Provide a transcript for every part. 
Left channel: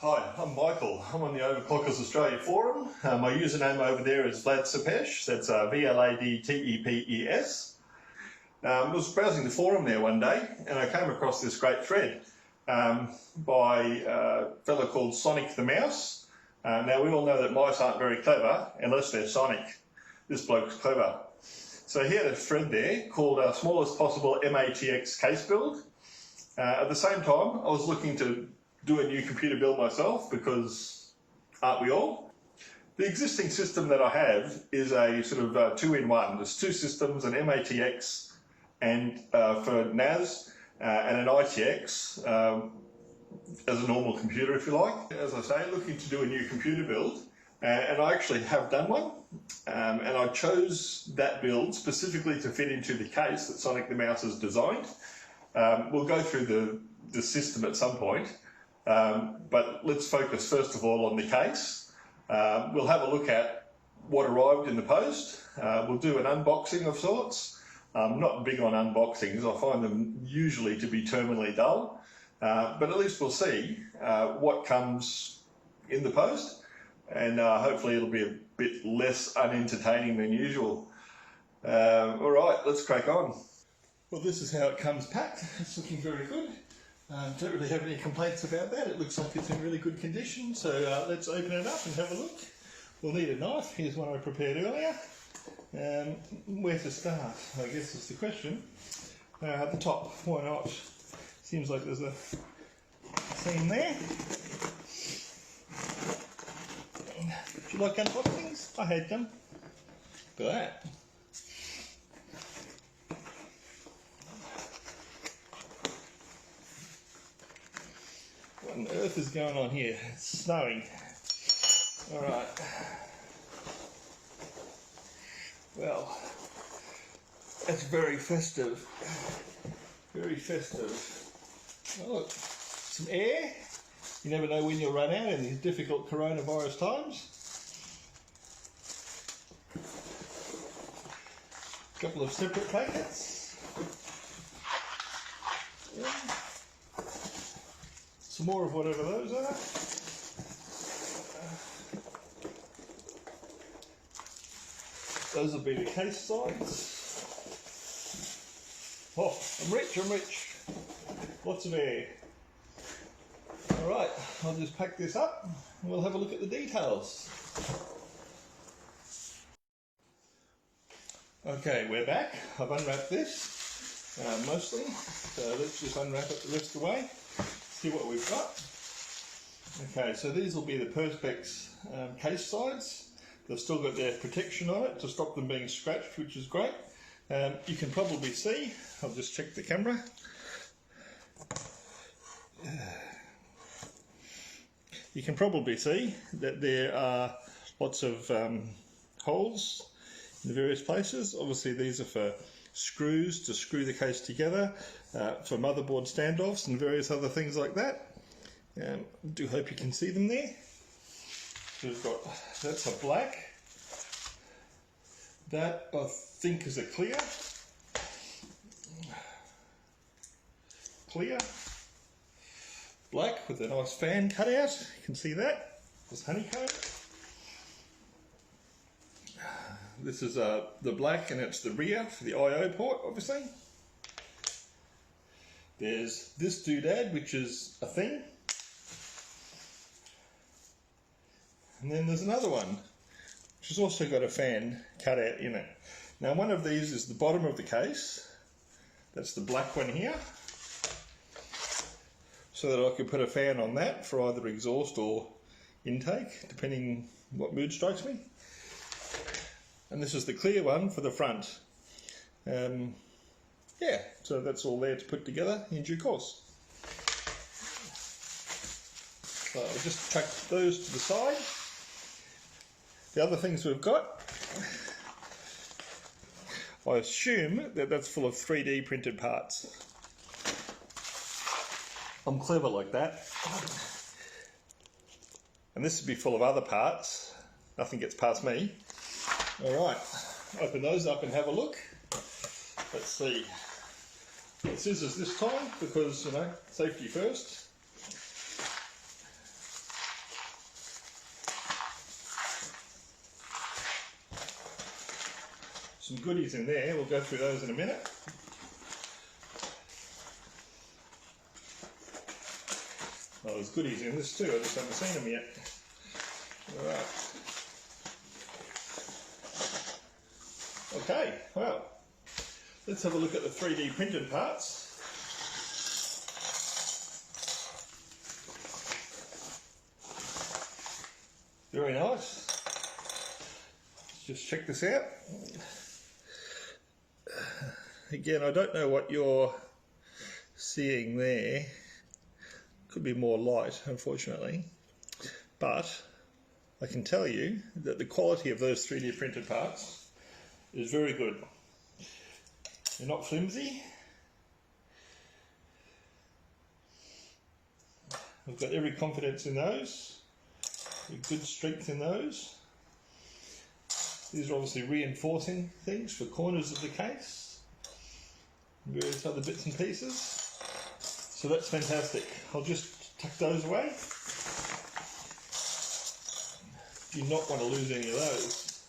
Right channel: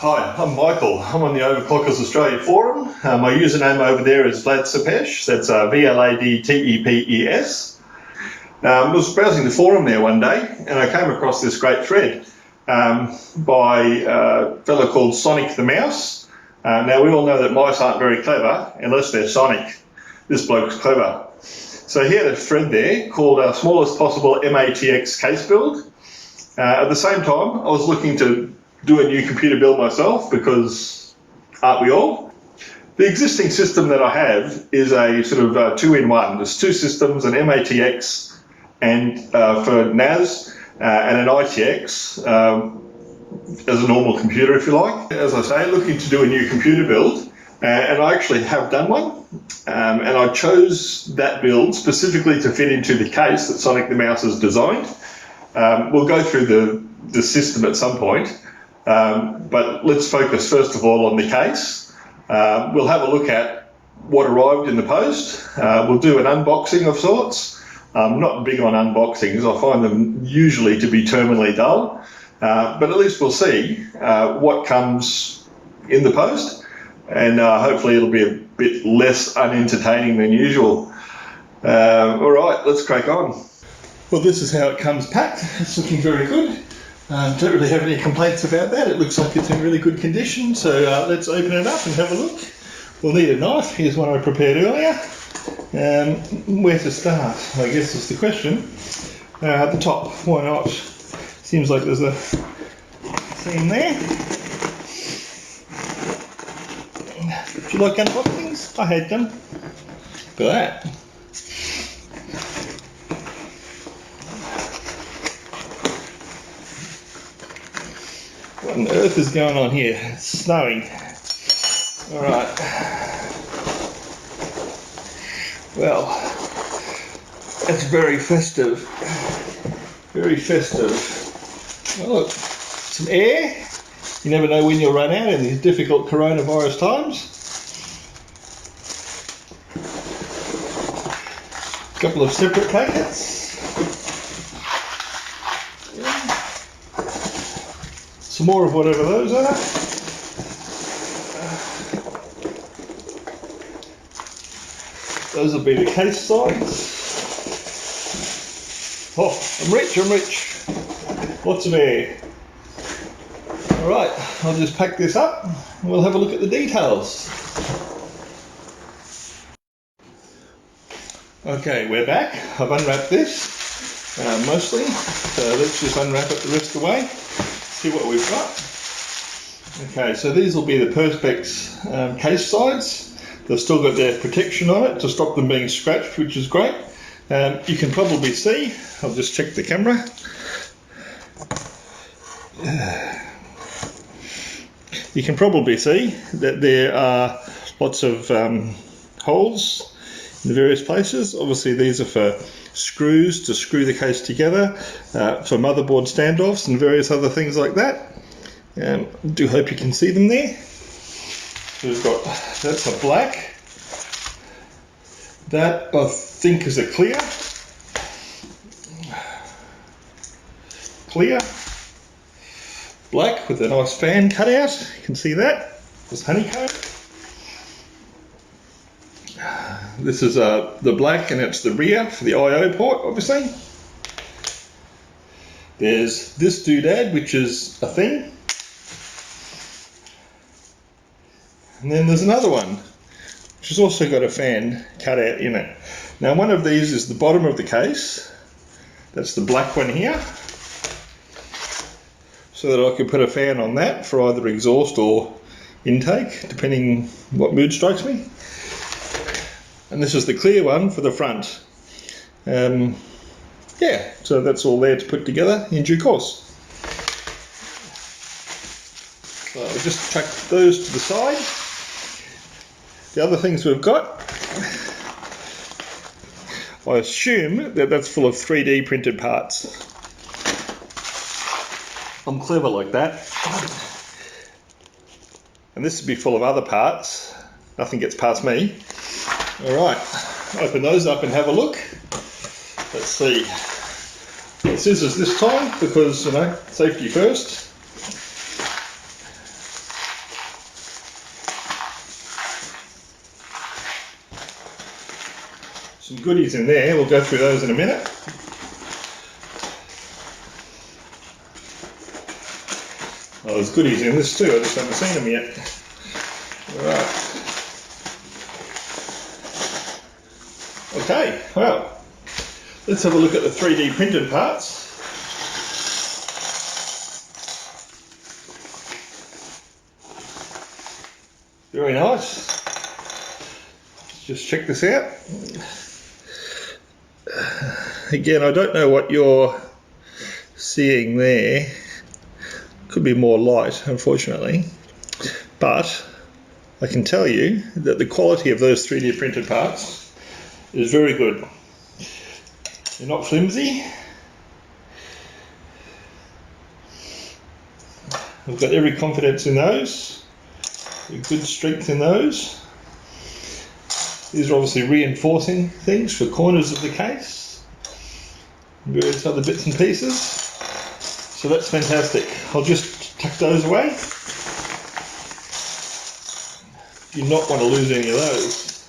Hi, I'm Michael. I'm on the Overclockers Australia forum. My username over there is Vlad. That's VLADTEPES. I was browsing the forum there one day and I came across this great thread by a fellow called Sonicthemouses. Now we all know that mice aren't very clever unless they're Sonic. This bloke's clever. So he had a thread there called Smallest Possible mATX Case Build. At the same time, I was looking to do a new computer build myself because aren't we all? The existing system that I have is a sort of two-in-one. There's two systems, an mATX and for NAS and an ITX as a normal computer, if you like. As I say, looking to do a new computer build, and I actually have done one, and I chose that build specifically to fit into the case that Sonicthemouses designed. We'll go through the system at some point. But let's focus first of all on the case. We'll have a look at what arrived in the post. We'll do an unboxing of sorts. I'm not big on unboxings. I find them usually to be terminally dull. But at least we'll see what comes in the post. And hopefully it'll be a bit less unentertaining than usual. All right, let's crack on. Well, this is how it comes packed. It's looking very good. Don't really have any complaints about that. It looks like it's in really good condition. So let's open it up and have a look. We'll need a knife. Here's one I prepared earlier. Where to start, I guess, is the question. At the top, why not? Seems like there's a seam there. Do you like unboxings? I hate them. Look at that. What on earth is going on here? It's snowing. Alright. Well, that's very festive. Very festive. Oh, look, some air. You never know when you'll run out in these difficult coronavirus times. A couple of separate packets. Some more of whatever those are. Those will be the case sides. Oh, I'm rich. Lots of air. Alright, I'll just pack this up and we'll have a look at the details. Okay, we're back. I've unwrapped this mostly, so let's just unwrap it the rest of the way. See what we've got. Okay, so these will be the Perspex case sides. They've still got their protection on it to stop them being scratched, which is great. You can probably see, I'll just check the camera. You can probably see that there are lots of holes in the various places. Obviously these are for screws to screw the case together, for motherboard standoffs and various other things like that. Do hope you can see them there. We've got, that's a black. That I think is a clear. Black with a nice fan cut out. You can see that. There's honeycomb. This is the black, and it's the rear for the I/O port, obviously. There's this doodad, which is a thing. And then there's another one, which has also got a fan cut out in it. Now one of these is the bottom of the case. That's the black one here. So that I could put a fan on that for either exhaust or intake, depending what mood strikes me. And this is the clear one for the front. Yeah, so that's all there to put together in due course. So I'll just chuck those to the side. The other things we've got, I assume that that's full of 3D printed parts. I'm clever like that. And this would be full of other parts. Nothing gets past me. Alright, open those up and have a look. Let's see. Scissors this time because, you know, safety first. some goodies in there. We'll go through those in a minute. Oh, there's goodies in this too, I just haven't seen them yet. Alright. Okay, well, let's have a look at the 3D printed parts. Very nice. Let's just check this out. Again, I don't know what you're seeing there. Could be more light, unfortunately. But I can tell you that the quality of those 3D printed parts is very good. They're not flimsy. I've got every confidence in those. Good strength in those. These are obviously reinforcing things for corners of the case, various other bits and pieces. So that's fantastic. I'll just tuck those away. You do not want to lose any of those.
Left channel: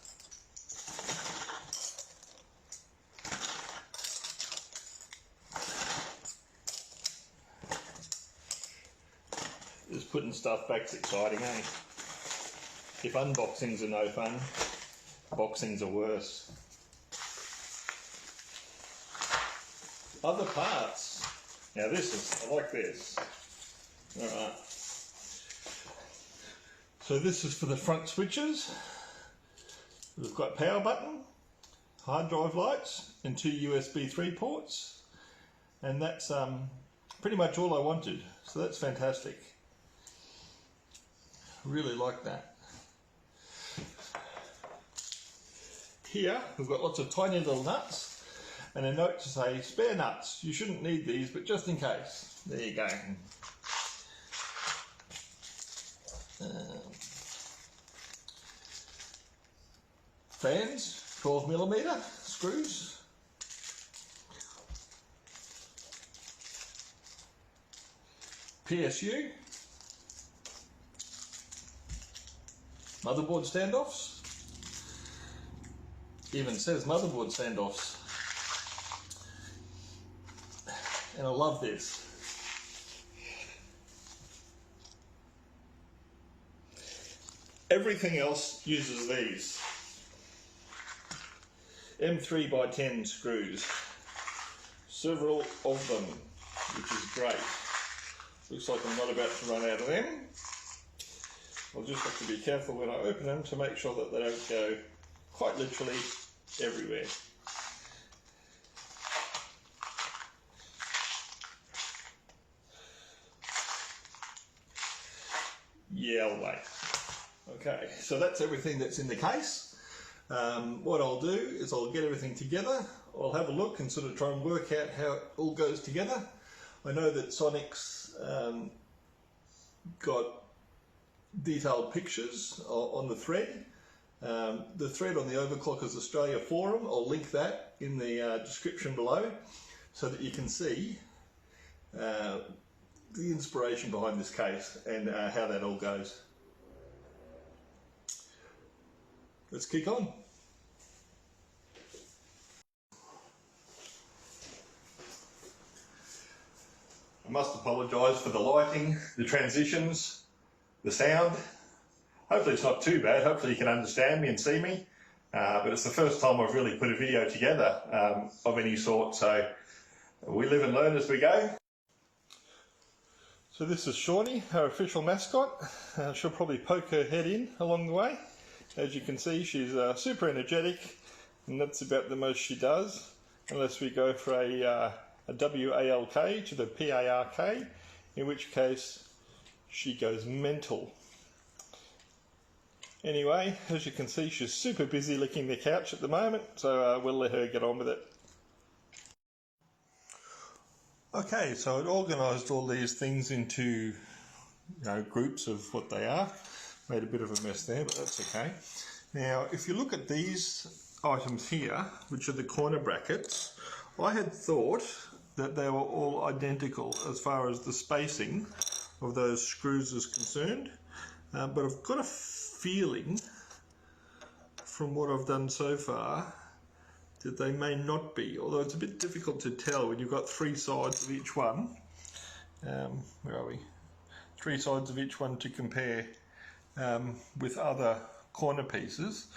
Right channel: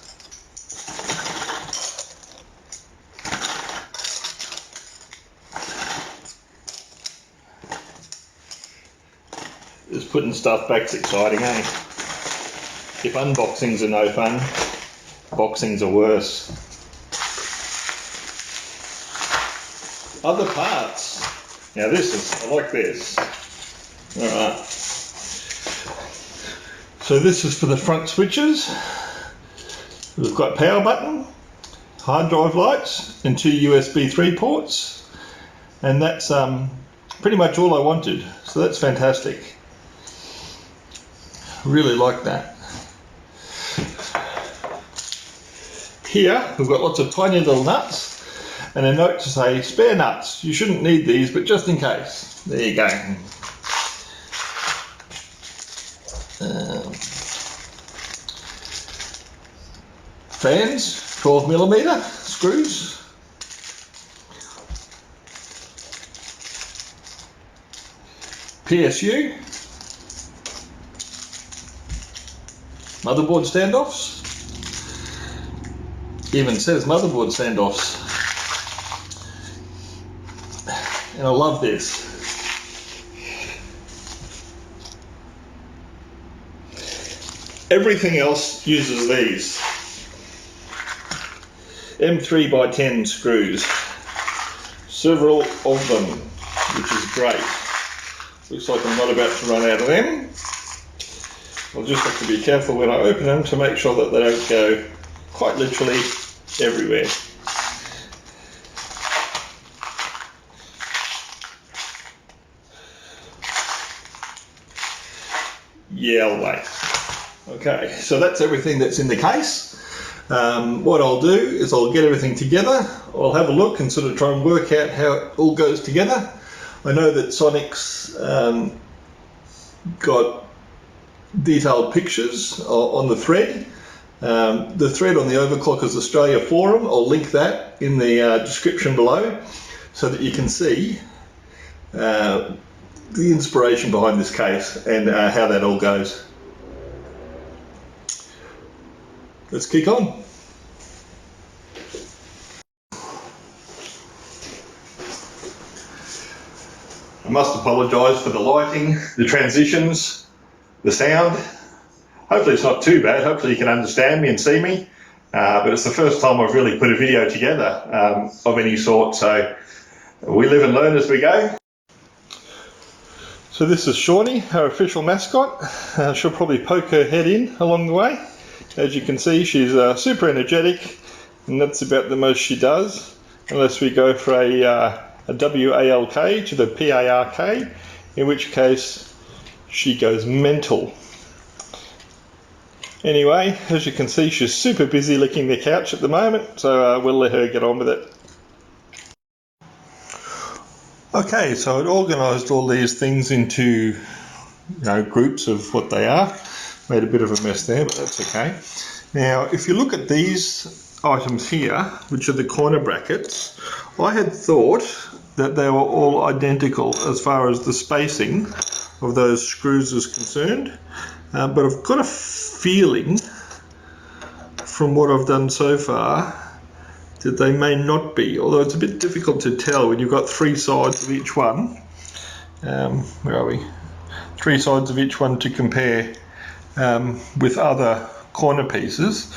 Just putting stuff back's exciting, eh? If unboxings are no fun, boxings are worse. Other parts. Now I like this. Alright. So this is for the front switches. We've got power button, hard drive lights, and 2 USB 3 ports. And that's pretty much all I wanted. So that's fantastic. Really like that. Here we've got lots of tiny little nuts and a note to say spare nuts. You shouldn't need these, but just in case. There you go. Fans, 12mm screws. PSU. Motherboard standoffs. Even says motherboard standoffs. And I love this. Everything else uses these M3x10 screws. Several of them, which is great. Looks like I'm not about to run out of them. I'll just have to be careful when I open them to make sure that they don't go quite literally everywhere. Yeah, I'll wait. Okay, so that's everything that's in the case. What I'll do is I'll get everything together. I'll have a look and sort of try and work out how it all goes together. I know that Sonic's got detailed pictures on the thread. The thread on the Overclockers Australia forum, I'll link that in the description below so that you can see the inspiration behind this case and how that all goes. Let's kick on. I must apologise for the lighting, the transitions, the sound. Hopefully it's not too bad. Hopefully you can understand me and see me. But it's the first time I've really put a video together of any sort. So we live and learn as we go. So this is Shawnee, our official mascot. She'll probably poke her head in along the way. As you can see, she's super energetic, and that's about the most she does, unless we go for a WALK to the PARK, in which case she goes mental. Anyway, as you can see, she's super busy licking the couch at the moment, so we'll let her get on with it. Okay, so I'd organised all these things into groups of what they are. Made a bit of a mess there, but that's okay. Now, if you look at these items here, which are the corner brackets, I had thought that they were all identical as far as the spacing of those screws is concerned, but I've got a feeling from what I've done so far that they may not be, although it's a bit difficult to tell when you've got three sides of each one. Where are we? Three sides of each one to compare with other corner pieces.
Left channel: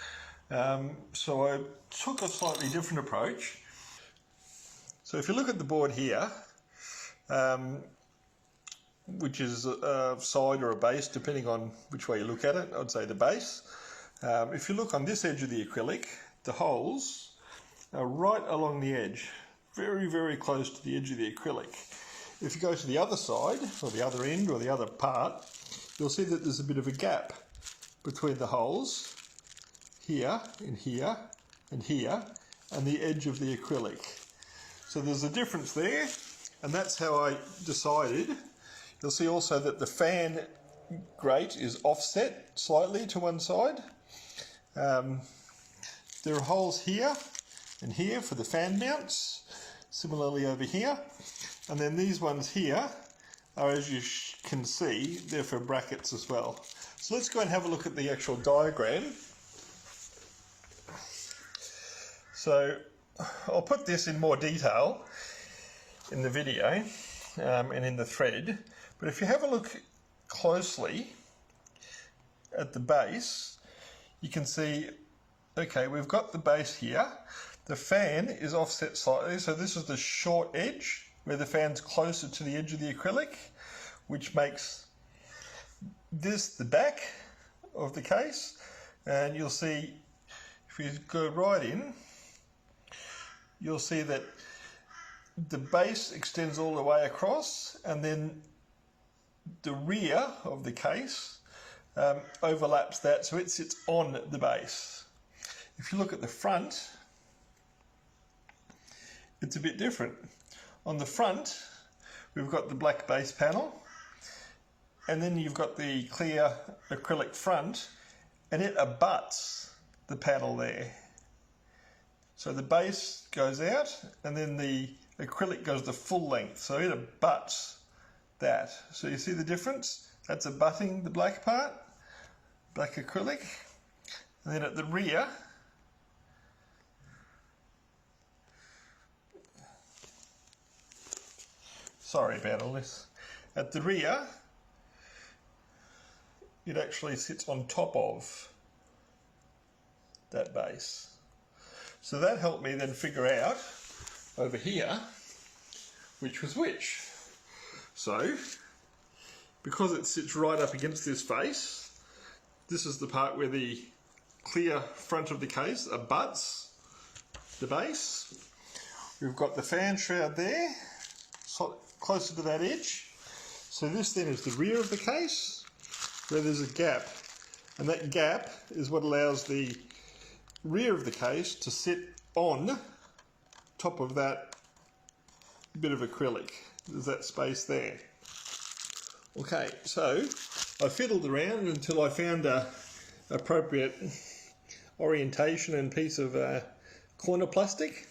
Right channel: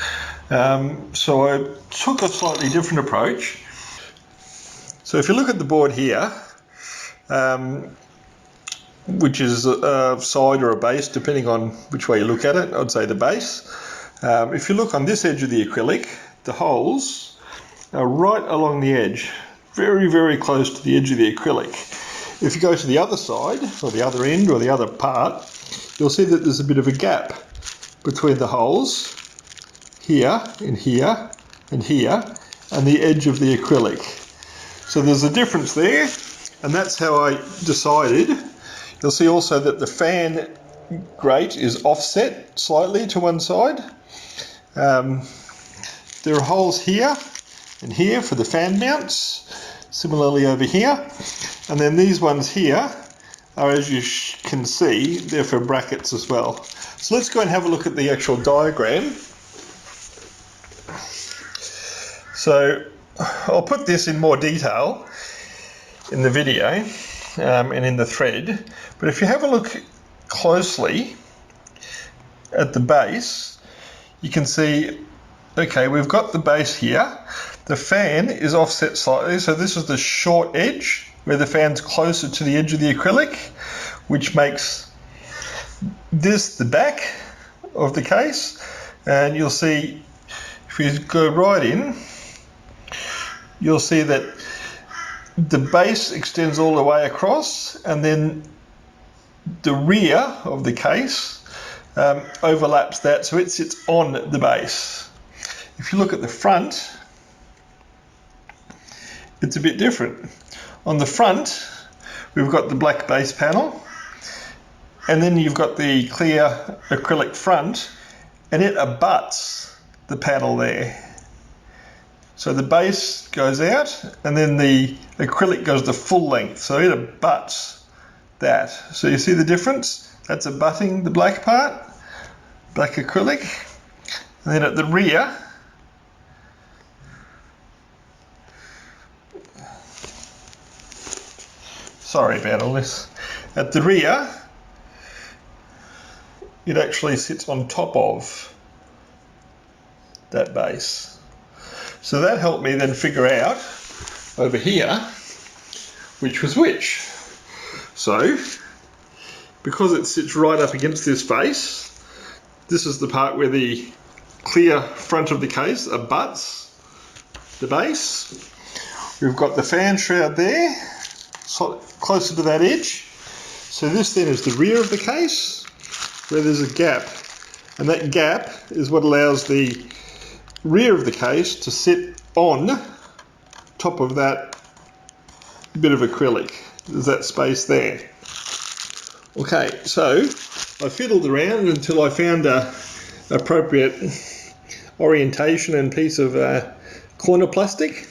So I took a slightly different approach. So if you look at the board here, which is a side or a base, depending on which way you look at it, I'd say the base. If you look on this edge of the acrylic, the holes are right along the edge, very, very close to the edge of the acrylic. If you go to the other side, or the other end, or the other part, you'll see that there's a bit of a gap between the holes here, and here, and here, and the edge of the acrylic. So there's a difference there, and that's how I decided. You'll see also that the fan grate is offset slightly to one side. There are holes here and here for the fan mounts, similarly over here, and then these ones here are, as you can see, they're for brackets as well. So let's go and have a look at the actual diagram. So I'll put this in more detail in the video and in the thread, but if you have a look closely at the base, you can see, okay, we've got the base here. The fan is offset slightly, so this is the short edge where the fan's closer to the edge of the acrylic, which makes this the back of the case. And you'll see, if we go right in, you'll see that the base extends all the way across, and then the rear of the case overlaps that, so it sits on the base. If you look at the front, it's a bit different. On the front, we've got the black base panel, and then you've got the clear acrylic front, and it abuts the panel there. So the base goes out, and then the acrylic goes the full length, so it abuts that. So you see the difference? That's abutting the black part, black acrylic, and then at the rear, sorry about all this, at the rear, it actually sits on top of that base. So that helped me then figure out over here which was which. So, because it sits right up against this face, this is the part where the clear front of the case abuts the base. We've got the fan shroud there, closer to that edge. So this then is the rear of the case, where there's a gap. And that gap is what allows the rear of the case to sit on top of that bit of acrylic. There's that space there. Okay, so I fiddled around until I found a appropriate orientation and piece of corner plastic.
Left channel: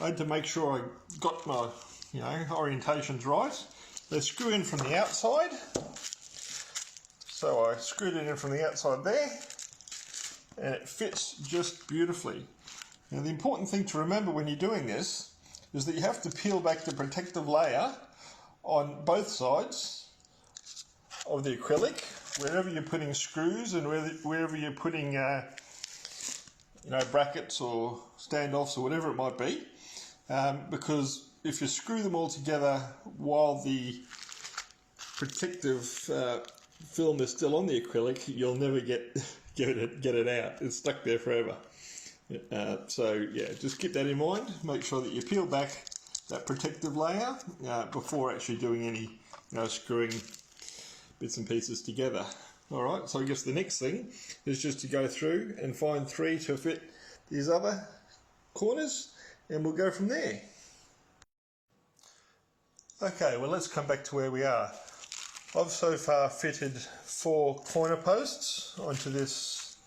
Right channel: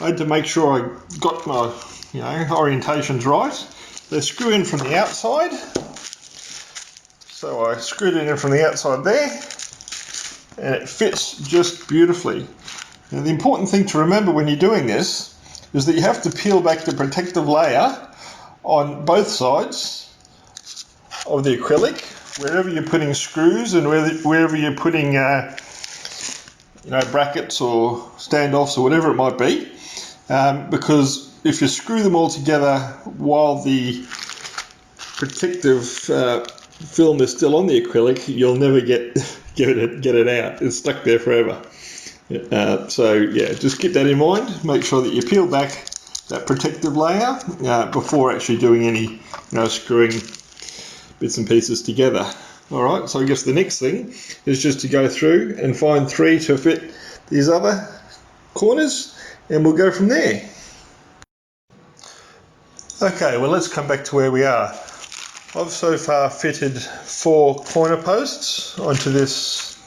I had to make sure I got my orientations right. They screw in from the outside. So I screwed it in from the outside there, and it fits just beautifully. Now the important thing to remember when you're doing this is that you have to peel back the protective layer on both sides of the acrylic, wherever you're putting screws and wherever you're putting brackets or standoffs or whatever it might be, because if you screw them all together while the protective film is still on the acrylic, you'll never get it out. It's stuck there forever. So yeah, just keep that in mind. Make sure that you peel back that protective layer before actually doing any screwing bits and pieces together. Alright, so I guess the next thing is just to go through and find 3 to fit these other corners, and we'll go from there. Okay, well let's come back to where we are. I've so far fitted 4 corner posts onto this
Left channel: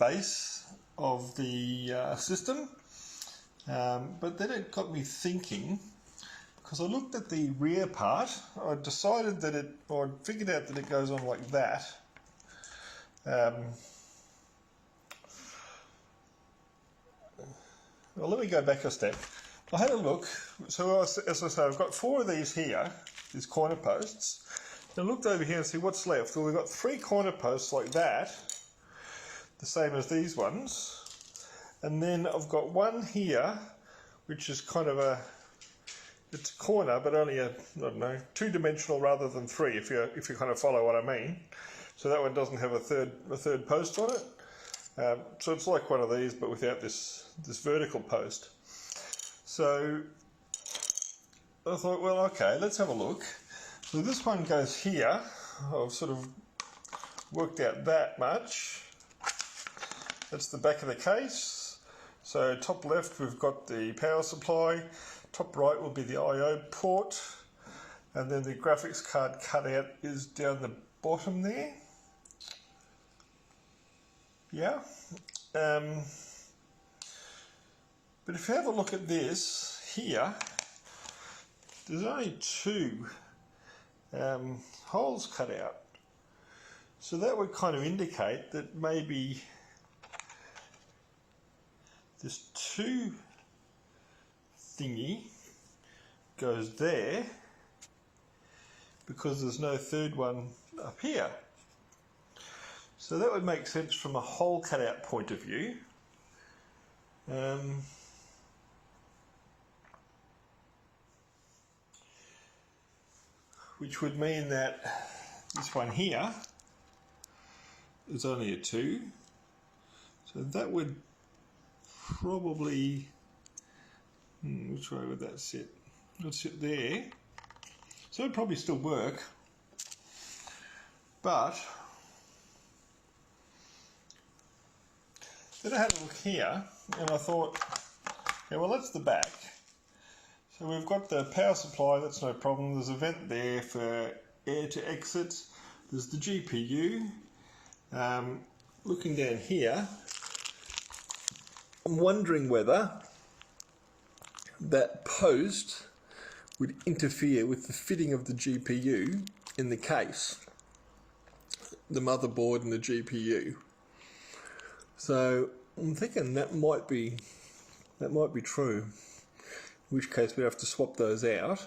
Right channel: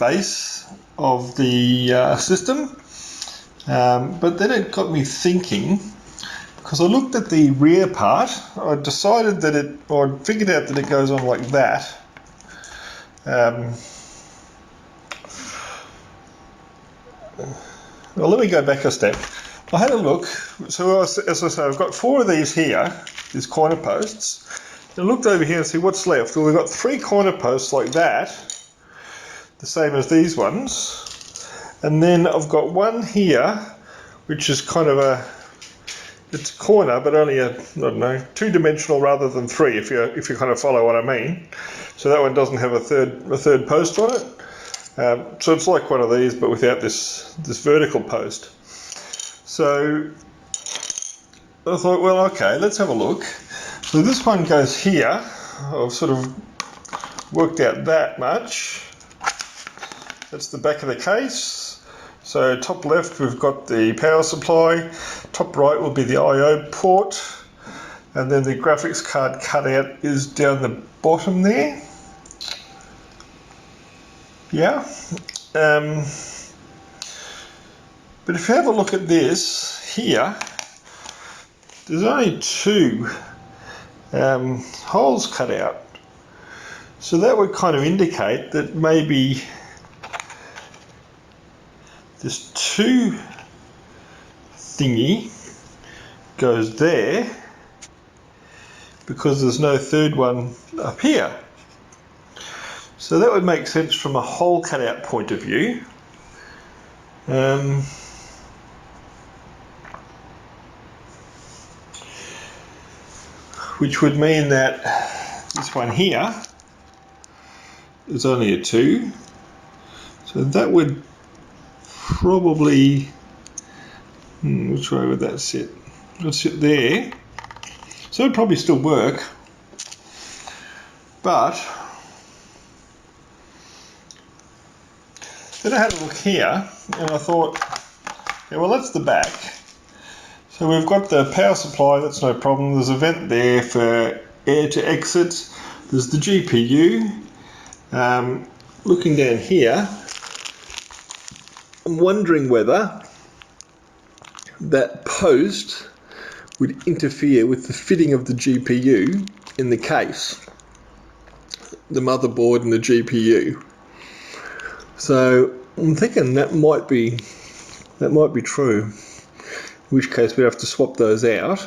base of the system, but then it got me thinking, because I looked at the rear part. I decided that I figured out that it goes on like that, well, let me go back a step. I had a look. So as I say, I've got 4 of these here, these corner posts. I looked over here and see what's left. Well, we've got 3 corner posts like that, the same as these ones. And then I've got one here, which is kind of it's a corner, but only I don't know, 2-dimensional rather than 3, if you kind of follow what I mean. So that one doesn't have a third post on it. So it's like one of these, but without this vertical post. So I thought, well, okay, let's have a look. So this one goes here. I've sort of worked out that much. That's the back of the case. So top left we've got the power supply, top right will be the I/O port, and then the graphics card cutout is down the bottom there. Yeah. But if you have a look at this here, there's only 2 holes cut out. So that would kind of indicate that maybe this 2 thingy goes there because there's no third one up here. So that would make sense from a hole cutout point of view. Which would mean that this one here is only a 2. So that would probably, which way would that sit? It would sit there. So it would probably still work. But then I had a look here and I thought, okay, well, that's the back. So we've got the power supply, that's no problem. There's a vent there for air to exit. There's the GPU. Looking down here, I'm wondering whether that post would interfere with the fitting of the GPU in the case, the motherboard and the GPU. So I'm thinking that might be true, in which case we'd have to swap those out.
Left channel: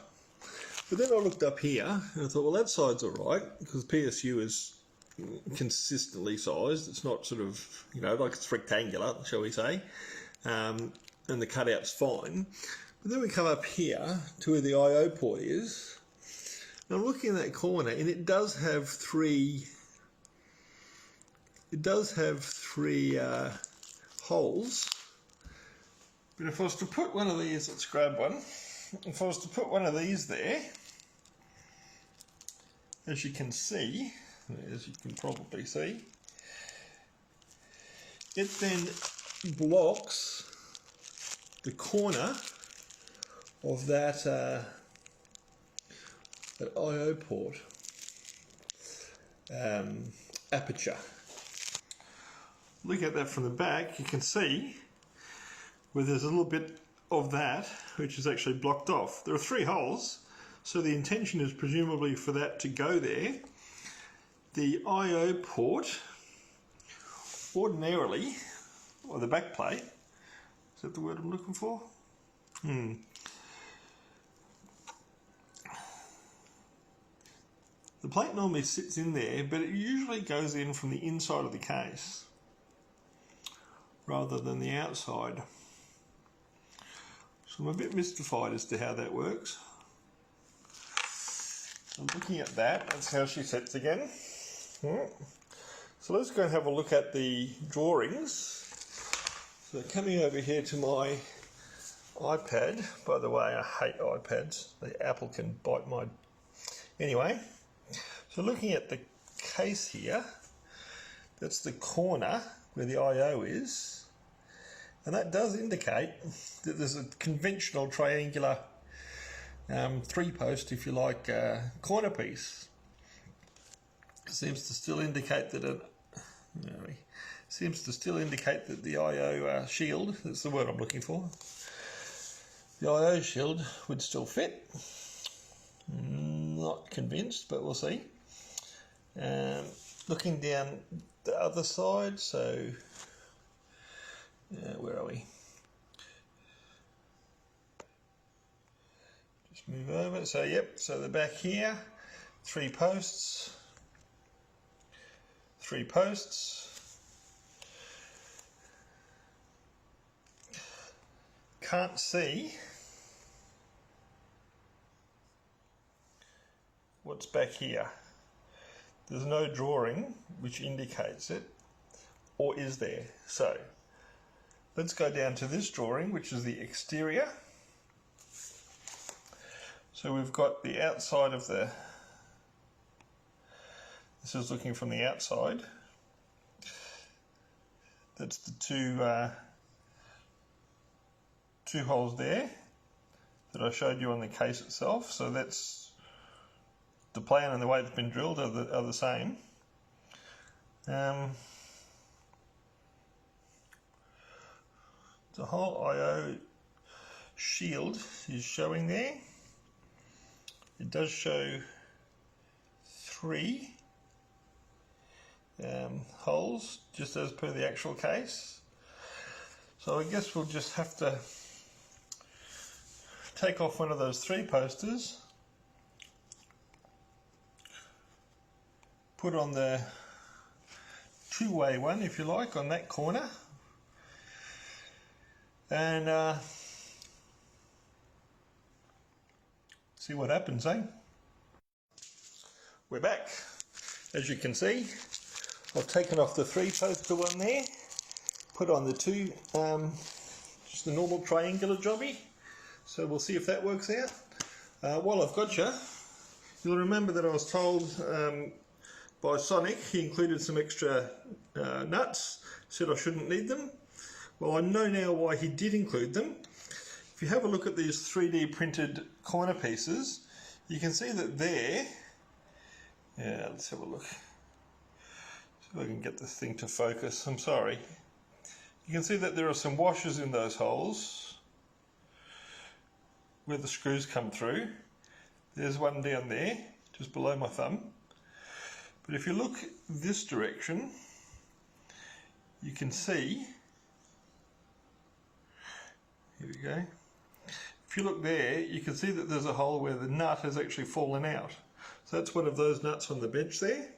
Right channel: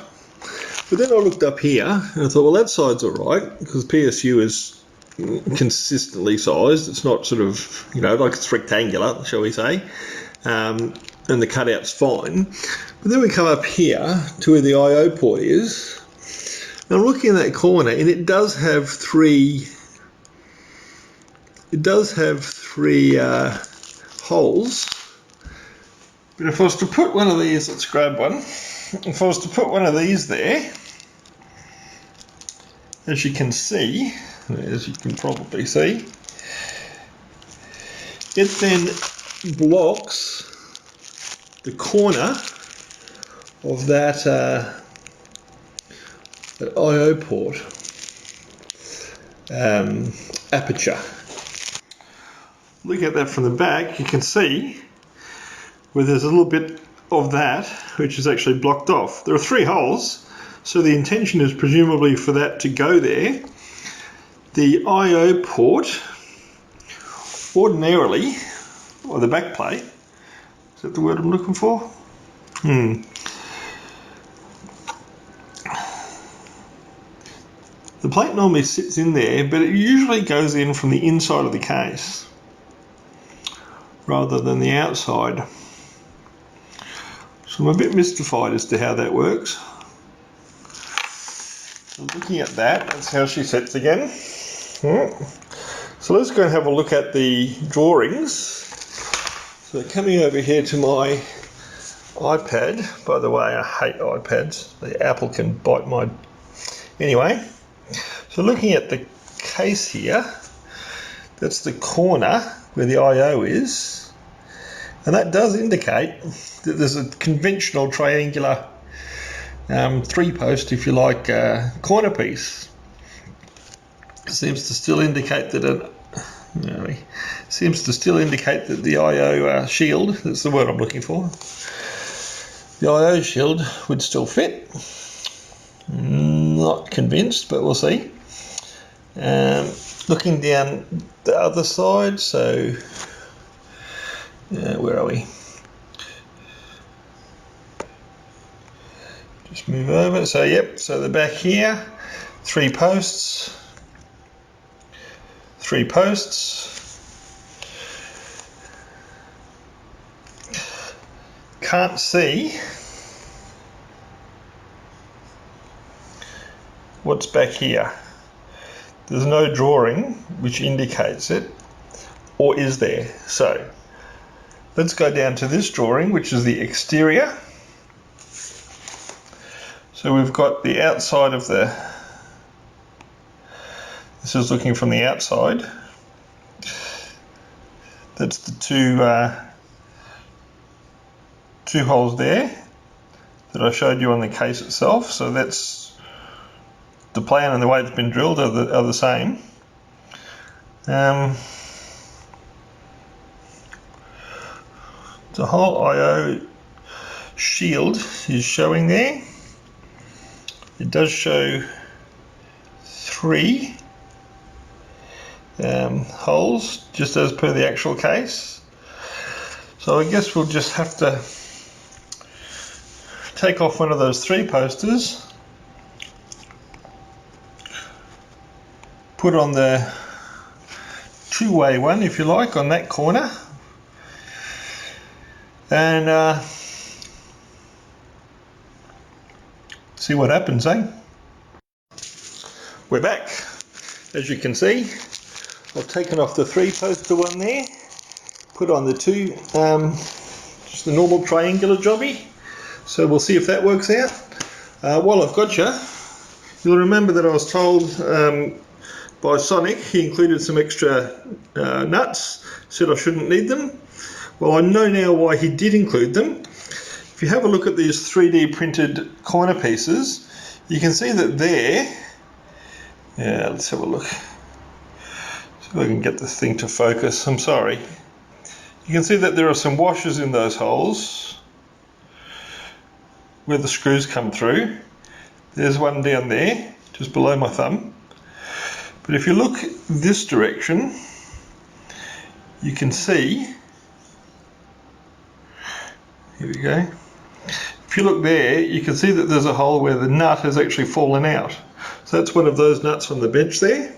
But then I looked up here and I thought, well, that side's all right because PSU is consistently sized. It's not sort of, like it's rectangular, shall we say, and the cutout's fine. But then we come up here to where the I/O port is. And I'm looking in that corner, and it does have three holes. But if I was to put one of these, let's grab one. If I was to put one of these there, as you can see, as you can probably see, it then blocks the corner of that I/O port aperture. Look at that from the back, you can see where there's a little bit of that which is actually blocked off. There are 3 holes, so the intention is presumably for that to go there. The I/O port, ordinarily, or the back plate, is that the word I'm looking for? The plate normally sits in there, but it usually goes in from the inside of the case rather than the outside. So I'm a bit mystified as to how that works. So looking at that, that's how she sits again. So let's go and have a look at the drawings. So coming over here to my iPad, by the way, I hate iPads. The Apple can bite my... Anyway, so looking at the case here, that's the corner where the I/O is, and that does indicate that there's a conventional triangular 3-post, if you like, corner piece. Seems to still indicate that the I/O shield, that's the word I'm looking for, the I/O shield would still fit. Not convinced, but we'll see. Looking down the other side, so where are we? Just move over. So yep, so the back here, 3 posts, 3 posts. Can't see what's back here. There's no drawing which indicates it, or is there? So let's go down to this drawing, which is the exterior. So we've got the outside of the, this is looking from the outside. That's the two holes there that I showed you on the case itself. So that's the plan, and the way it's been drilled are the same. The whole I/O shield is showing there. It does show 3 holes, just as per the actual case. So I guess we'll just have to take off one of those 3 posters, put on the 2-way one, if you like, on that corner, and see what happens, eh? We're back. As you can see, I've taken off the 3 poster one there, put on the 2, just the normal triangular jobby. So we'll see if that works out. While I've got you, you'll remember that I was told by Sonic he included some extra nuts, said I shouldn't need them. Well, I know now why he did include them. If you have a look at these 3D printed corner pieces, you can see that there, yeah, let's have a look. See if I can get this thing to focus. I'm sorry. You can see that there are some washers in those holes where the screws come through. There's one down there, just below my thumb. But if you look this direction, you can see, here we go. If you look there, you can see that there's a hole where the nut has actually fallen out. So that's one of those nuts on the bench there.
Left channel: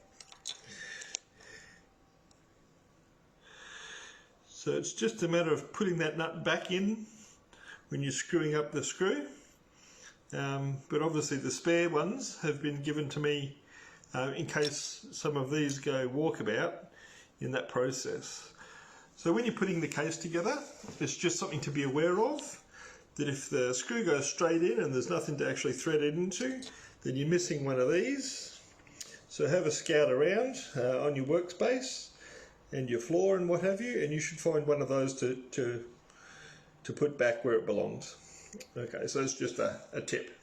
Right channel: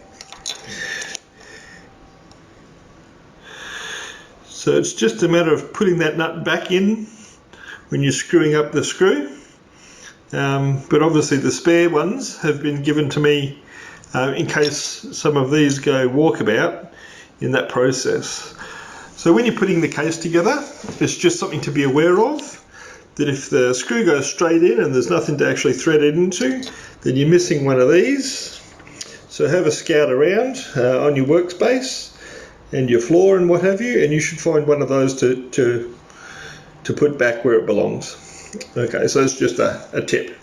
So it's just a matter of putting that nut back in when you're screwing up the screw. But obviously the spare ones have been given to me in case some of these go walkabout in that process. So when you're putting the case together, it's just something to be aware of, that if the screw goes straight in and there's nothing to actually thread it into, then you're missing one of these. So have a scout around on your workspace and your floor and what have you, and you should find one of those to put back where it belongs. Okay, so it's just a tip.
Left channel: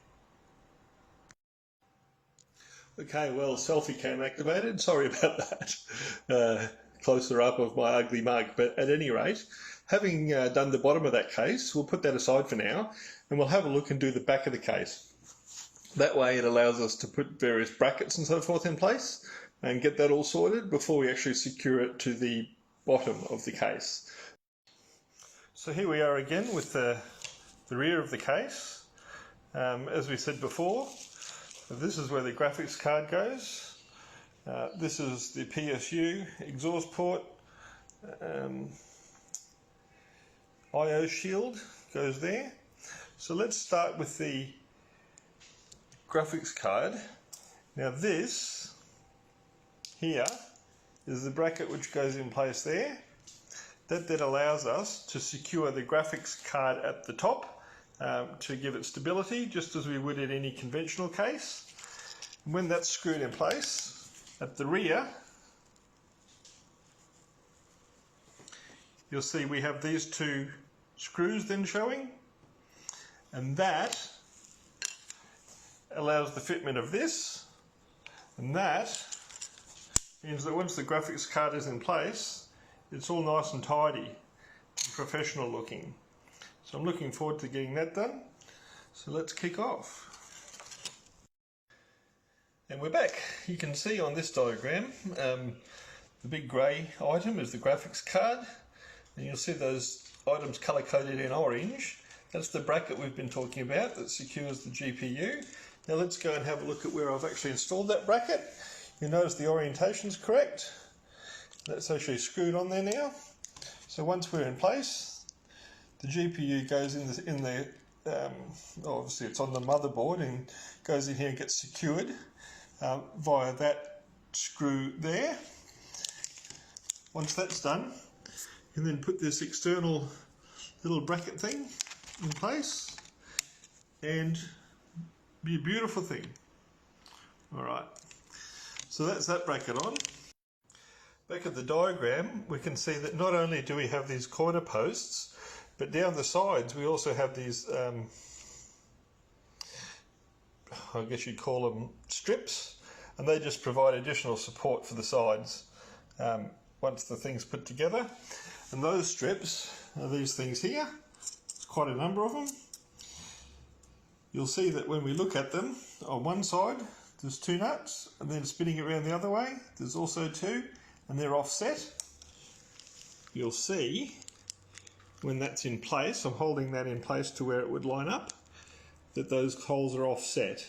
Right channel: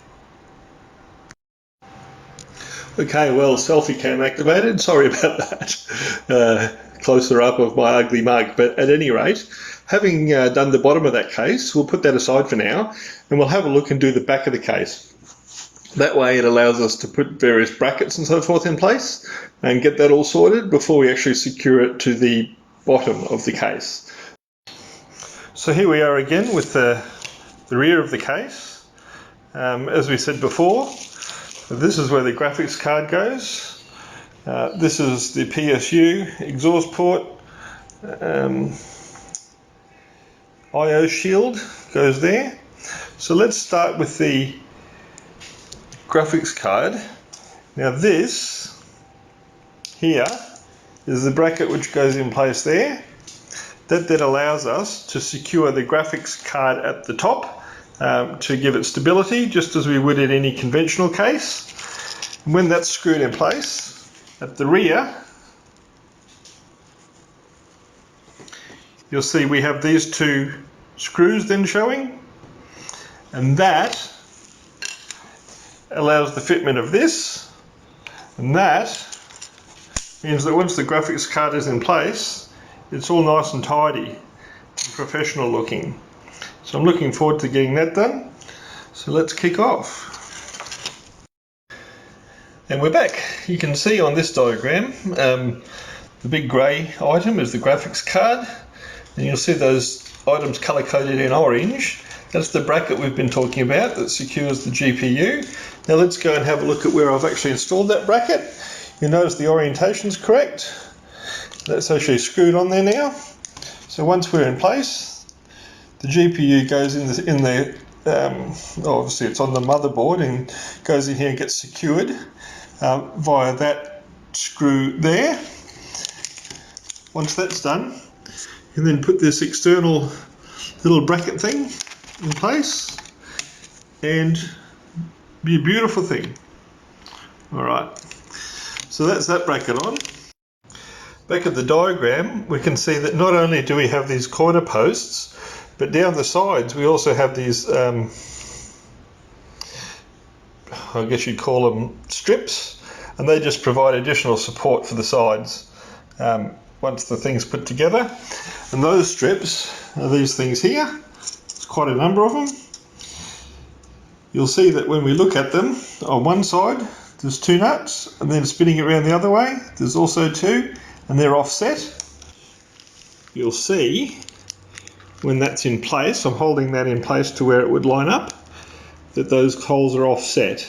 Okay, well, selfie cam activated. Sorry about that. Closer up of my ugly mug, but at any rate, having done the bottom of that case, we'll put that aside for now, and we'll have a look and do the back of the case. That way it allows us to put various brackets and so forth in place and get that all sorted before we actually secure it to the bottom of the case. So here we are again with the rear of the case. As we said before, this is where the graphics card goes. This is the PSU exhaust port. I/O shield goes there. So let's start with the graphics card. Now this here is the bracket which goes in place there. That then allows us to secure the graphics card at the top to give it stability, just as we would in any conventional case. And when that's screwed in place, at the rear, you'll see we have these 2 screws then showing, and that allows the fitment of this, and that means that once the graphics card is in place, it's all nice and tidy and professional looking. So I'm looking forward to getting that done. So let's kick off. And we're back. You can see on this diagram, the big grey item is the graphics card, and you'll see those items colour coded in orange. That's the bracket we've been talking about that secures the GPU. Now let's go and have a look at where I've actually installed that bracket. You notice the orientation's correct. That's actually screwed on there now. So once we're in place, the GPU goes in the obviously it's on the motherboard and goes in here and gets secured via that screw there. Once that's done, you can then put this external little bracket thing in place and be a beautiful thing. Alright, so that's that bracket on. Back at the diagram, we can see that not only do we have these corner posts, but down the sides we also have these, I guess you'd call them strips, and they just provide additional support for the sides once the thing's put together. And those strips are these things here. There's quite a number of them. You'll see that when we look at them, on one side there's 2 nuts, and then spinning it around the other way there's also 2, and they're offset. You'll see when that's in place, I'm holding that in place to where it would line up, that those holes are offset.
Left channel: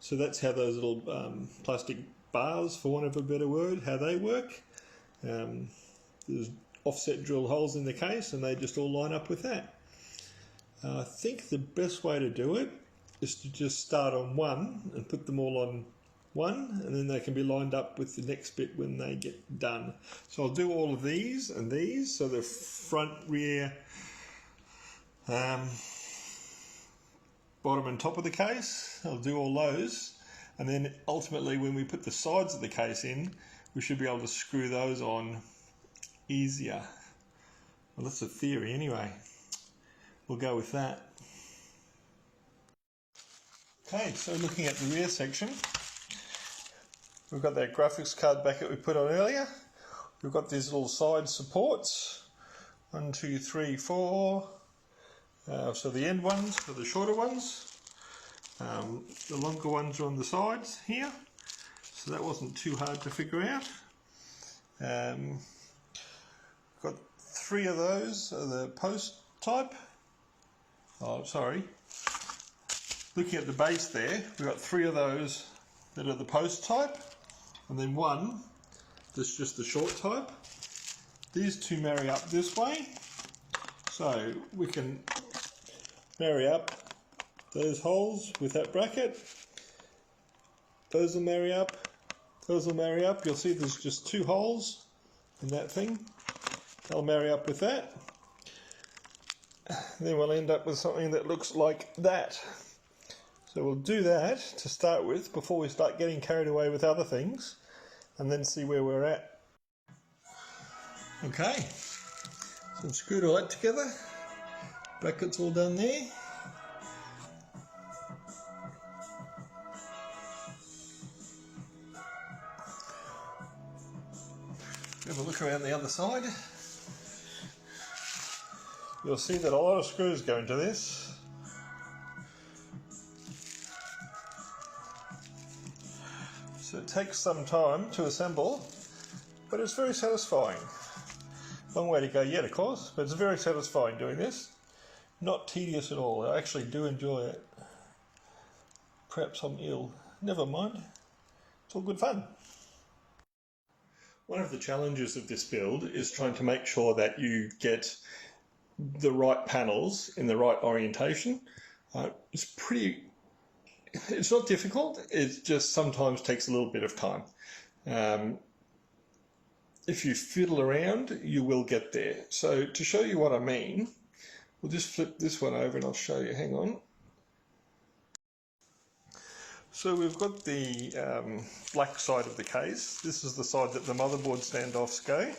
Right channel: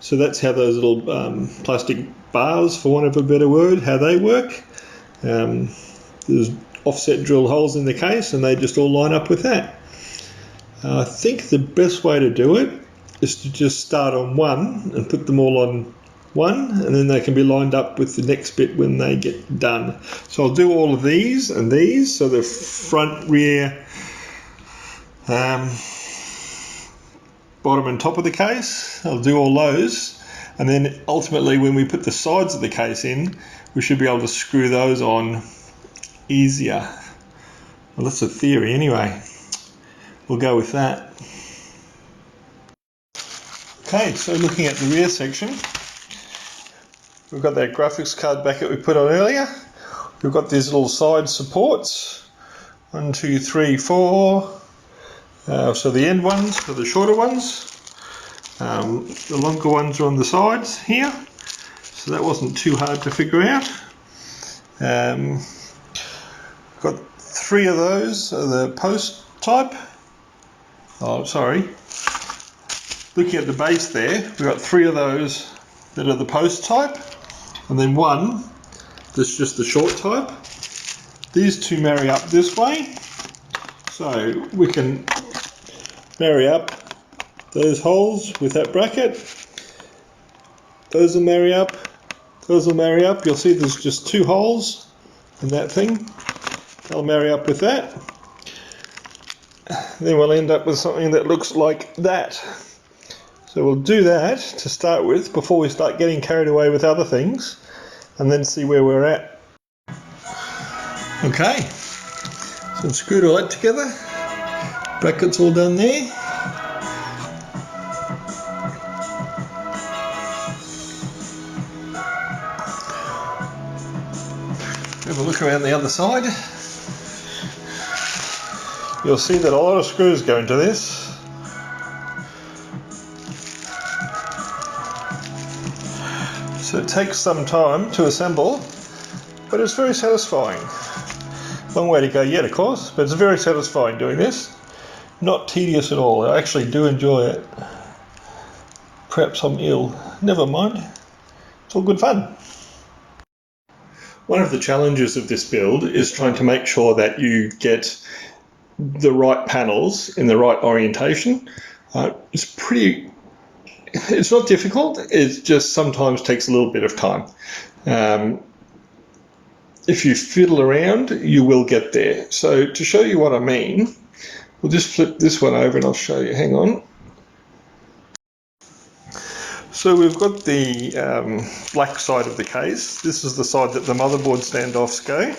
So that's how those little plastic bars, for want of a better word, how they work. There's offset drill holes in the case and they just all line up with that. I think the best way to do it is to just start on one and put them all on one, and then they can be lined up with the next bit when they get done. So I'll do all of these and these, so the front, rear, bottom and top of the case. I'll do all those, and then ultimately when we put the sides of the case in, we should be able to screw those on easier. Well, that's a theory anyway. We'll go with that. Okay, so looking at the rear section, we've got that graphics card bracket we put on earlier. We've got these little side supports. 1, 2, 3, 4. So the end ones are the shorter ones. The longer ones are on the sides here. So that wasn't too hard to figure out. Got 3 of those are the post type. Oh, sorry. Looking at the base there, we've got 3 of those that are the post type, and then 1 that's just the short type. These 2 marry up this way, so we can marry up those holes with that bracket. Those will marry up, those will marry up. You'll see there's just 2 holes in that thing. They'll marry up with that. Then we'll end up with something that looks like that. So we'll do that to start with before we start getting carried away with other things, and then see where we're at. Okay, so I've screwed all that together. Brackets all done there. Have a look around the other side. You'll see that a lot of screws go into this. So it takes some time to assemble, but it's very satisfying. Long way to go yet, of course, but it's very satisfying doing this. Not tedious at all. I actually do enjoy it. Perhaps I'm ill. Never mind. It's all good fun. One of the challenges of this build is trying to make sure that you get the right panels in the right orientation. It's not difficult, it just sometimes takes a little bit of time. If you fiddle around, you will get there. So to show you what I mean, we'll just flip this one over and I'll show you. Hang on. So we've got the black side of the case. This is the side that the motherboard standoffs go.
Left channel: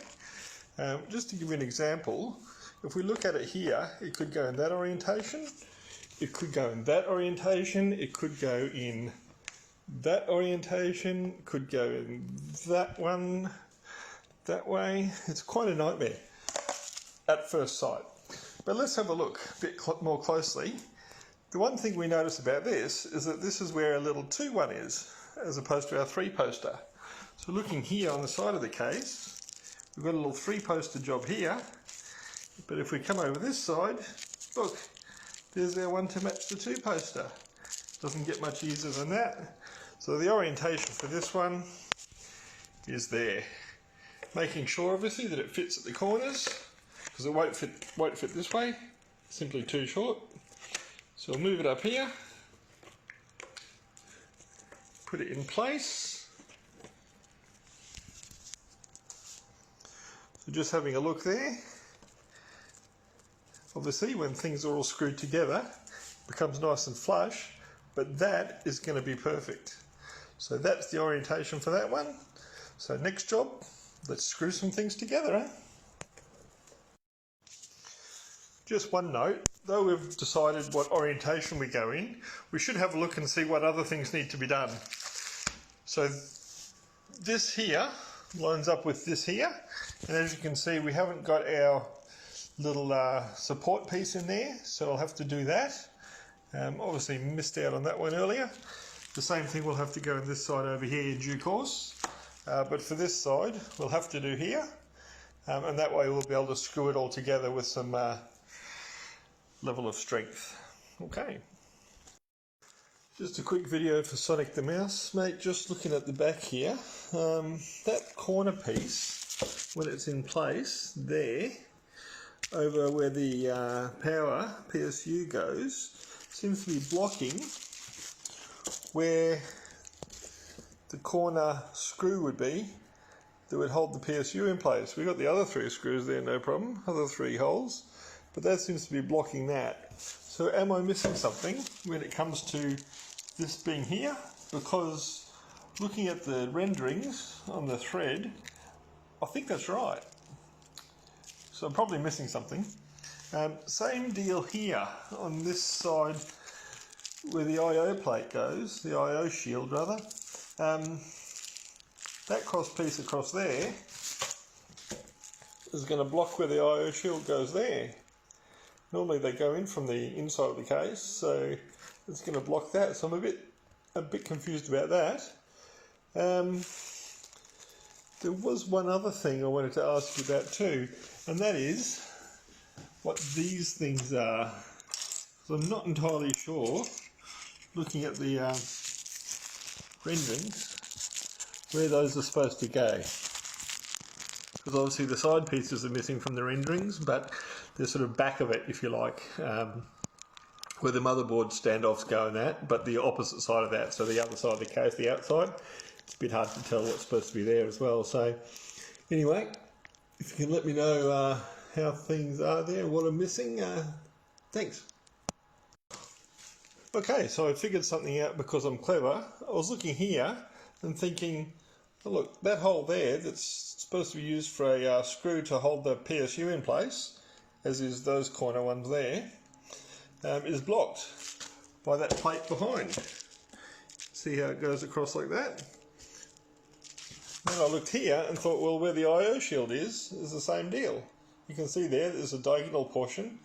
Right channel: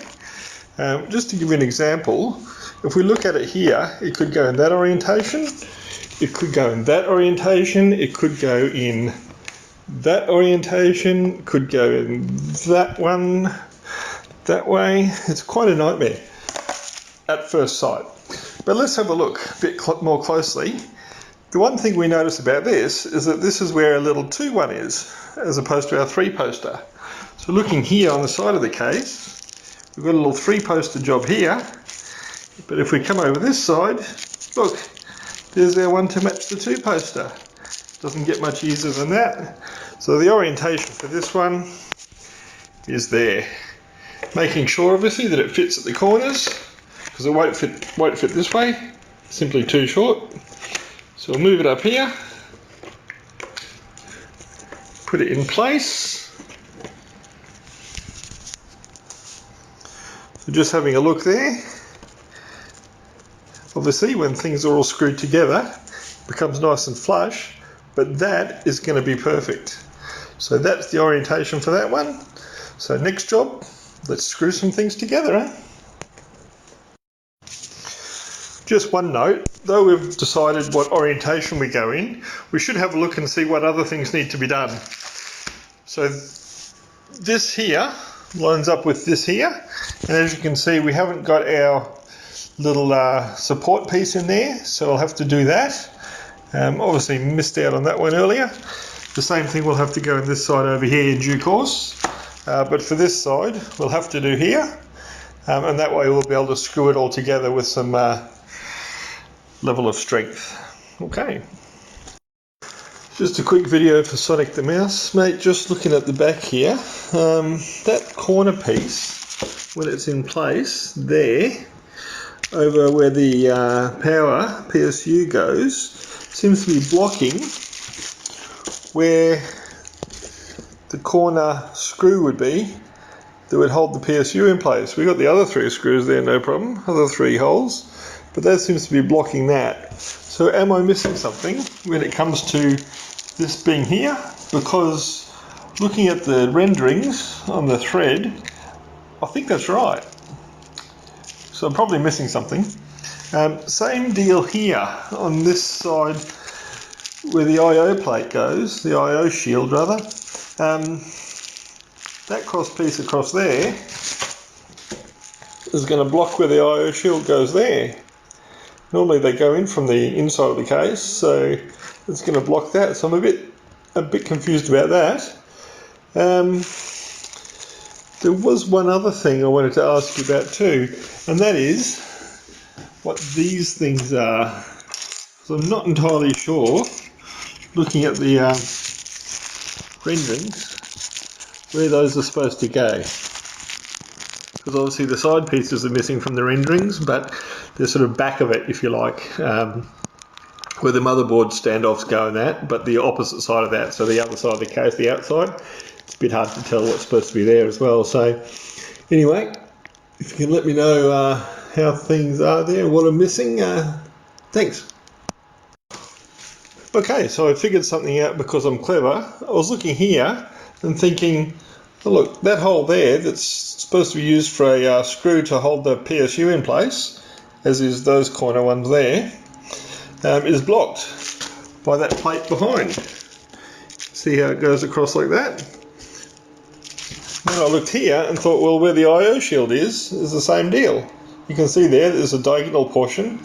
Just to give you an example, if we look at it here, it could go in that orientation. It could go in that orientation, it could go in that orientation, could go in that one, that way. It's quite a nightmare at first sight. But let's have a look a bit more closely. The one thing we notice about this is that this is where a little 2-1 is, as opposed to our 3-poster. So looking here on the side of the case, we've got a little 3-poster job here, but if we come over this side, look, there's our one to match the 2 poster. Doesn't get much easier than that. So the orientation for this one is there. Making sure obviously that it fits at the corners, because it won't fit this way, simply too short. So we'll move it up here, put it in place. So just having a look there. Obviously when things are all screwed together, it becomes nice and flush, but that is going to be perfect. So that's the orientation for that one. So next job, let's screw some things together. Just one note, though we've decided what orientation we go in, we should have a look and see what other things need to be done. So this here lines up with this here, and as you can see we haven't got our little support piece in there, so I'll have to do that. Obviously missed out on that one earlier. The same thing will have to go in this side over here in due course, but for this side we'll have to do here, and that way we'll be able to screw it all together with some level of strength. Okay. Just a quick video for Sonic the Mouse, mate. Just looking at the back here, that corner piece, when it's in place there, over where the power PSU goes, seems to be blocking where the corner screw would be that would hold the PSU in place. We've got the other 3 screws there, no problem, other 3 holes, but that seems to be blocking that. So am I missing something when it comes to this being here? Because looking at the renderings on the thread, I think that's right. So I'm probably missing something. Same deal here on this side where the I/O plate goes, the I/O shield rather. That cross piece across there is going to block where the I/O shield goes there. Normally they go in from the inside of the case, so it's going to block that. So I'm a bit confused about that. There was one other thing I wanted to ask you about too, and that is what these things are. So I'm not entirely sure, looking at the renderings, where those are supposed to go. Because obviously the side pieces are missing from the renderings, but they're sort of back of it, if you like, where the motherboard standoffs go and that, but the opposite side of that, so the other side of the case, the outside, it's a bit hard to tell what's supposed to be there as well. So anyway, if you can let me know how things are there, what I'm missing, thanks. Okay, so I figured something out because I'm clever. I was looking here and thinking, oh look, that hole there that's supposed to be used for a screw to hold the PSU in place, as is those corner ones there, is blocked by that plate behind. See how it goes across like that? Then I looked here and thought, well, where the I/O shield is the same deal. You can see there's a diagonal portion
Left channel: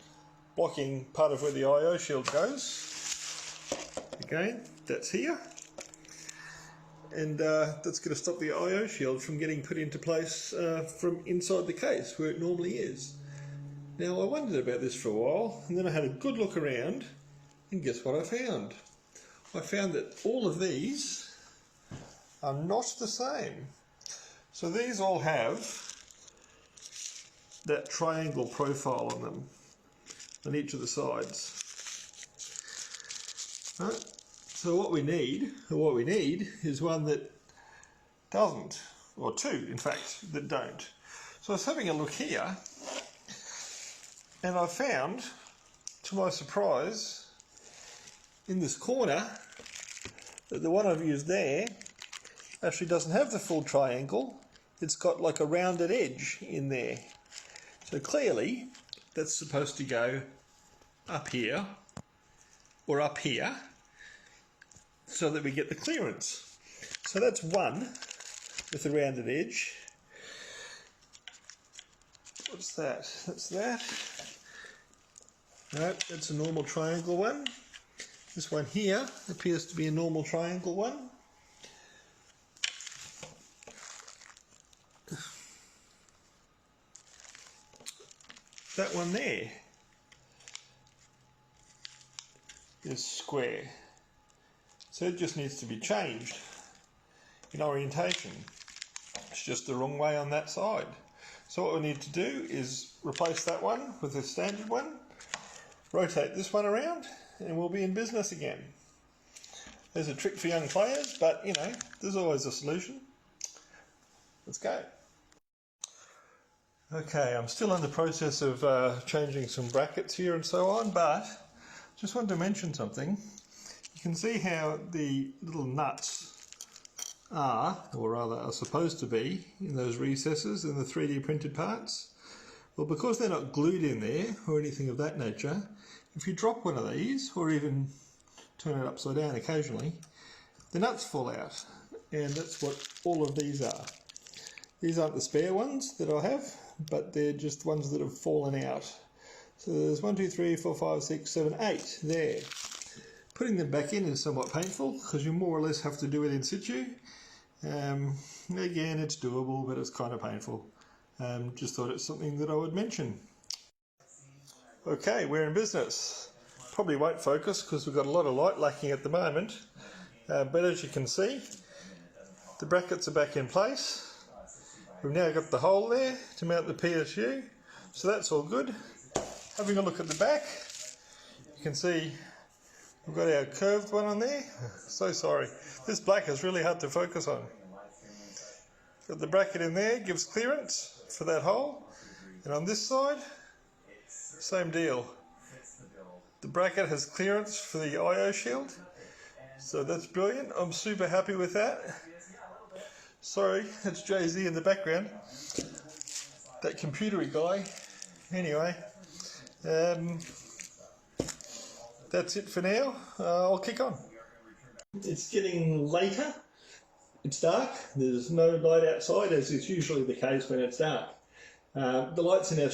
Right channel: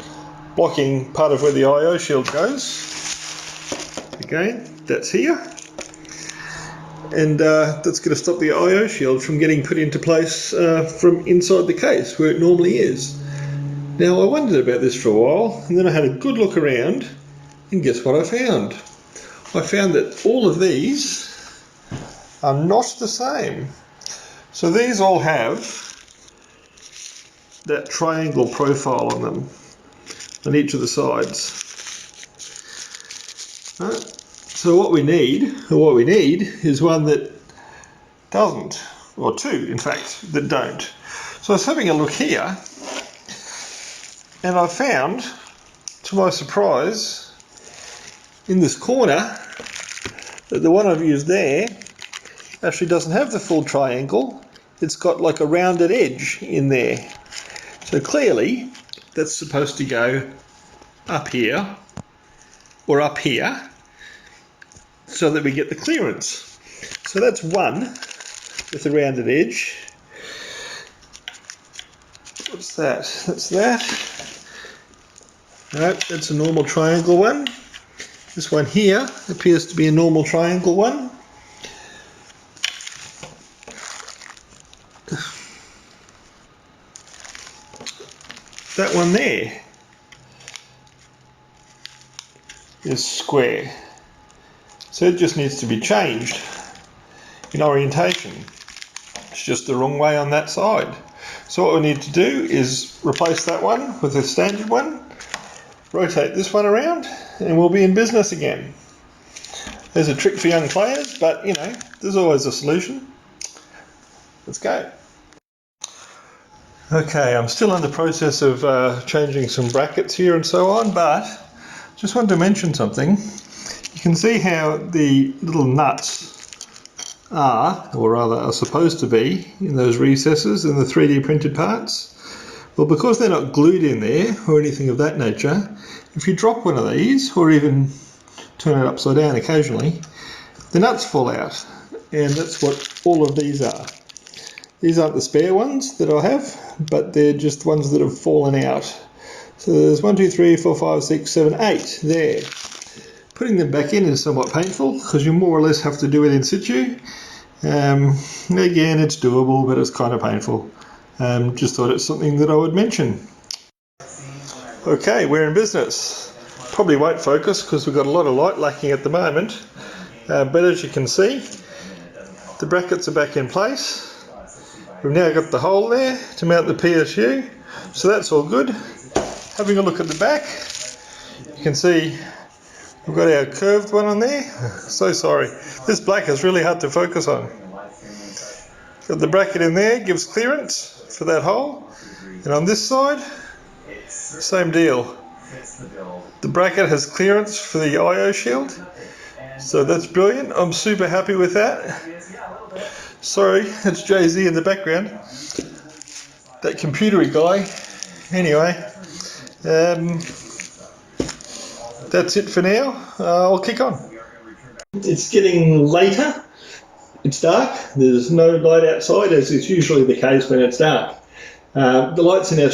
blocking part of where the I/O shield goes. Again, that's here. And that's going to stop the I/O shield from getting put into place from inside the case where it normally is. Now I wondered about this for a while, and then I had a good look around, and guess what I found? I found that all of these are not the same. So these all have that triangle profile on them, on each of the sides. So what we need is one that doesn't, or 2 in fact, that don't. So I was having a look here, and I found, to my surprise, in this corner, that the one I've used there actually doesn't have the full triangle. It's got like a rounded edge in there. So clearly that's supposed to go up here or up here so that we get the clearance. So that's one with a rounded edge. What's that? That's that. No, that's a normal triangle one. This one here appears to be a normal triangle one. That one there is square. So it just needs to be changed in orientation. It's just the wrong way on that side. So what we need to do is replace that one with a standard one, rotate this one around, and we'll be in business again. There's a trick for young players, but you know, there's always a solution. Let's go. Okay, I'm still in the process of changing some brackets here and so on, but just wanted to mention something. You can see how the little nuts are, or rather are supposed to be, in those recesses in the 3D printed parts. Well, because they're not glued in there or anything of that nature, if you drop one of these, or even turn it upside down occasionally, the nuts fall out. And that's what all of these are. These aren't the spare ones that I have, but they're just ones that have fallen out. So there's 1, 2, 3, 4, 5, 6, 7, 8 there. Putting them back in is somewhat painful because you more or less have to do it in situ. Again, it's doable, but it's kind of painful. Just thought it's something that I would mention. Okay, we're in business. Probably won't focus because we've got a lot of light lacking at the moment. But as you can see, the brackets are back in place. We've now got the hole there to mount the PSU, so that's all good. Having a look at the back, you can see we've got our curved one on there. So sorry, this black is really hard to focus on. Got the bracket in there, gives clearance for that hole, and on this side, same deal. The bracket has clearance for the IO shield, so that's brilliant. I'm super happy with that. Sorry, it's Jay-Z in the background, that computery guy. Anyway, that's it for now. I'll kick on. It's getting later. It's dark. There's no light outside, as is usually the case when it's dark. The lights in our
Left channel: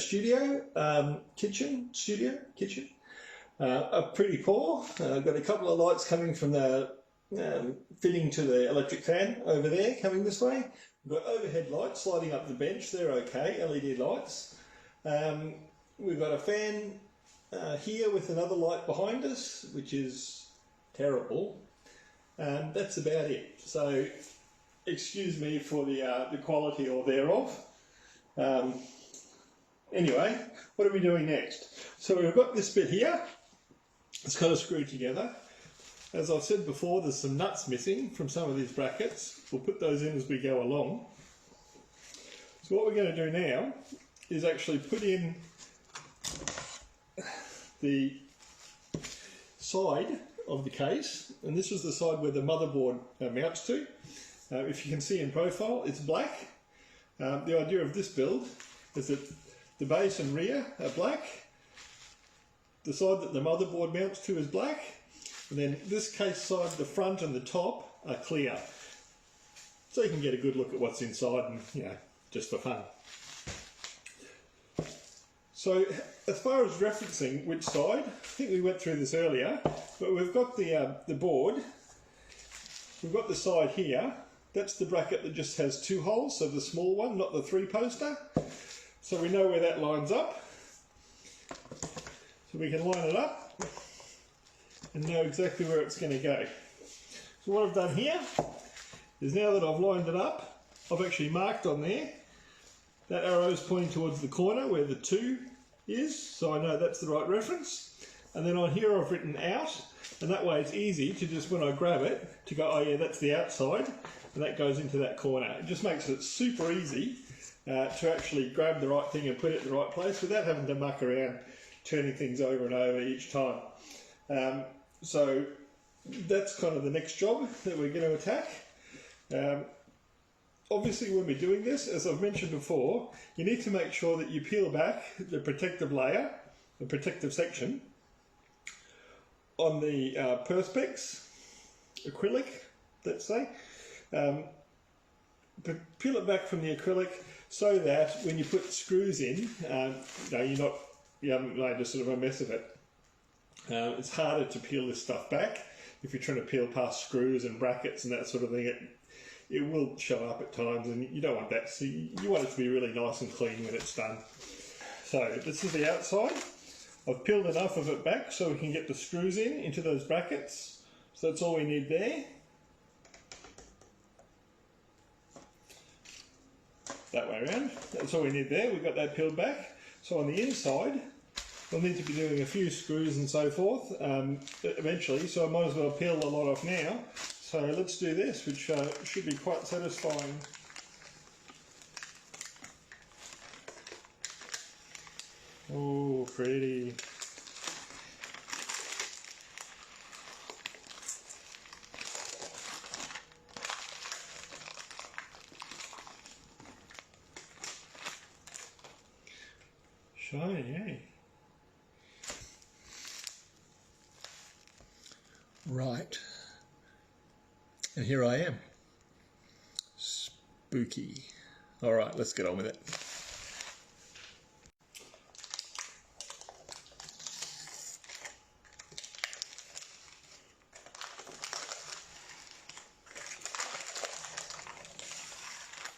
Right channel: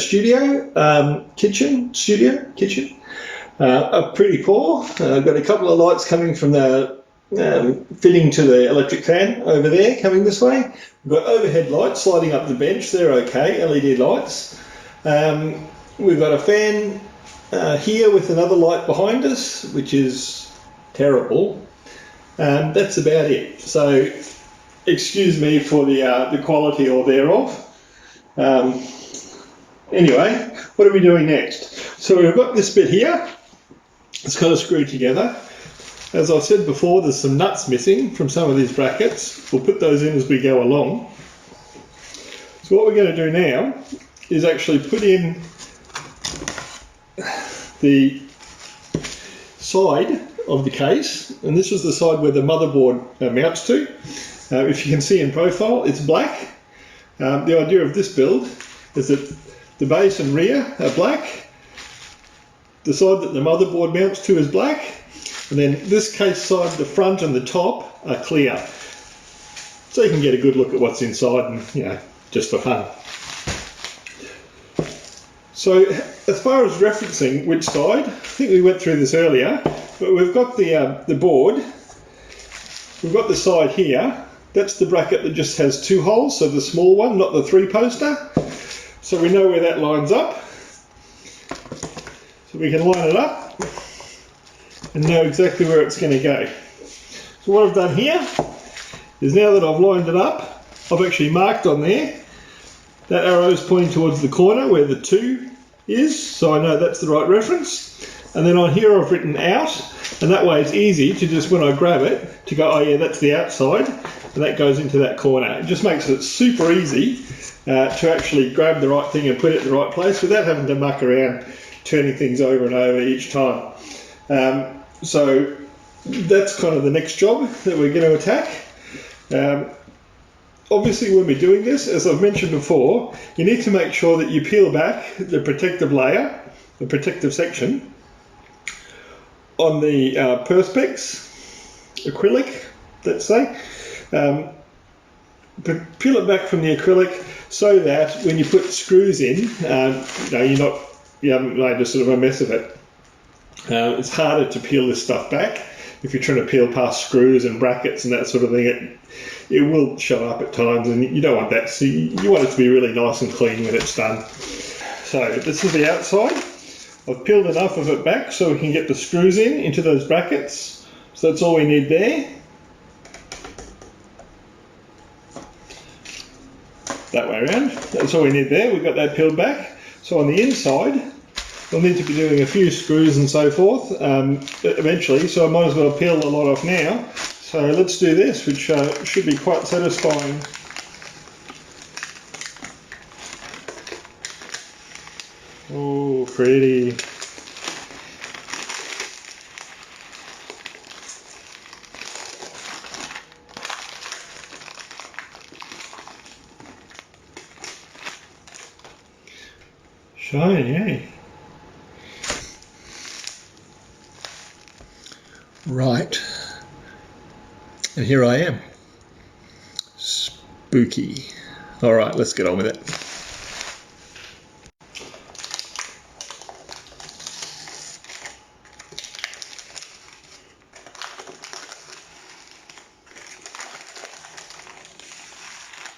kitchen are pretty poor. I've got a couple of lights coming from the fitting to the electric fan over there, coming this way. We've got overhead lights sliding up the bench. They're okay, LED lights. We've got a fan here with another light behind us, which is terrible. That's about it. So excuse me for the quality or thereof. Anyway, what are we doing next? So we've got this bit here. It's got to screw together. As I said before, there's some nuts missing from some of these brackets. We'll put those in as we go along. So what we're going to do now is actually put in the side of the case, and this is the side where the motherboard mounts to. If you can see in profile, it's black. The idea of this build is that the base and rear are black, the side that the motherboard mounts to is black, and then this case side, the front and the top are clear. So you can get a good look at what's inside, and you know, just for fun. So as far as referencing which side, I think we went through this earlier, but we've got the board, we've got the side here. That's the bracket that just has 2 holes, so the small one, not the 3-poster. So we know where that lines up. So we can line it up and know exactly where it's going to go. So what I've done here is, now that I've lined it up, I've actually marked on there. That arrow is pointing towards the corner where the 2 is, so I know that's the right reference. And then on here I've written out, and that way it's easy to just, when I grab it, to go, oh yeah, that's the outside, and that goes into that corner. It just makes it super easy to actually grab the right thing and put it in the right place without having to muck around turning things over and over each time. So that's kind of the next job that we're going to attack. Obviously, when we're doing this, as I've mentioned before, you need to make sure that you peel back the protective layer, the protective section, on the Perspex acrylic, let's say. But peel it back from the acrylic so that when you put screws in, you haven't made a sort of a mess of it. It's harder to peel this stuff back if you're trying to peel past screws and brackets and that sort of thing. It will show up at times, and you don't want that. So you want it to be really nice and clean when it's done. So this is the outside. I've peeled enough of it back so we can get the screws into those brackets. So that's all we need there. That way around. That's all we need there. We've got that peeled back. So on the inside, we'll need to be doing a few screws and so forth eventually. So I might as well peel a lot off now. So let's do this, which should be quite satisfying. Oh, pretty. Shiny, eh? Right. And here I am. Spooky. All right, let's get on with it.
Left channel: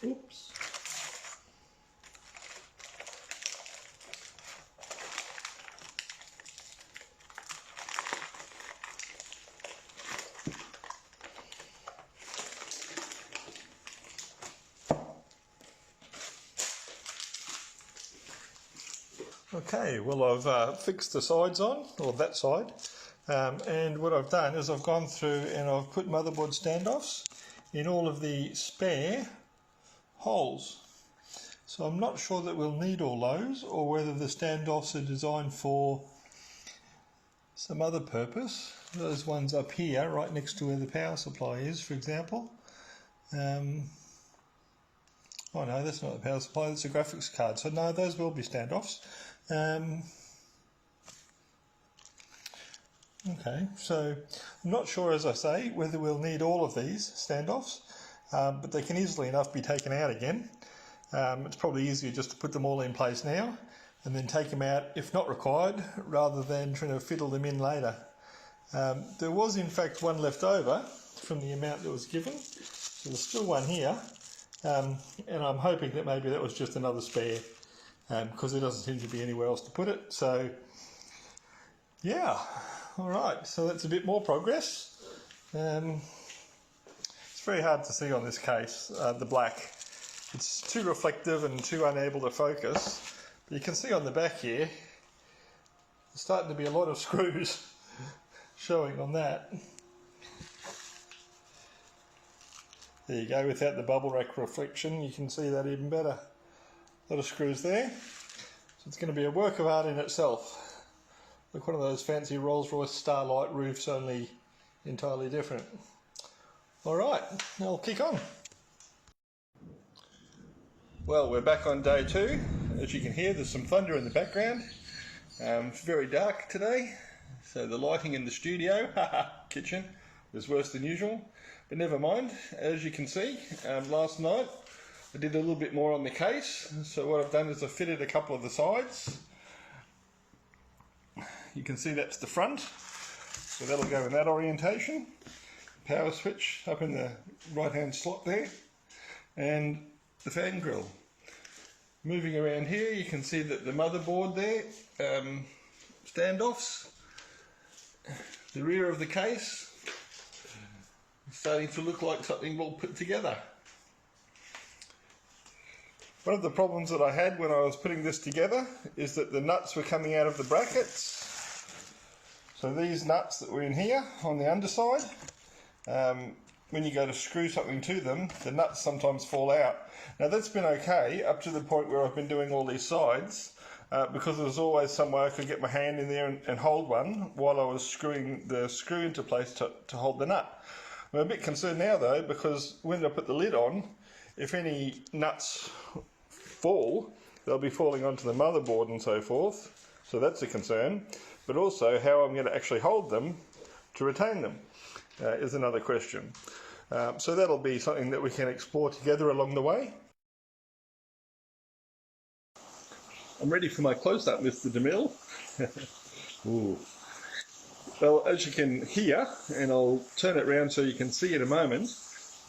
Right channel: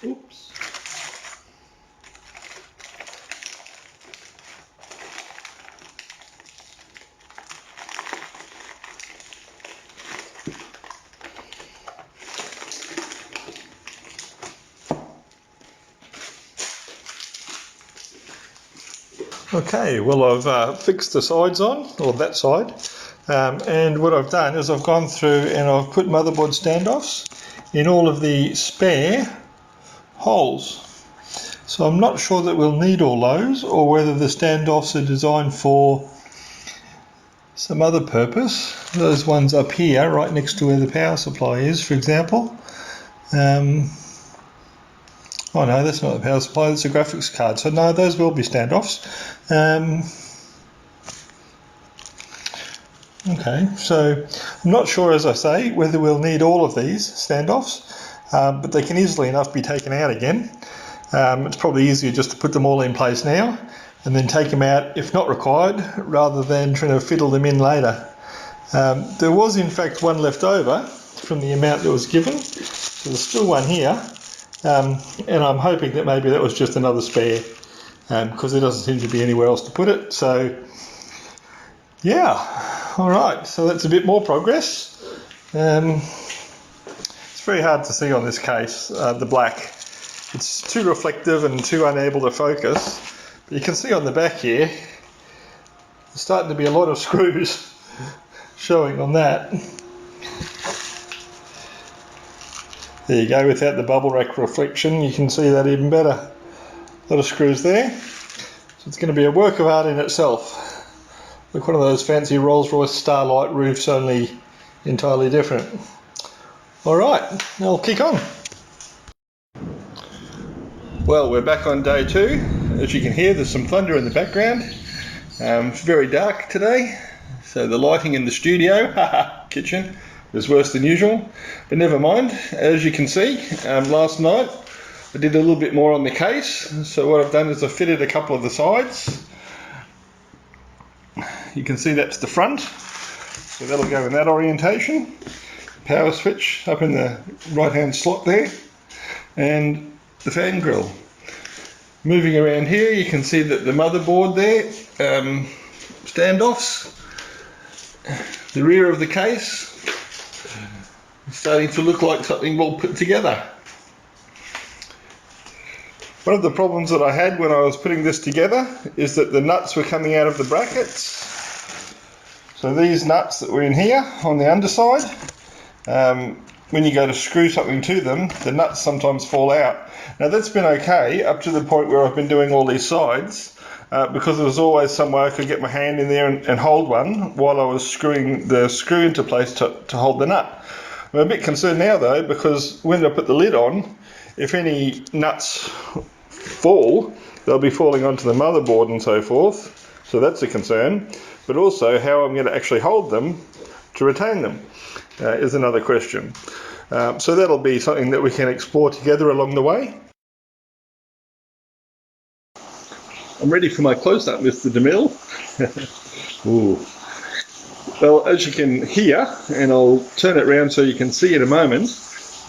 Oops. Okay, well I've fixed the sides on, or that side, and what I've done is I've gone through and I've put motherboard standoffs in all of the spare holes. So I'm not sure that we'll need all those, or whether the standoffs are designed for some other purpose. Those ones up here, right next to where the power supply is, for example. Oh no, that's not the power supply, that's a graphics card. So no, those will be standoffs. Okay, so I'm not sure, as I say, whether we'll need all of these standoffs, but they can easily enough be taken out again. It's probably easier just to put them all in place now and then take them out if not required, rather than trying to fiddle them in later. There was in fact one left over from the amount that was given, so there's still one here. And I'm hoping that maybe that was just another spare, because there doesn't seem to be anywhere else to put it. So yeah, all right, so that's a bit more progress. It's very hard to see on this case, the black. It's too reflective and too unable to focus. But you can see on the back here, there's starting to be a lot of screws showing on that. There you go, without the bubble wrap reflection, you can see that even better. A lot of screws there. So it's going to be a work of art in itself. Look, one of those fancy Rolls-Royce Starlight roofs, only entirely different. Alright, I'll kick on. Well, we're back on day 2. As you can hear, there's some thunder in the background. It's very dark today, so the lighting in the studio, kitchen, is worse than usual, but never mind. As you can see, last night I did a little bit more on the case. So what I've done is I've fitted a couple of the sides. You can see that's the front, so that'll go in that orientation. Power switch up in the right hand slot there, and the fan grill. Moving around here, you can see that the motherboard there, standoffs, the rear of the case, starting to look like something well put together. One of the problems that I had when I was putting this together is that the nuts were coming out of the brackets. So these nuts that were in here on the underside, when you go to screw something to them, the nuts sometimes fall out. Now that's been okay up to the point where I've been doing all these sides, because there was always some way I could get my hand in there and hold one while I was screwing the screw into place to hold the nut. I'm a bit concerned now though, because when I put the lid on, if any nuts fall, they'll be falling onto the motherboard and so forth, so that's a concern. But also how I'm going to actually hold them to retain them is another question. So that'll be something that we can explore together along the way. I'm ready for my close-up, Mr. DeMille. Ooh. Well, as you can hear, and I'll turn it around so you can see in a moment,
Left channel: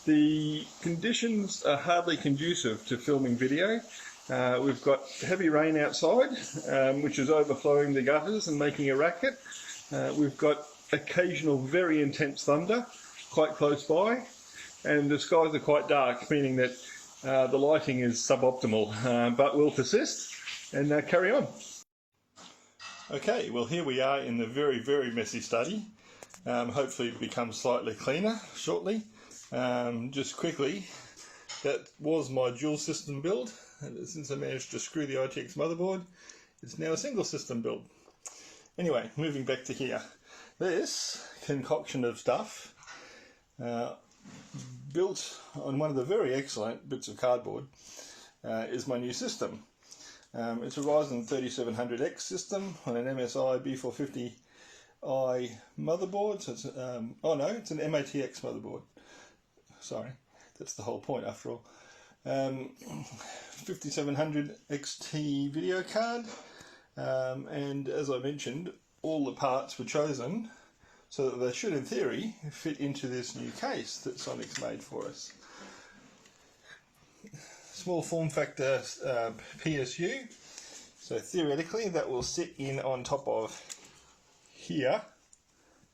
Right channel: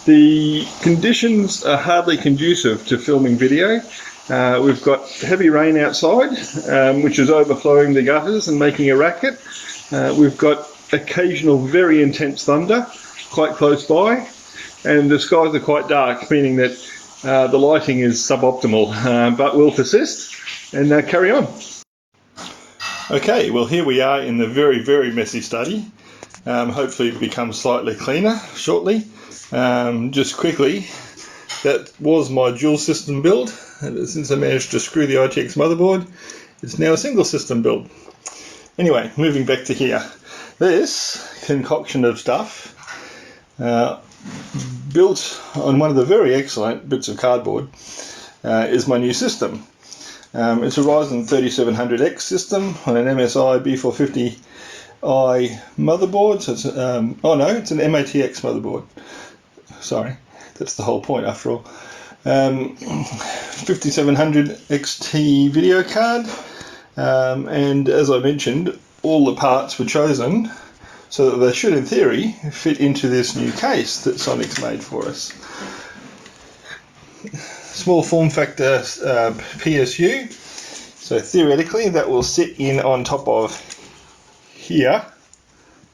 the conditions are hardly conducive to filming video. We've got heavy rain outside, which is overflowing the gutters and making a racket. We've got occasional very intense thunder quite close by, and the skies are quite dark, meaning that the lighting is suboptimal, but we'll persist and carry on. Okay, well here we are in the very, very messy study. Hopefully it becomes slightly cleaner shortly. Just quickly, that was my dual system build. Since I managed to screw the ITX motherboard, it's now a single system build. Anyway, moving back to here. This concoction of stuff, built on one of the very excellent bits of cardboard, is my new system. It's a Ryzen 3700X system on an MSI B450i motherboard. So it's, oh no, it's an mATX motherboard. Sorry, that's the whole point after all. 5700 XT video card, and as I mentioned, all the parts were chosen so that they should, in theory, fit into this new case that Sonic's made for us. Small form factor PSU, so theoretically that will sit in on top of here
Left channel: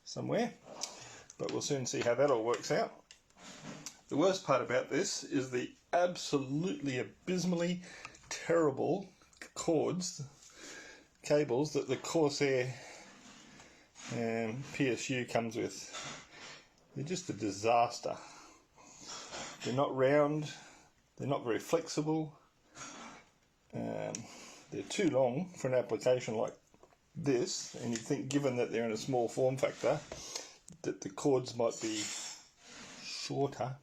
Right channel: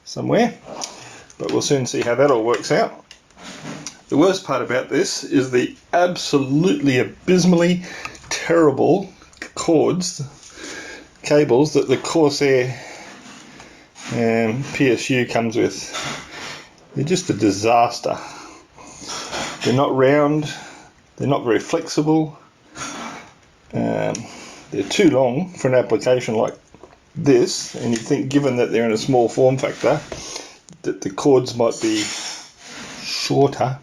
somewhere, but we'll soon see how that all works out. The worst part about this is the absolutely abysmally terrible cables that the Corsair PSU comes with. They're just a disaster. They're not round, they're not very flexible, they're too long for an application like this, and you'd think, given that they're in a small form factor, that the cords might be shorter.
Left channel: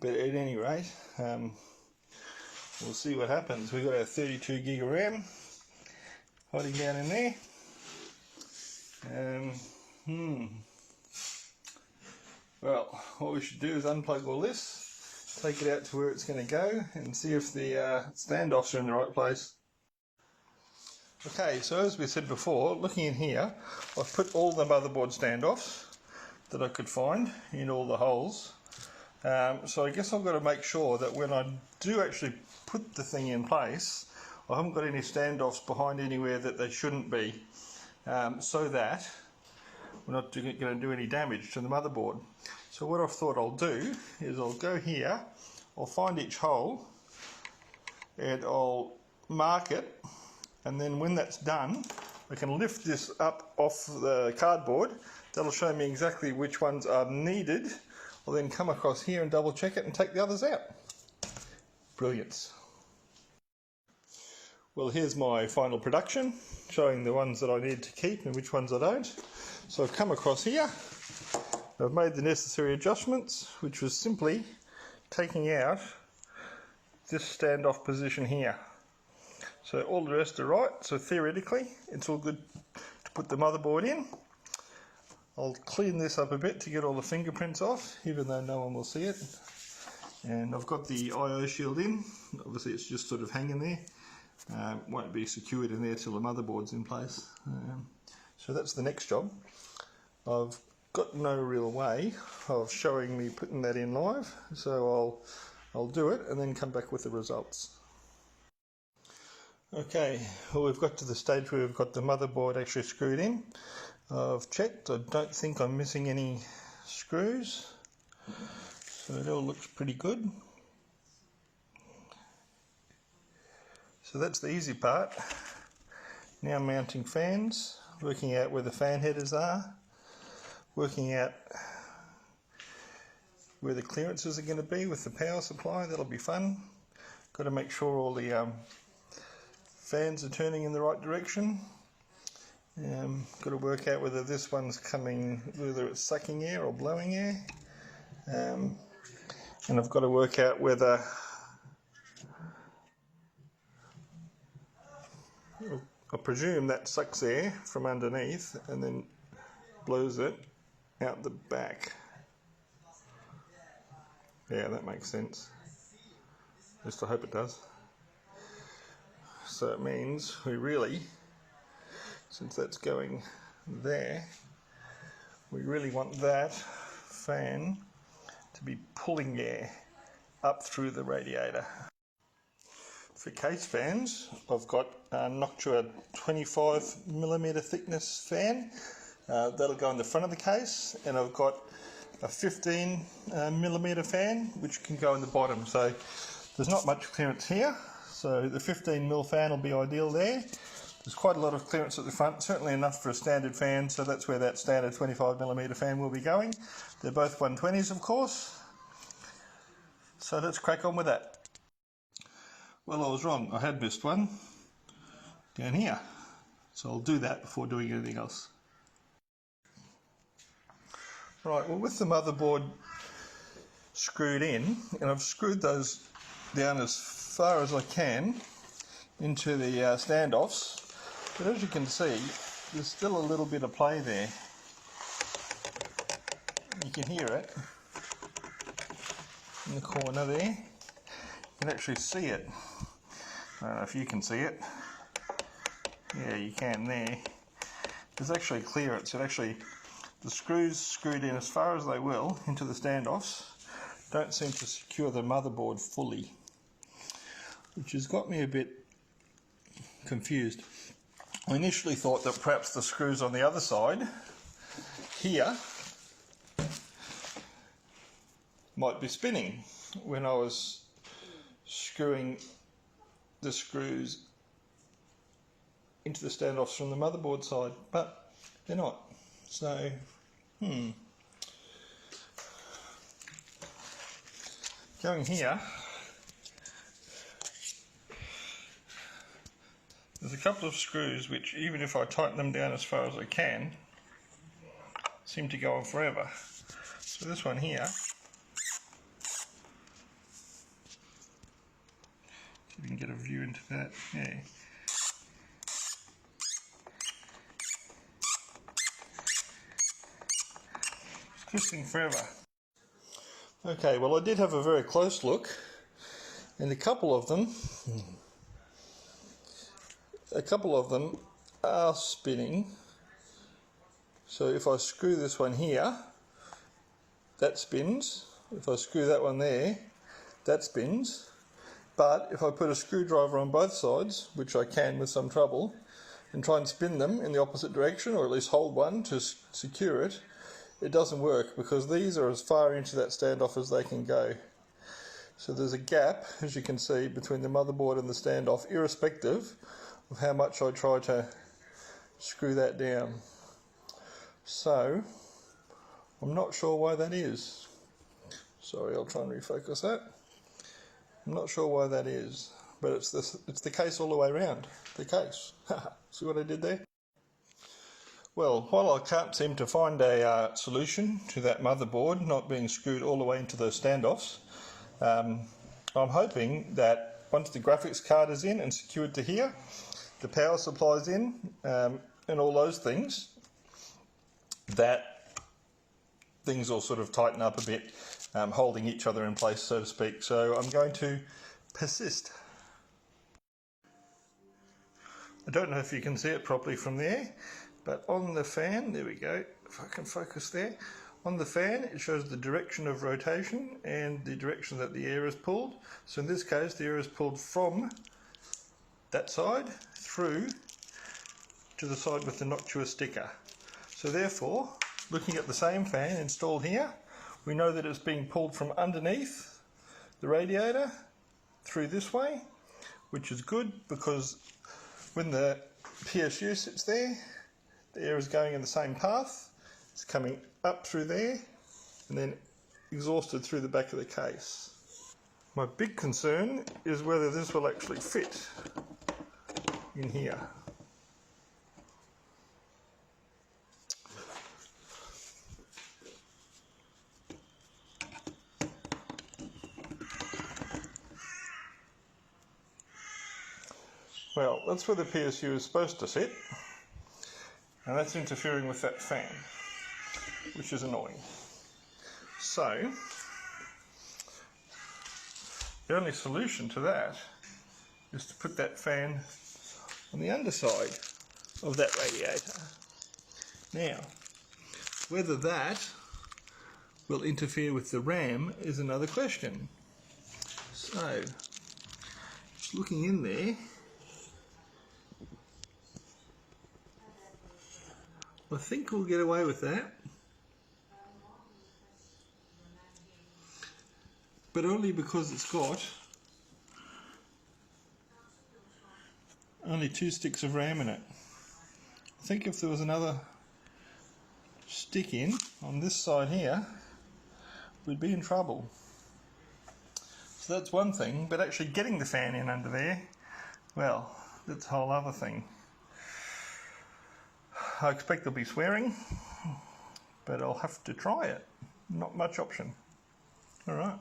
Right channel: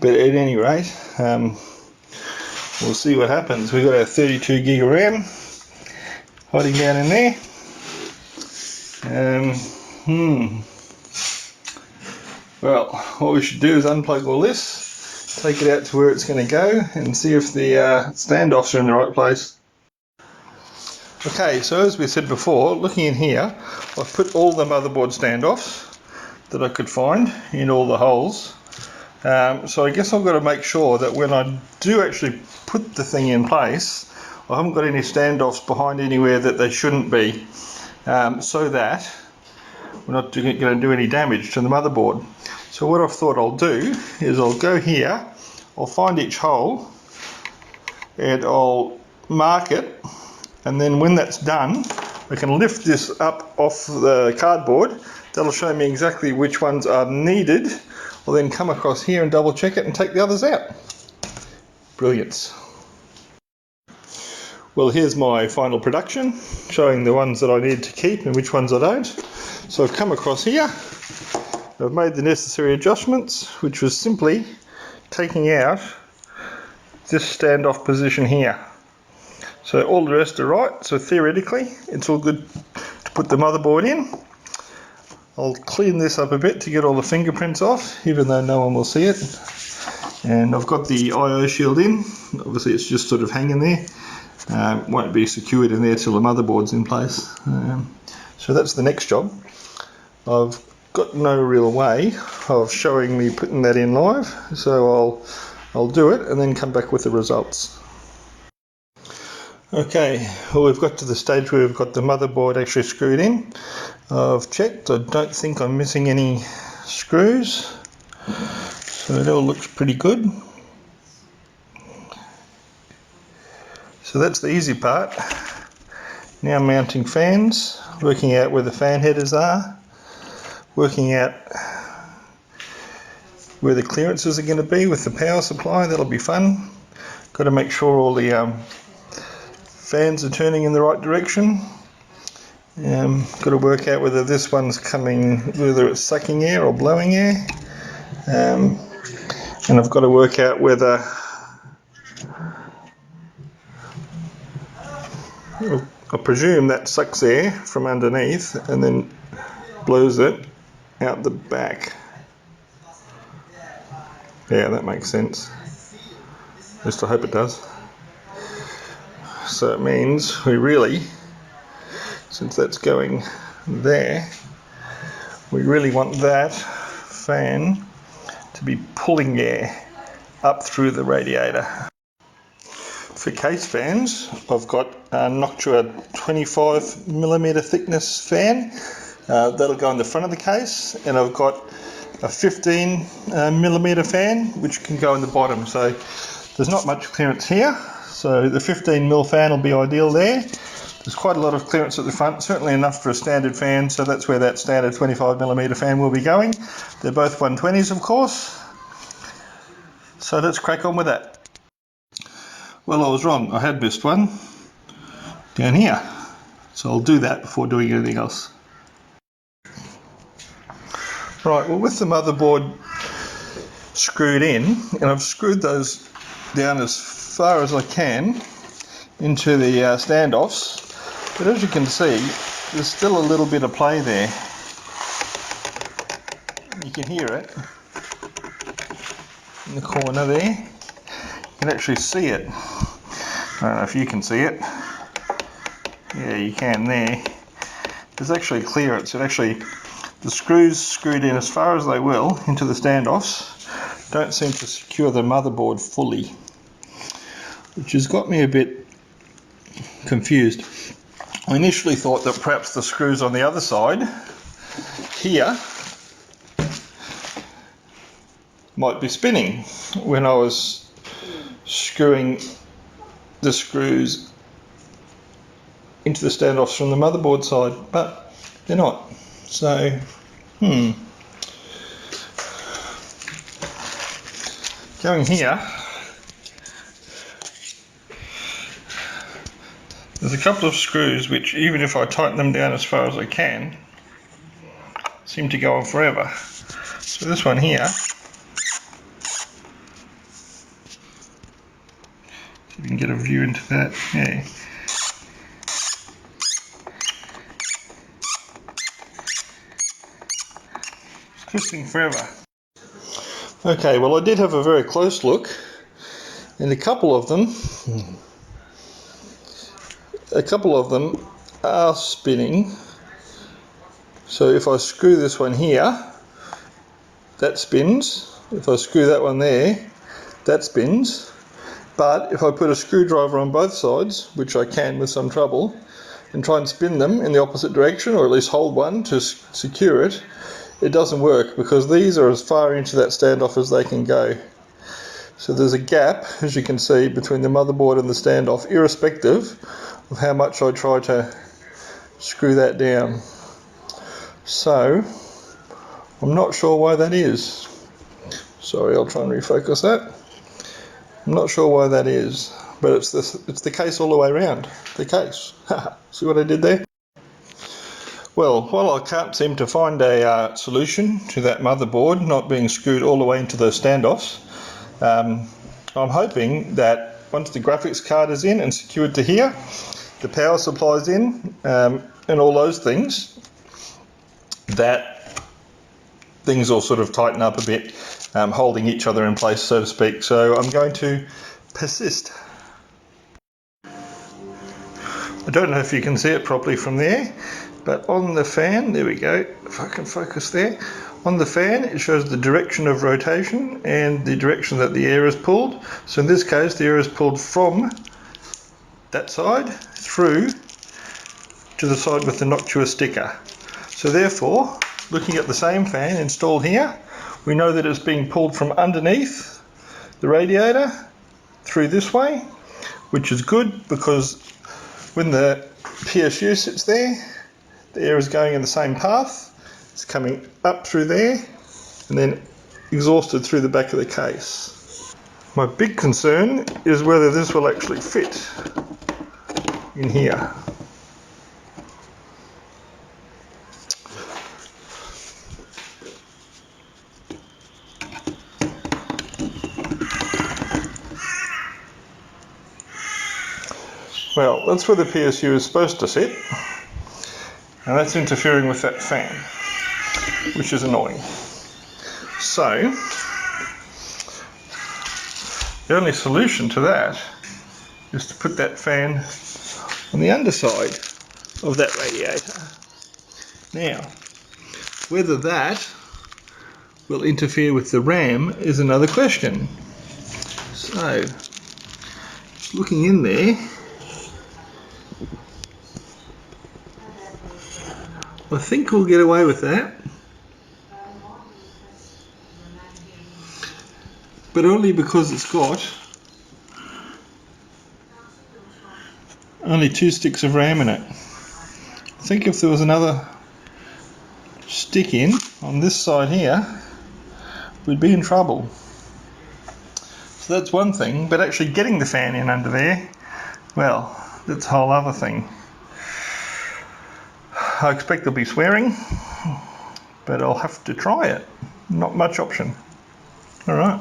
But at any rate, we'll see what happens. We've got our 32 gig of RAM hiding down in there. Well, what we should do is unplug all this, take it out to where it's going to go, and see if the standoffs are in the right place. Okay, so as we said before, looking in here, I've put all the motherboard standoffs that I could find in all the holes. So I guess I've got to make sure that when I do actually put the thing in place, I haven't got any standoffs behind anywhere that they shouldn't be, so that we're not going to do any damage to the motherboard. So what I've thought I'll do is I'll go here, I'll find each hole, and I'll mark it, and then when that's done, I can lift this up off the cardboard. That'll show me exactly which ones are needed. I'll then come across here and double check it and take the others out. Brilliance. Well, here's my final production, showing the ones that I need to keep and which ones I don't. So I've come across here, I've made the necessary adjustments, which was simply taking out this standoff position here. So all the rest are right, so theoretically it's all good to put the motherboard in. I'll clean this up a bit to get all the fingerprints off, even though no one will see it. And I've got the I/O shield in. Obviously it's just sort of hanging there. Won't be secured in there till the motherboard's in place. So that's the next job. I've got no real way of showing me putting that in live, so I'll do it and then come back with the results. Okay, well, we've got to the stage where we've got the motherboard actually screwed in. I've checked, I don't think I'm missing any screws, so it all looks pretty good. So that's the easy part. Now mounting fans, working out where the fan headers are, working out where the clearances are going to be with the power supply. That'll be fun. Got to make sure all the fans are turning in the right direction. Got to work out whether this one's coming, whether it's sucking air or blowing air. And I've got to work out whether I presume that sucks air from underneath and then blows it out the back. Yeah, that makes sense. At least I hope it does. So it means we really, since that's going there, we really want that fan to be pulling air up through the radiator. For case fans, I've got a Noctua 25mm thickness fan. That'll go in the front of the case, and I've got a 15mm fan which can go in the bottom. So there's not much clearance here, so the 15mm fan will be ideal there. There's quite a lot of clearance at the front, certainly enough for a standard fan, so that's where that standard 25mm fan will be going. They're both 120s, of course. So let's crack on with that. Well, I was wrong. I had missed one down here. So I'll do that before doing anything else. Right, well, with the motherboard screwed in, and I've screwed those down as far as I can into the standoffs, but as you can see, there's still a little bit of play there. You can hear it in the corner there. You can actually see it. I don't know if you can see it. Yeah, you can there. There's actually clearance. The screws screwed in as far as they will into the standoffs don't seem to secure the motherboard fully, which has got me a bit confused. I initially thought that perhaps the screws on the other side here might be spinning when I was screwing the screws into the standoffs from the motherboard side, but they're not. So, going here, there's a couple of screws which, even if I tighten them down as far as I can, seem to go on forever. So this one here, you can get a view into that. Yeah. It's twisting forever. Okay, well, I did have a very close look, and a couple of them are spinning. So if I screw this one here, that spins. If I screw that one there, that spins. But if I put a screwdriver on both sides, which I can with some trouble, and try and spin them in the opposite direction, or at least hold one to secure it, it doesn't work, because these are as far into that standoff as they can go. So there's a gap, as you can see, between the motherboard and the standoff, irrespective of how much I try to screw that down. So I'm not sure why that is. Sorry, I'll try and refocus that. I'm not sure why that is, but it's the case all the way around. The case. See what I did there? Well, while I can't seem to find a solution to that motherboard not being screwed all the way into those standoffs, I'm hoping that once the graphics card is in and secured to here, the power supply's in, and all those things, that things will sort of tighten up a bit, holding each other in place, so to speak. So I'm going to persist. I don't know if you can see it properly from there, but on the fan, there we go, if I can focus there, on the fan it shows the direction of rotation and the direction that the air is pulled. So in this case, the air is pulled from that side through to the side with the Noctua sticker. So therefore, looking at the same fan installed here, we know that it's being pulled from underneath the radiator through this way, which is good, because when the PSU sits there, the air is going in the same path. It's coming up through there and then exhausted through the back of the case. My big concern is whether this will actually fit in here. Well, that's where the PSU is supposed to sit, and that's interfering with that fan, which is annoying. So, the only solution to that is to put that fan on the underside of that radiator. Now, whether that will interfere with the RAM is another question. So, Just looking in there, I think we'll get away with that, but only because it's got only 2 sticks of RAM in it. I think if there was another stick in on this side here, we'd be in trouble. So that's one thing, but actually getting the fan in under there, well, that's a whole other thing. I expect there'll be swearing, but I'll have to try it. Not much option. Alright.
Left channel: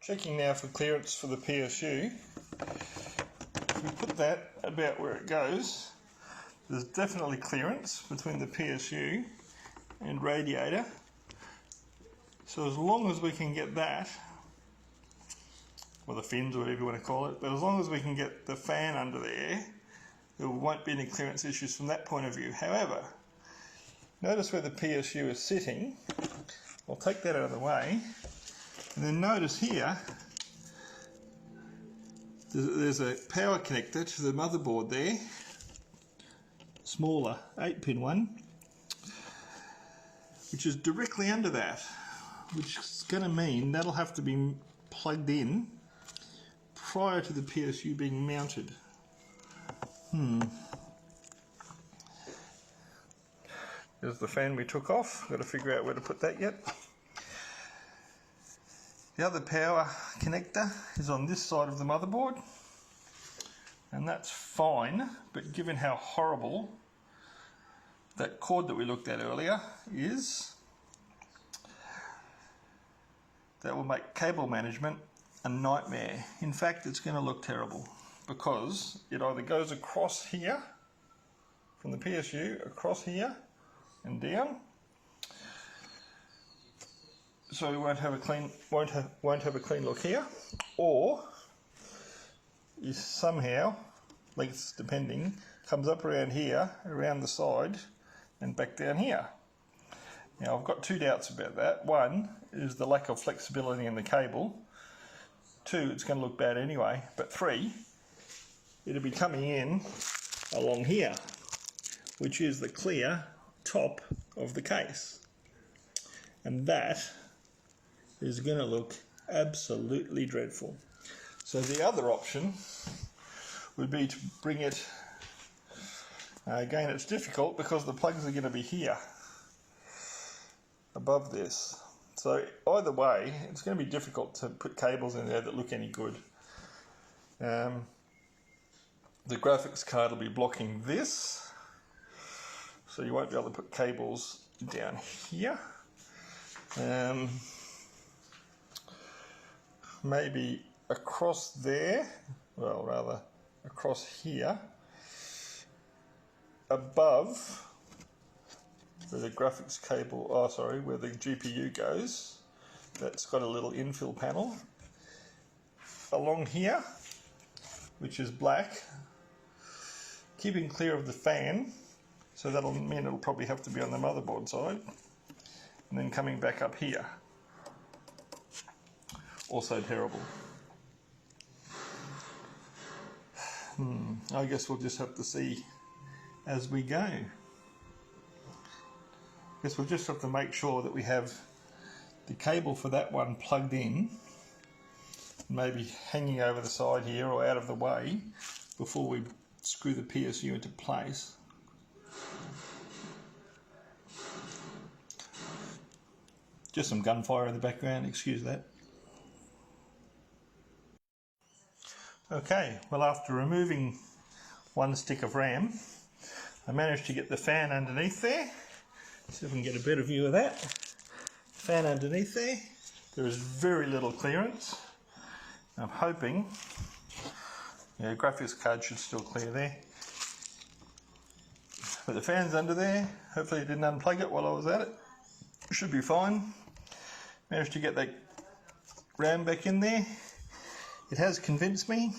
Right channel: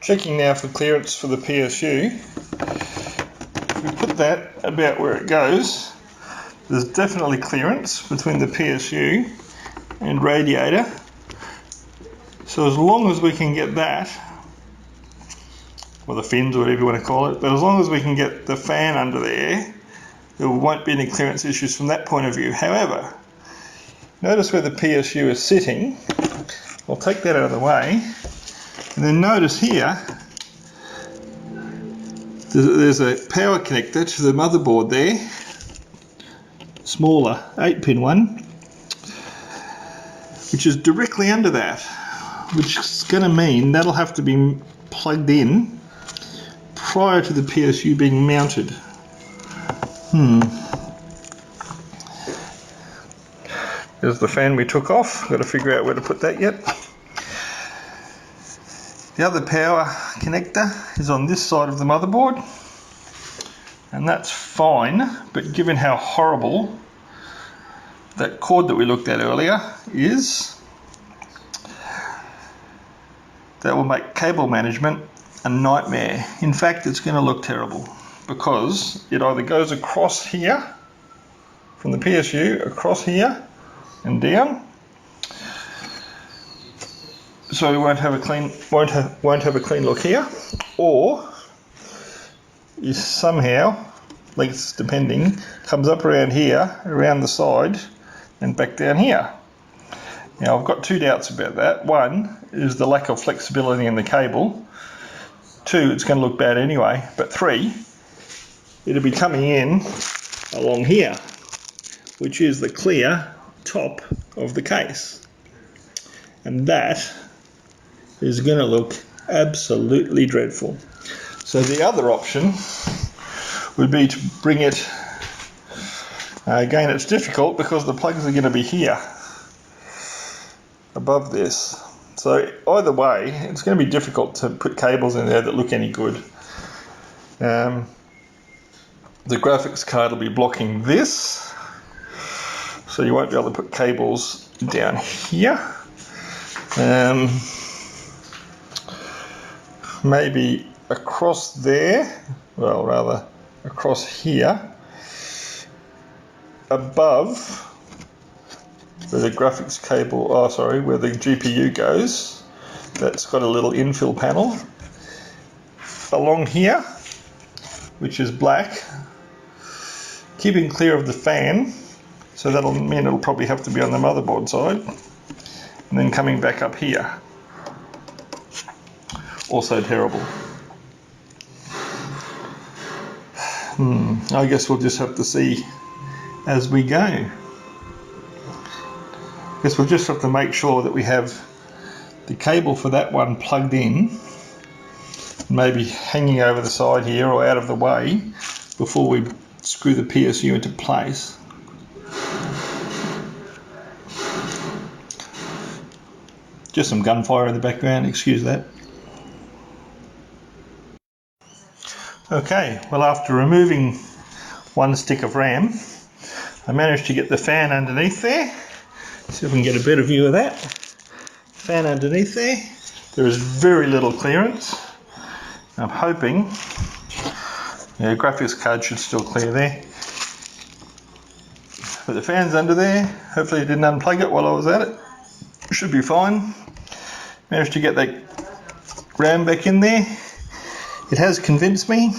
Checking now for clearance for the PSU. If we put that about where it goes, there's definitely clearance between the PSU and radiator. So as long as we can get that, or the fins or whatever you want to call it, but as long as we can get the fan under there, there won't be any clearance issues from that point of view. However, notice where the PSU is sitting. I'll take that out of the way, and then notice here there's a power connector to the motherboard there, smaller 8-pin one, which is directly under that, which is going to mean that'll have to be plugged in prior to the PSU being mounted. There's the fan we took off. Got to figure out where to put that yet. The other power connector is on this side of the motherboard, and that's fine, but given how horrible that cord that we looked at earlier is, that will make cable management a nightmare. In fact, it's going to look terrible because it either goes across here from the PSU, across here and down, so we won't have a clean look here, or is somehow, lengths depending, comes up around here, around the side and back down here. Now I've got 2 doubts about that. One is the lack of flexibility in the cable. 2, it's going to look bad anyway. But 3, it'll be coming in along here, which is the clear top of the case. And that is going to look absolutely dreadful. So the other option would be to bring it, again it's difficult because the plugs are going to be here above this. So either way, it's going to be difficult to put cables in there that look any good. The graphics card will be blocking this, so you won't be able to put cables down here. Maybe across there, well rather across here, above where the graphics cable, where the GPU goes, that's got a little infill panel. Along here, which is black, keeping clear of the fan, so that'll mean it'll probably have to be on the motherboard side, and then coming back up here. Also terrible. I guess we'll just have to see as we go. I guess we'll just have to make sure that we have the cable for that one plugged in, maybe hanging over the side here or out of the way before we screw the PSU into place. Just some gunfire in the background, excuse that. Okay, well after removing 1 stick of RAM, I managed to get the fan underneath there. See if we can get a better view of that. Fan underneath there. There is very little clearance. I'm hoping, yeah, graphics card should still clear there. But the fan's under there. Hopefully I didn't unplug it while I was at it. Should be fine. Managed to get that RAM back in there. It has convinced me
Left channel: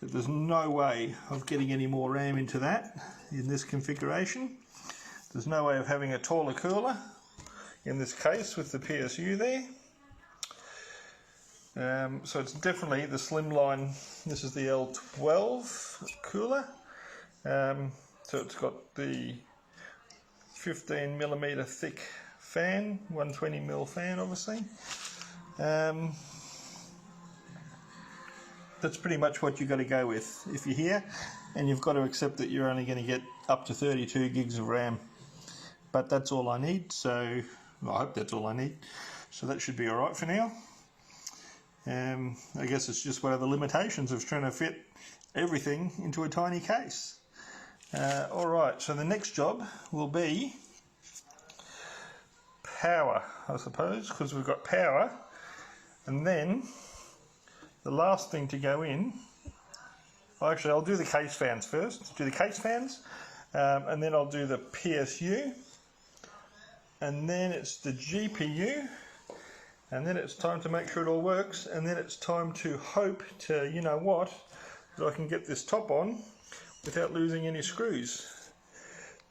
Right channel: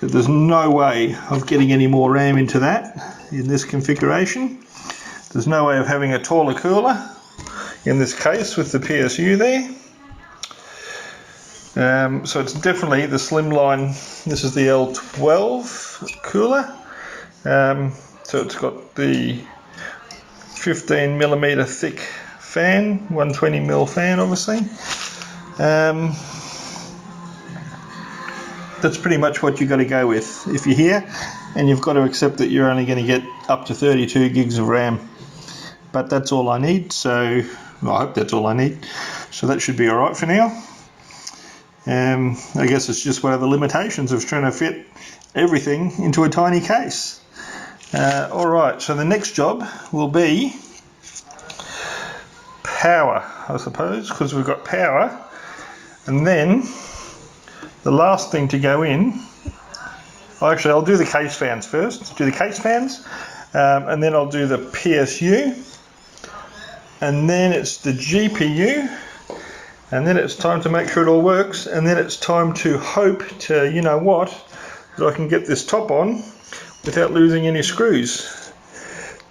that there's no way of getting any more RAM into that in this configuration. There's no way of having a taller cooler in this case with the PSU there. So it's definitely the slimline. This is the L12 cooler. So it's got the 15mm thick fan, 120mm fan obviously. That's pretty much what you've got to go with if you're here, and you've got to accept that you're only going to get up to 32 gigs of RAM. But that's all I need, so well, I hope that's all I need. So that should be alright for now. I guess it's just one of the limitations of trying to fit everything into a tiny case. Alright, so the next job will be power, I suppose, because we've got power, and then the last thing to go in, actually I'll do the case fans first, and then I'll do the PSU, and then it's the GPU, and then it's time to make sure it all works, and then it's time to hope to, you know what, that I can get this top on without losing any screws.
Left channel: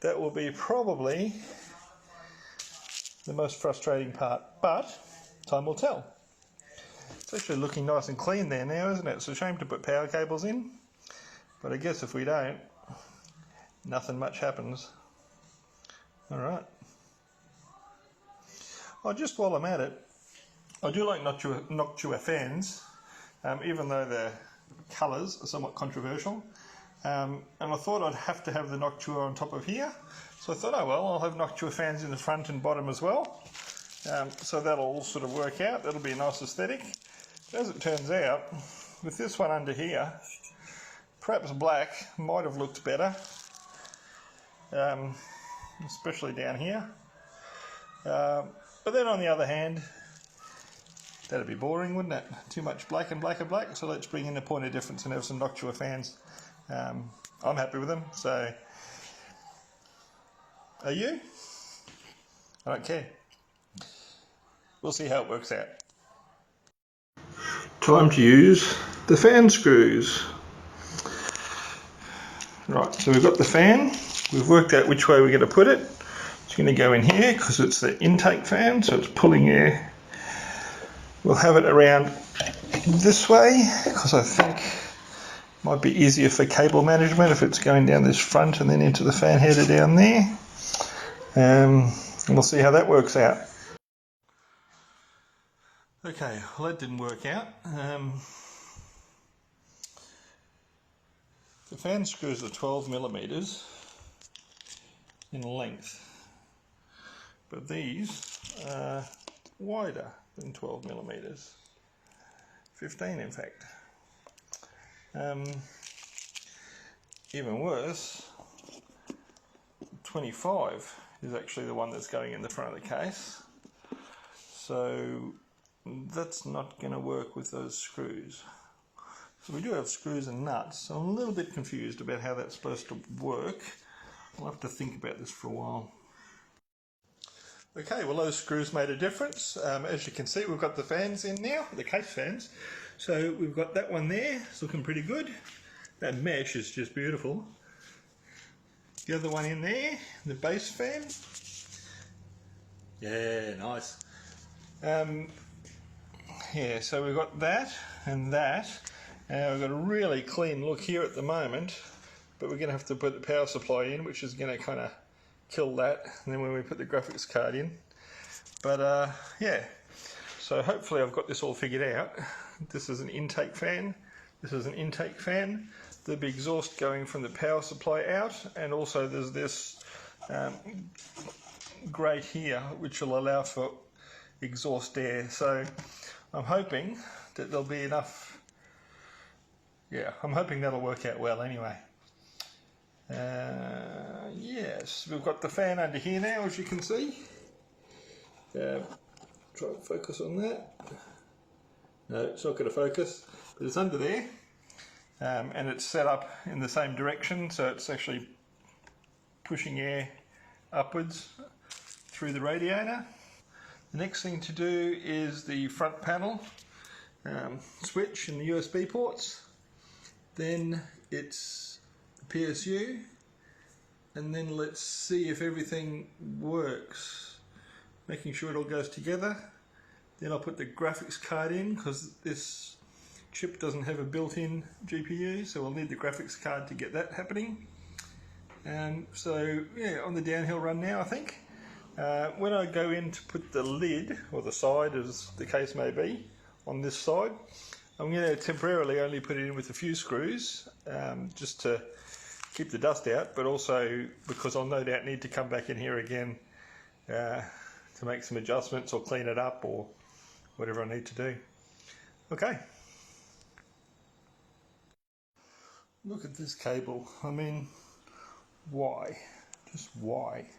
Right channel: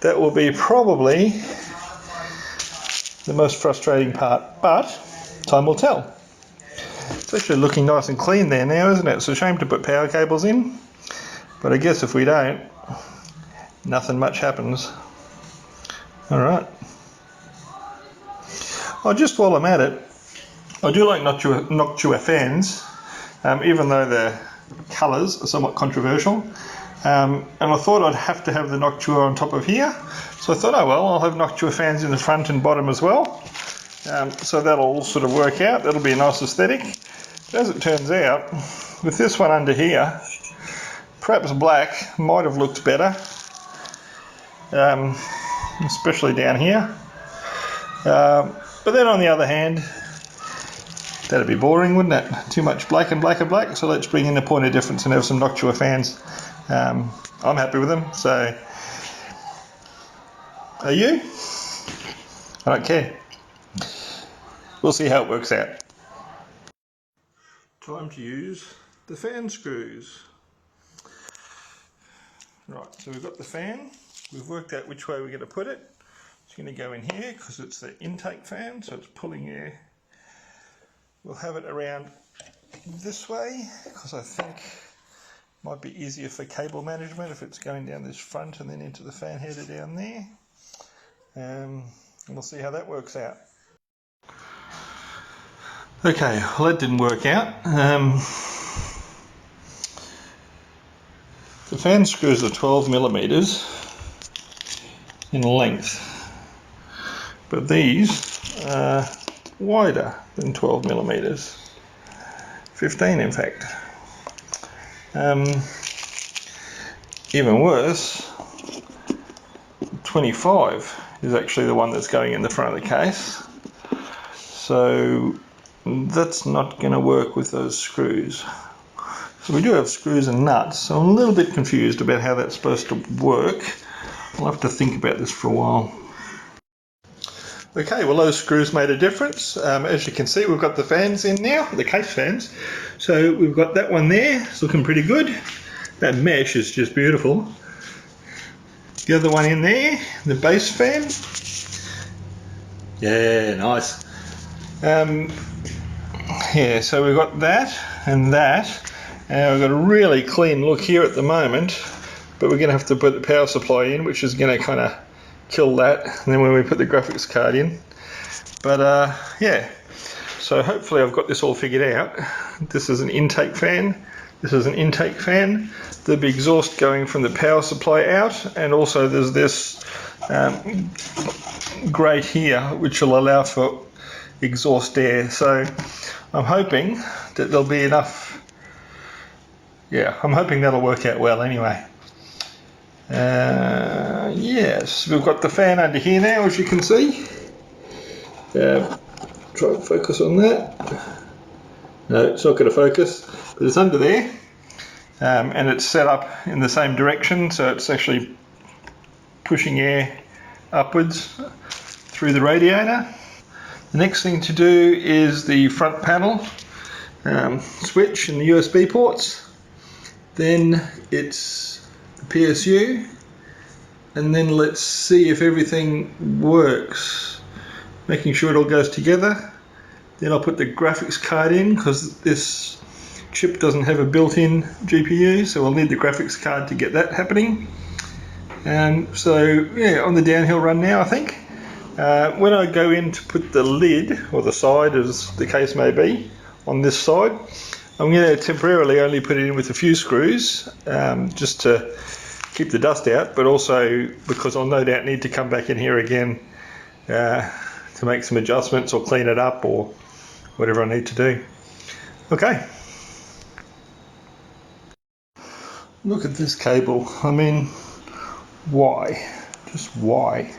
That will be probably the most frustrating part, but time will tell. It's actually looking nice and clean there now, isn't it? It's a shame to put power cables in, but I guess if we don't, nothing much happens. Alright. Oh, just while I'm at it, I do like Noctua fans, even though their colours are somewhat controversial. And I thought I'd have to have the Noctua on top of here, so I thought, oh well, I'll have Noctua fans in the front and bottom as well. So that'll all sort of work out, that'll be a nice aesthetic. But as it turns out, with this one under here, perhaps black might have looked better, especially down here. But then on the other hand, that'd be boring, wouldn't it? Too much black and black and black, so let's bring in a point of difference and have some Noctua fans. I'm happy with them, so are you? I don't care. We'll see how it works out. Time to use the fan screws. Right, so we've got the fan. We've worked out which way we're going to put it. It's going to go in here because it's the intake fan, so it's pulling air. We'll have it around this way because I think it might be easier for cable management if it's going down this front and then into the fan header down there. And we'll see how that works out. Okay, well that didn't work out. The fan screws are 12mm in length, but these are wider than 12mm, 15 in fact. Even worse, 25 is actually the one that's going in the front of the case, so that's not going to work with those screws. So we do have screws and nuts, so I'm a little bit confused about how that's supposed to work. I'll have to think about this for a while. Okay, well those screws made a difference. As you can see, we've got the fans in now, the case fans. So we've got that one there, it's looking pretty good. That mesh is just beautiful. The other one in there, the base fan. Yeah, nice. Yeah, so we've got that and that. And we've got a really clean look here at the moment, but we're going to have to put the power supply in, which is going to kind of kill that, and then when we put the graphics card in. But yeah, so hopefully I've got this all figured out. This is an intake fan, this is an intake fan, the big exhaust going from the power supply out, and also there's this grate here which will allow for exhaust air. So I'm hoping that there'll be enough. Yeah, I'm hoping that'll work out well anyway. Yes, we've got the fan under here now, as you can see. Try and focus on that. No, it's not going to focus, but it's under there. And it's set up in the same direction, so it's actually pushing air upwards through the radiator. The next thing to do is the front panel switch and the USB ports. Then it's the PSU, and then let's see if everything works. Making sure it all goes together, Then I'll put the graphics card in because this chip doesn't have a built-in GPU, so we'll need the graphics card to get that happening. So yeah, on the downhill run now, I think. When I go in to put the lid, or the side as the case may be, on this side, I'm going to temporarily only put it in with a few screws, just to keep the dust out, but also because I'll no doubt need to come back in here again to make some adjustments or clean it up or whatever I need to do. Okay. Look at this cable. I mean, why? Just why?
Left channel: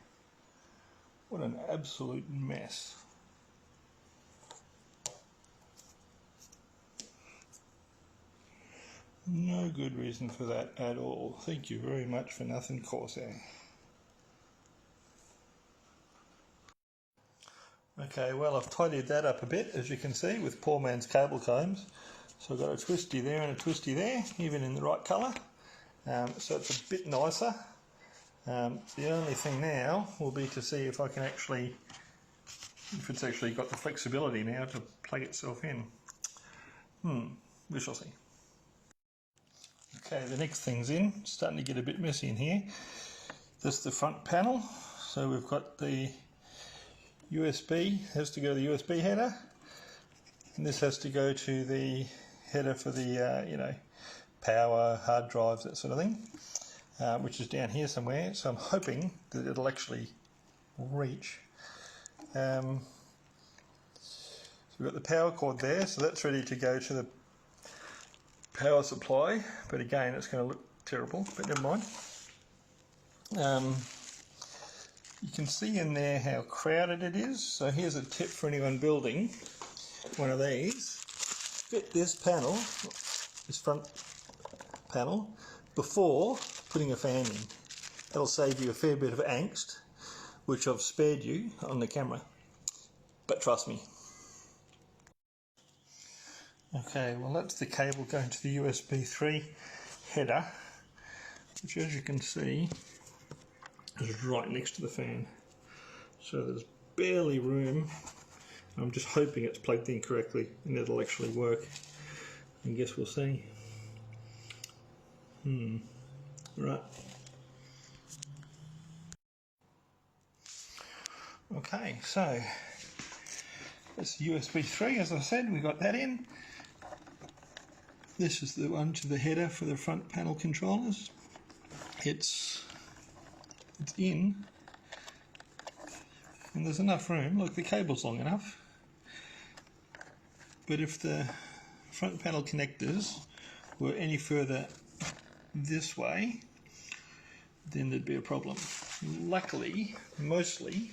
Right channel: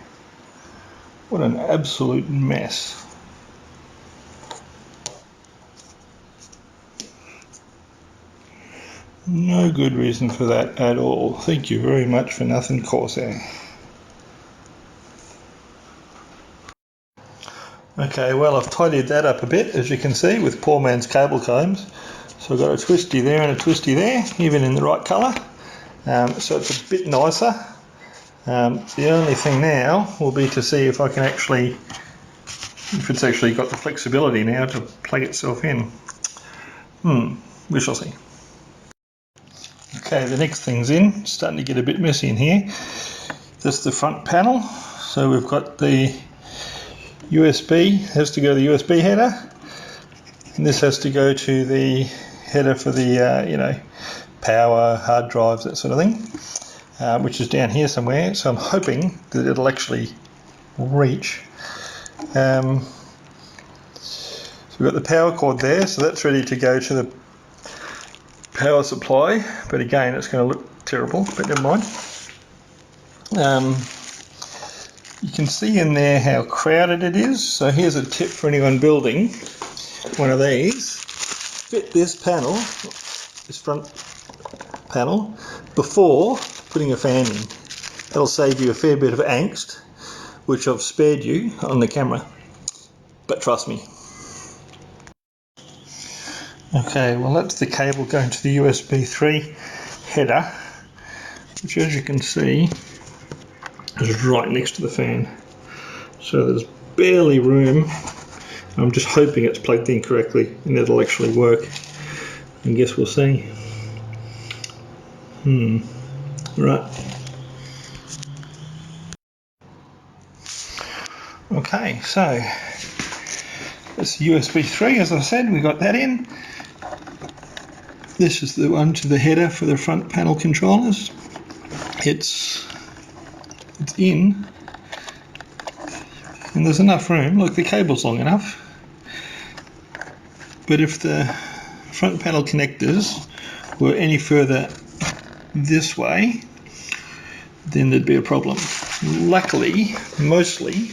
What an absolute mess. No good reason for that at all. Thank you very much for nothing, Corsair. Okay, well, I've tidied that up a bit, as you can see, with poor man's cable combs. So I've got a twisty there and a twisty there, even in the right colour. So it's a bit nicer. The only thing now will be to see if I can actually, if it's actually got the flexibility now to plug itself in. We shall see. Okay, the next thing's in. It's starting to get a bit messy in here. That's the front panel. So we've got the USB, has to go to the USB header, and this has to go to the header for the power, hard drives, that sort of thing, which is down here somewhere. So I'm hoping that it'll actually reach. So we've got the power cord there, so that's ready to go to the power supply, but again it's going to look terrible, but never mind. You can see in there how crowded it is. So here's a tip for anyone building one of these. Fit this panel, this front panel, before putting a fan in. That'll save you a fair bit of angst, which I've spared you on the camera, but trust me. Okay, well that's the cable going to the USB 3 header, which as you can see is right next to the fan. So there's barely room. I'm just hoping it's plugged in correctly and it'll actually work. I guess we'll see. Right. Okay, so it's USB 3, as I said, we got that in. This is the one to the header for the front panel controllers. It's in, and there's enough room. Look, the cable's long enough, but if the front panel connectors were any further this way, then there'd be a problem. Luckily, mostly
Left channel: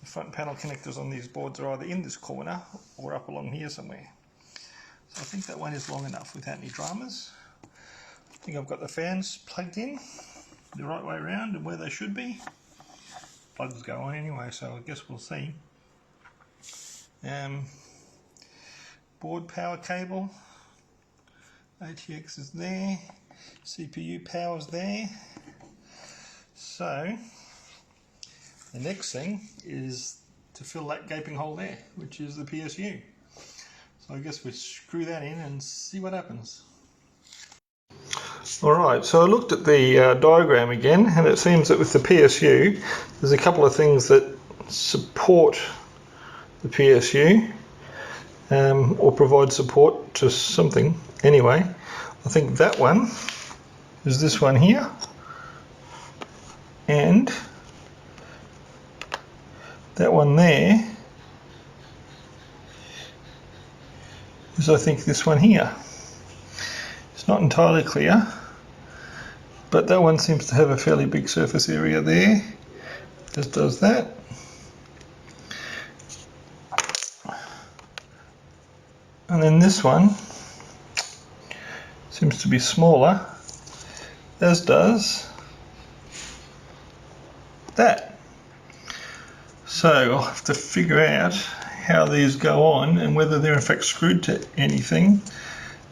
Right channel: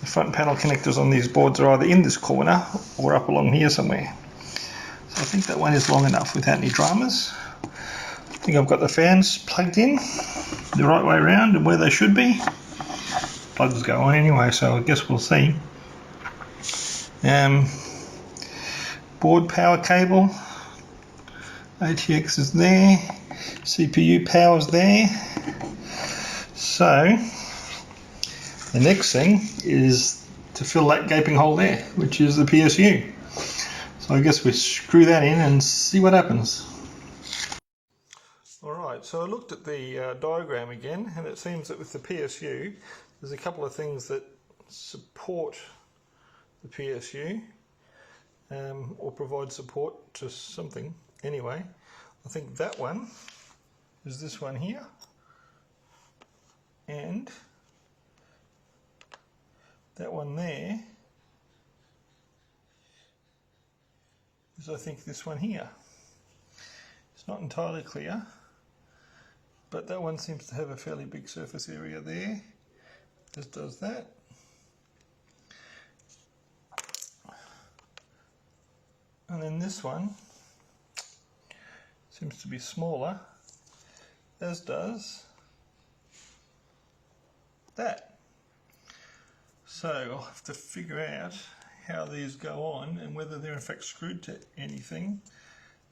the front panel connectors on these boards are either in this corner or up along here somewhere. So I think that one is long enough without any dramas. I think I've got the fans plugged in the right way around and where they should be. Plugs go on anyway, so I guess we'll see. Board power cable, ATX is there, CPU power's there. So the next thing is to fill that gaping hole there, which is the PSU. So I guess we screw that in and see what happens. Alright, so I looked at the diagram again, and it seems that with the PSU there's a couple of things that support the PSU, or provide support to something. Anyway, I think that one is this one here, and that one there is, I think, this one here. It's not entirely clear, but that one seems to have a fairly big surface area there, as does that. And then this one seems to be smaller, as does that. So I'll have to figure out how these go on and whether they're in fact screwed to anything.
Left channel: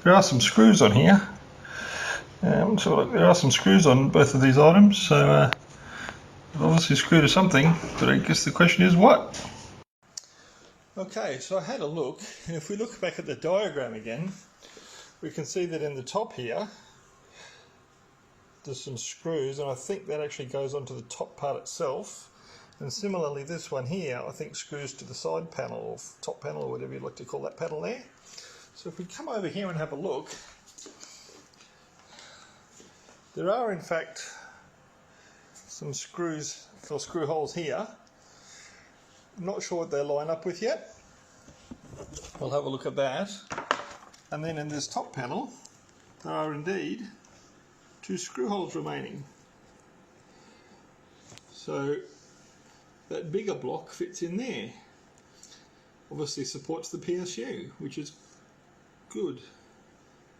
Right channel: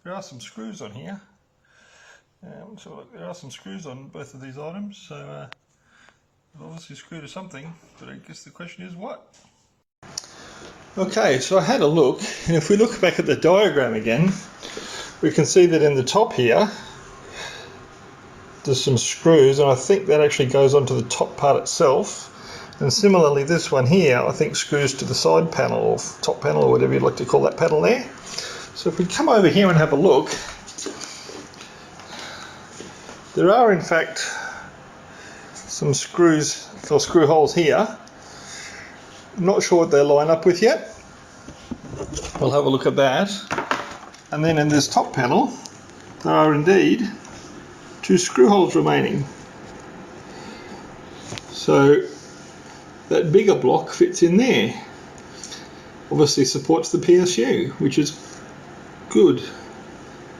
There are some screws on here. So there are some screws on both of these items, so they're obviously screwed to something, but I guess the question is what? Okay, so I had a look, and if we look back at the diagram again, we can see that in the top here there's some screws, and I think that actually goes onto the top part itself. And similarly, this one here I think screws to the side panel or top panel or whatever you'd like to call that panel there. So if we come over here and have a look, there are in fact some screws or screw holes here. I'm not sure what they line up with yet. We'll have a look at that. And then in this top panel there are indeed 2 screw holes remaining. So that bigger block fits in there. Obviously supports the PSU, which is good.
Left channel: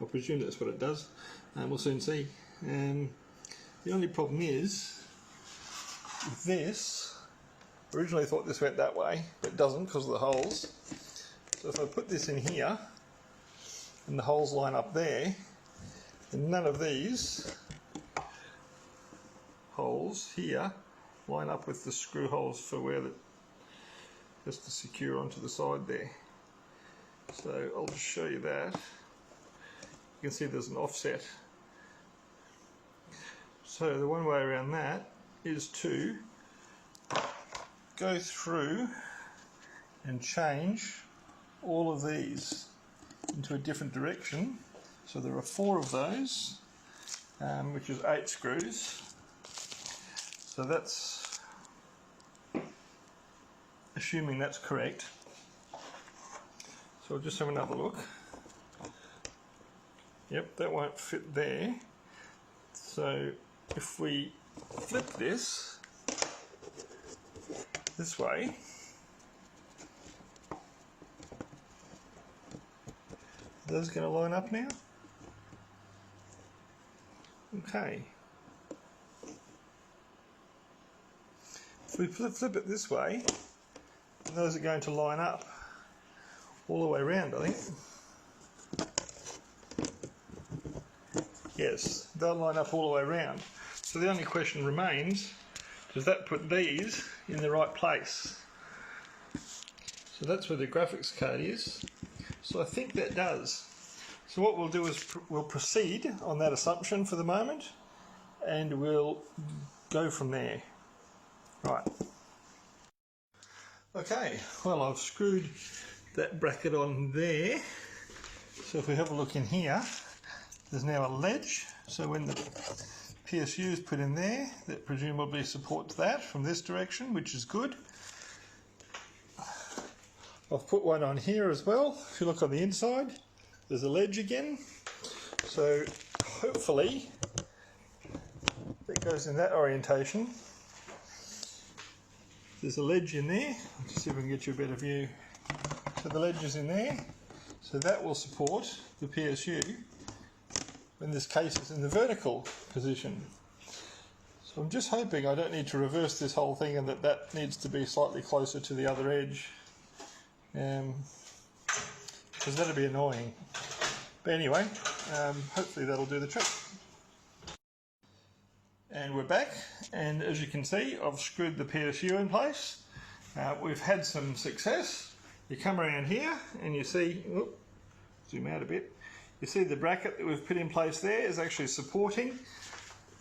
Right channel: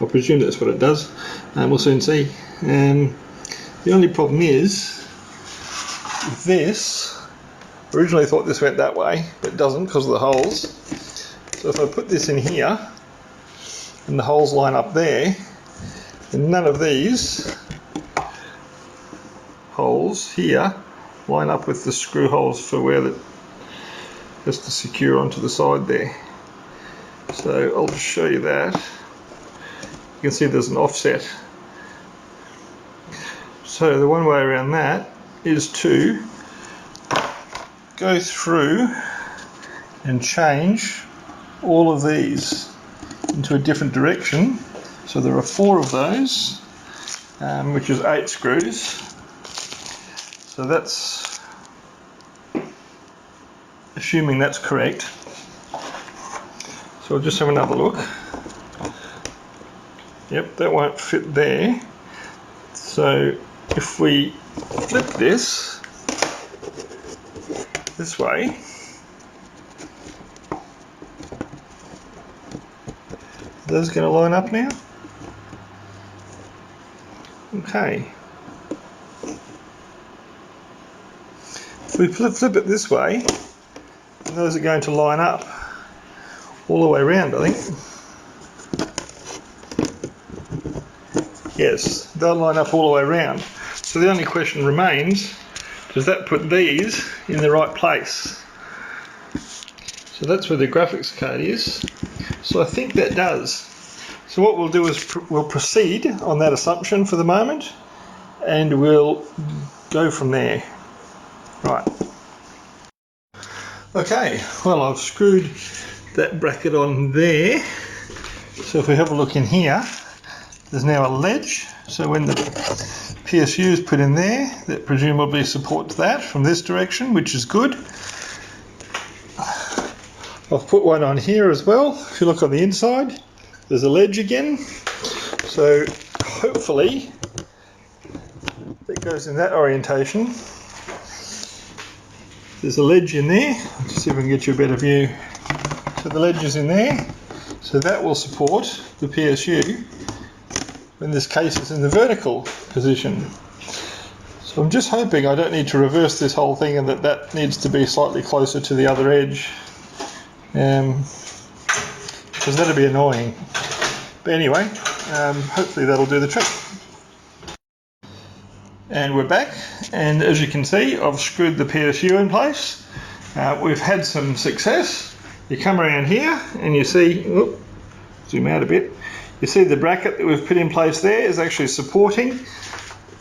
I presume that's what it does. We'll soon see. The only problem is this. Originally thought this went that way, but it doesn't because of the holes. So if I put this in here and the holes line up there, then none of these holes here line up with the screw holes for where that has to secure onto the side there. So I'll just show you that. You can see there's an offset. So the one way around that is to go through and change all of these into a different direction. So there are 4 of those, which is 8 screws. So that's assuming that's correct. So I'll just have another look. Yep, that won't fit there. So if we flip this way, are those going to line up now? Okay. If we flip it this way, those are going to line up all the way around, I think. Yes, they'll line up all the way around. So the only question remains, does that put these in the right place? So that's where the graphics card is. So I think that does. So what we'll do is we'll proceed on that assumption for the moment, and we'll go from there. Right. Okay, well, I've screwed that bracket on there. So if we have a look in here, there's now a ledge. So when the PSU is put in there, that presumably supports that from this direction, which is good. I've put one on here as well. If you look on the inside, there's a ledge again. So hopefully it goes in that orientation. There's a ledge in there. Let's see if I can get you a better view. So the ledge is in there. So that will support the PSU when this case is in the vertical position. So I'm just hoping I don't need to reverse this whole thing and that needs to be slightly closer to the other edge. Because that'd be annoying. But anyway, hopefully that'll do the trick. And we're back, and as you can see, I've screwed the PSU in place. We've had some success. You come around here and you see, zoom out a bit, you see the bracket that we've put in place there is actually supporting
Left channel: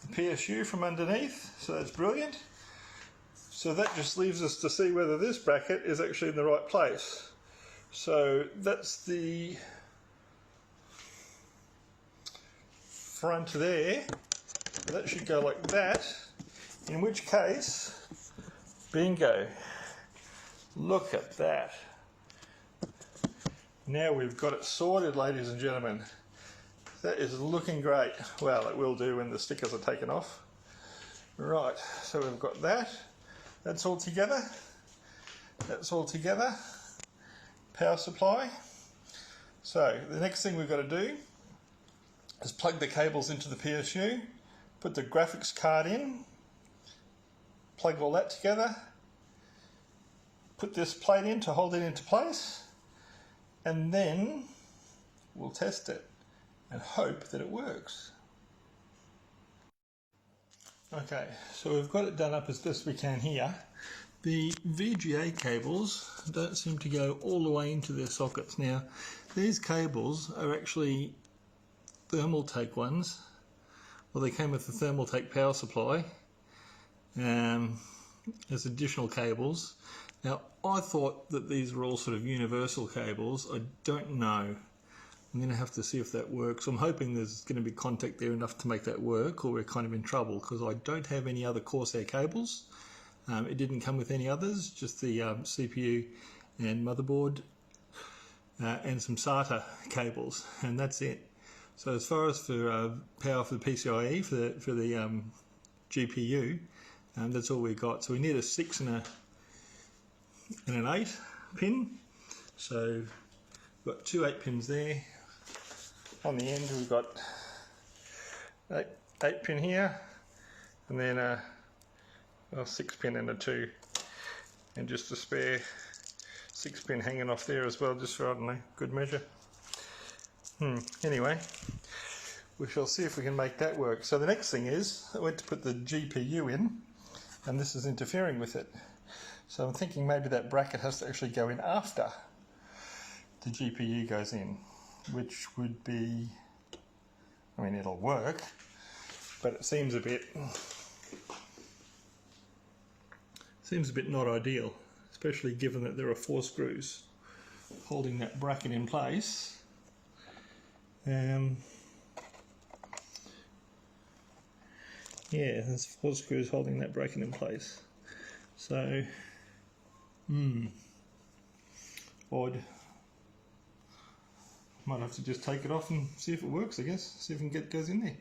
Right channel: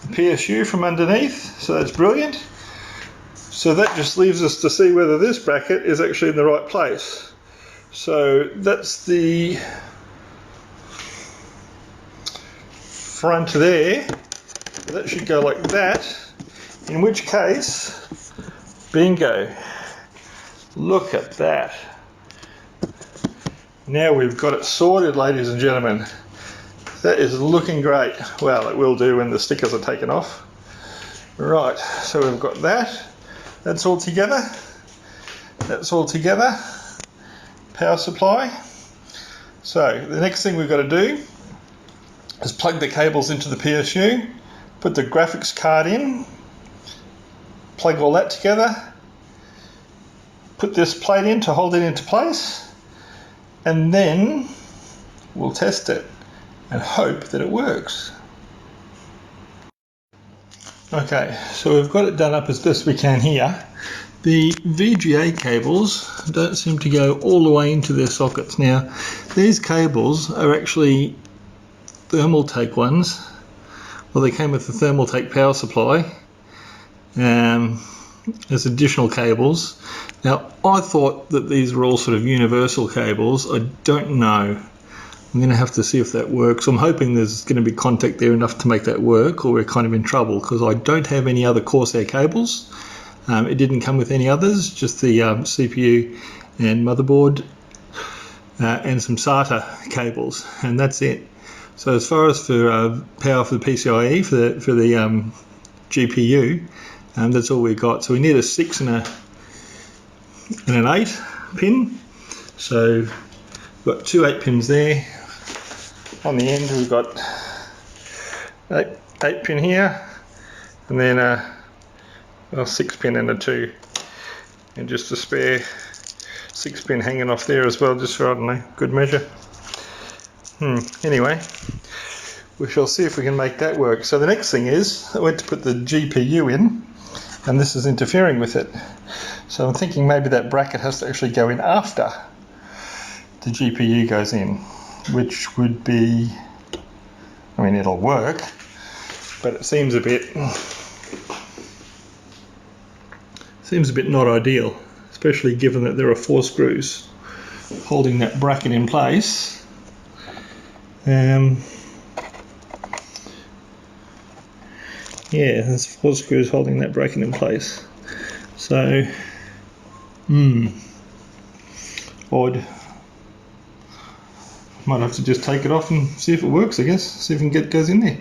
the PSU from underneath, so that's brilliant. So that just leaves us to see whether this bracket is actually in the right place. So that's the front there. That should go like that, in which case, bingo, look at that. Now we've got it sorted, ladies and gentlemen. That is looking great. Well, it will do when the stickers are taken off. Right, so we've got that. That's all together. That's all together. Power supply. So the next thing we've got to do is plug the cables into the PSU, put the graphics card in, plug all that together, put this plate in to hold it into place, and then we'll test it and hope that it works. Okay, so we've got it done up as best we can here. The VGA cables don't seem to go all the way into their sockets. Now, these cables are actually Thermaltake ones. Well, they came with the Thermaltake power supply as additional cables. Now, I thought that these were all sort of universal cables. I don't know. I'm going to have to see if that works. I'm hoping there's going to be contact there enough to make that work, or we're kind of in trouble, because I don't have any other Corsair cables. It didn't come with any others, just the CPU and motherboard and some SATA cables, and that's it. So as far as for power for the PCIe, for the GPU, that's all we got. So we need a 6 and an 8 pin. So we've got two 8 pins there. On the end we've got 8 pin here, and then a 6 pin and a 2, and just a spare 6 pin hanging off there as well, just for, I don't know, good measure. Anyway, we shall see if we can make that work. So the next thing is, I went to put the GPU in, and this is interfering with it. So I'm thinking maybe that bracket has to actually go in after the GPU goes in, which would be, I mean, it'll work, but it seems a bit not ideal, especially given that there are 4 screws holding that bracket in place. Yeah, there's 4 screws holding that bracket in place. So, odd. Might have to just take it off and see if it works, I guess. See if we can get it goes in there.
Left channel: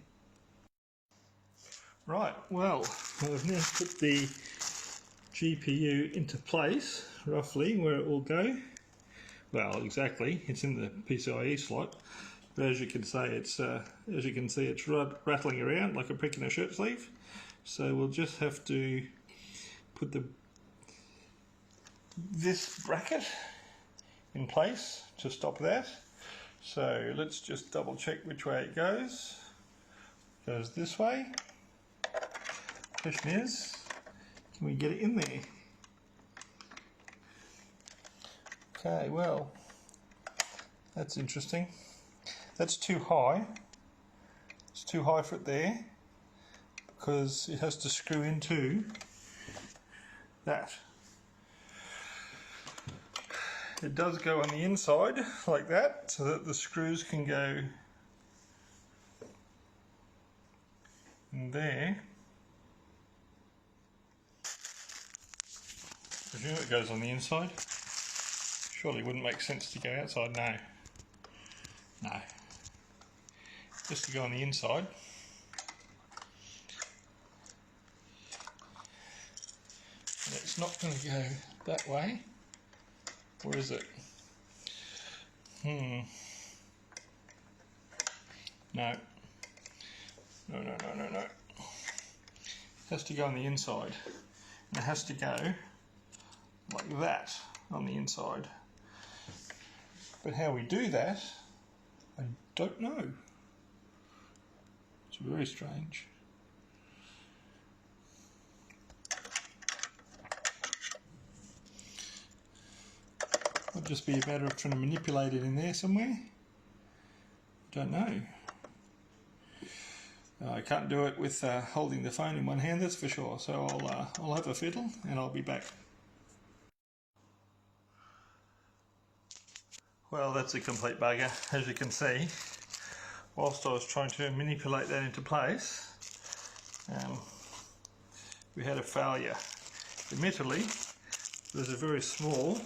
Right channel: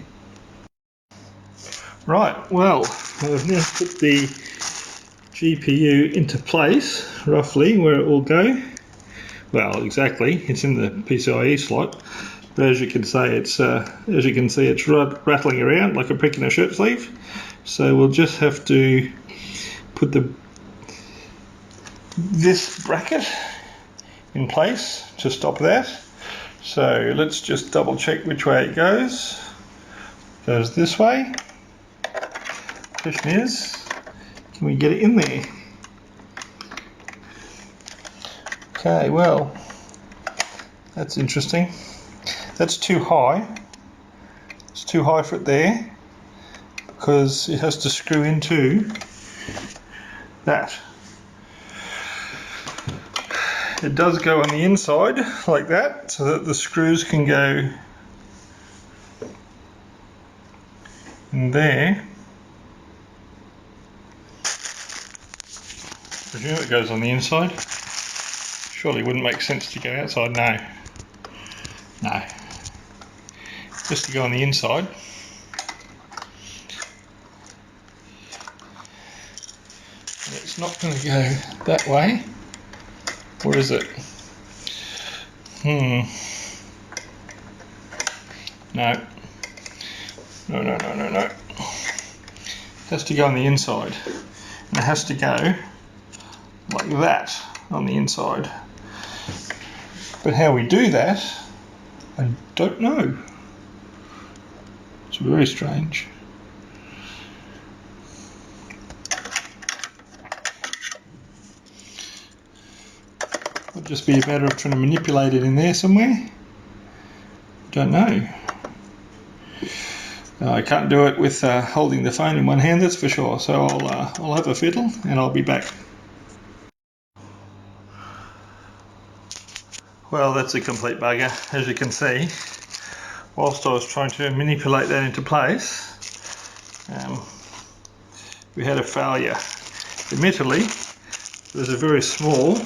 Right, well, I've now put the GPU into place, roughly, where it will go. Well, exactly, it's in the PCIe slot, but as you can see, it's rattling around like a prick in a shirt sleeve. So we'll just have to put this bracket in place to stop that. So let's just double check which way it goes. It goes this way. Question is, can we get it in there? Okay, well, that's interesting. That's too high. It's too high for it there, because it has to screw into that. It does go on the inside like that, so that the screws can go in there. I presume it goes on the inside. Surely it wouldn't make sense to go outside. No. Just to go on the inside. It's not going to go that way. Or is it? No. No. It has to go on the inside. And it has to go like that on the inside. But how we do that, I don't know. It's very strange. Would just be a matter of trying to manipulate it in there somewhere. Don't know. I can't do it with holding the phone in one hand, that's for sure. So I'll have a fiddle and I'll be back. Well, that's a complete bugger, as you can see. Whilst I was trying to manipulate that into place, we had a failure. Admittedly, there's a very small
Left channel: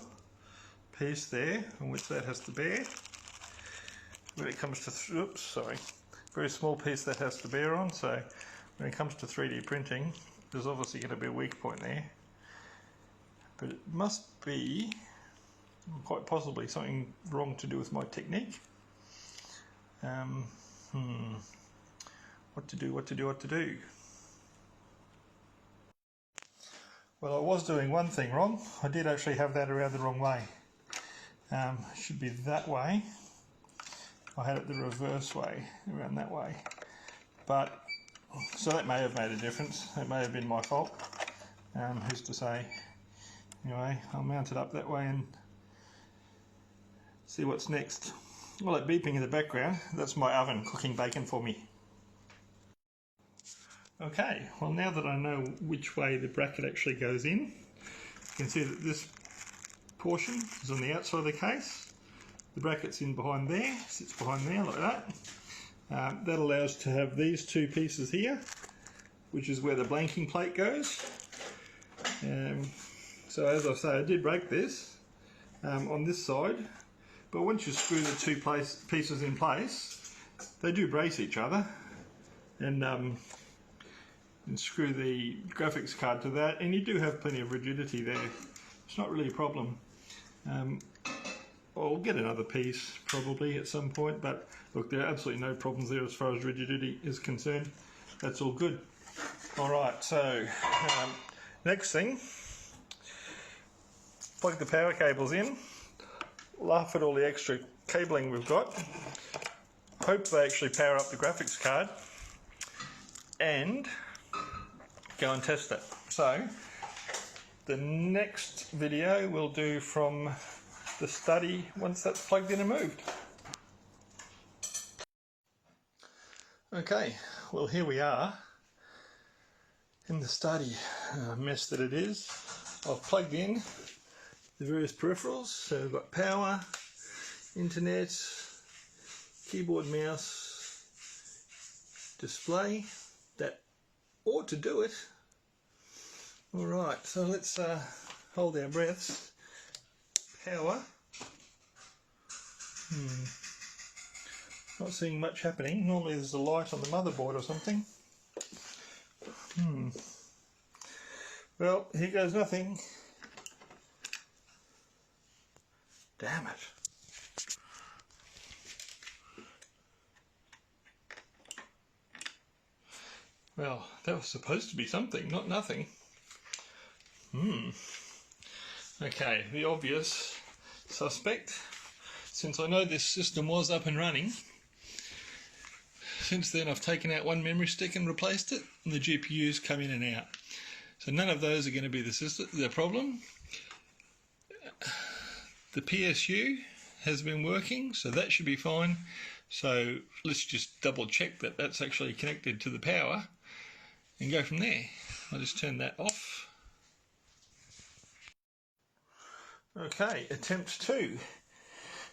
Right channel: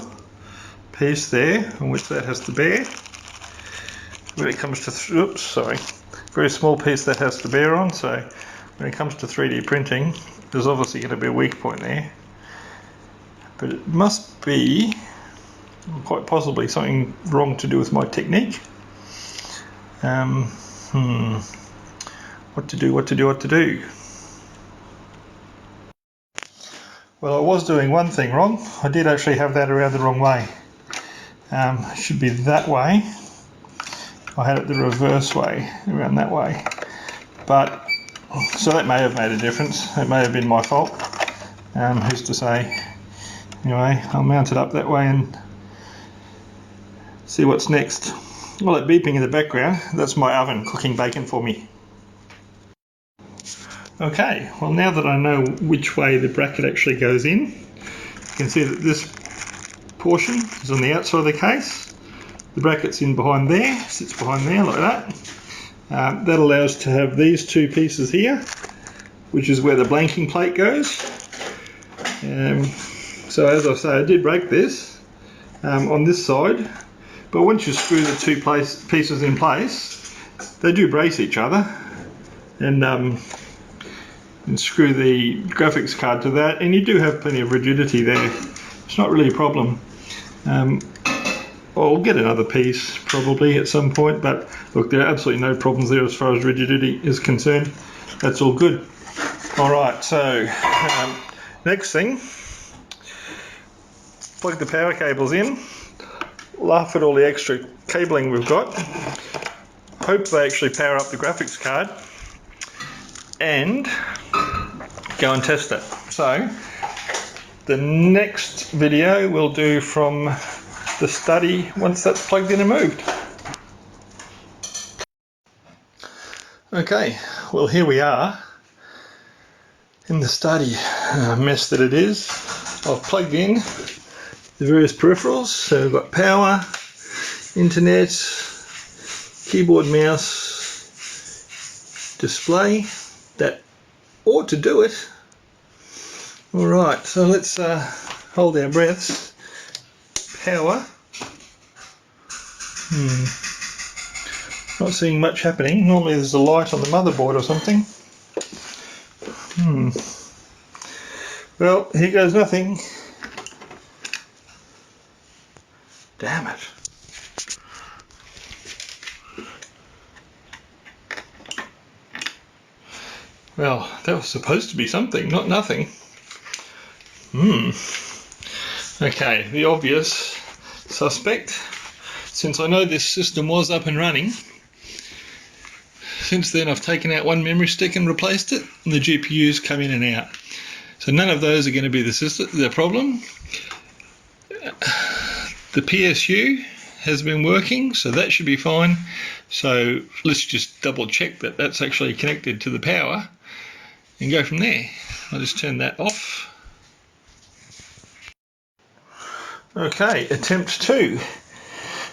piece there on which that has to bear. When it comes to, very small piece that has to bear on, so when it comes to 3D printing, there's obviously going to be a weak point there. But it must be, quite possibly, something wrong to do with my technique. What to do? Well, I was doing one thing wrong. I did actually have that around the wrong way. It should be that way. I had it the reverse way, around that way. But, so that may have made a difference. It may have been my fault. Who's to say? Anyway, I'll mount it up that way and see what's next. All that beeping in the background, that's my oven cooking bacon for me. Okay, well now that I know which way the bracket actually goes in, you can see that this portion is on the outside of the case. The bracket's in behind there, sits behind there like that. That allows to have these two pieces here, which is where the blanking plate goes. So as I say, I did break this on this side, but once you screw the two pieces in place, they do brace each other, and screw the graphics card to that, and you do have plenty of rigidity there. It's not really a problem. I'll get another piece probably at some point, but look, there are absolutely no problems there as far as rigidity is concerned. That's all good. Alright, so next thing, plug the power cables in, laugh at all the extra cabling we've got, hope they actually power up the graphics card, and go and test it. So the next video we'll do from the study once that's plugged in and moved. Okay, well here we are in the study, mess that it is. I've plugged in the various peripherals, so we've got power, internet, keyboard, mouse, display. That ought to do it. Alright, so let's hold our breaths. Power. Not seeing much happening. Normally there's a light on the motherboard or something. Well, here goes nothing. Damn it. Well, that was supposed to be something, not nothing. Okay, the obvious suspect, since I know this system was up and running, since then I've taken out one memory stick and replaced it, and the GPUs come in and out. So none of those are going to be the problem. The PSU has been working, so that should be fine. So let's just double check that that's actually connected to the power and go from there. I'll just turn that off. Okay, attempt 2.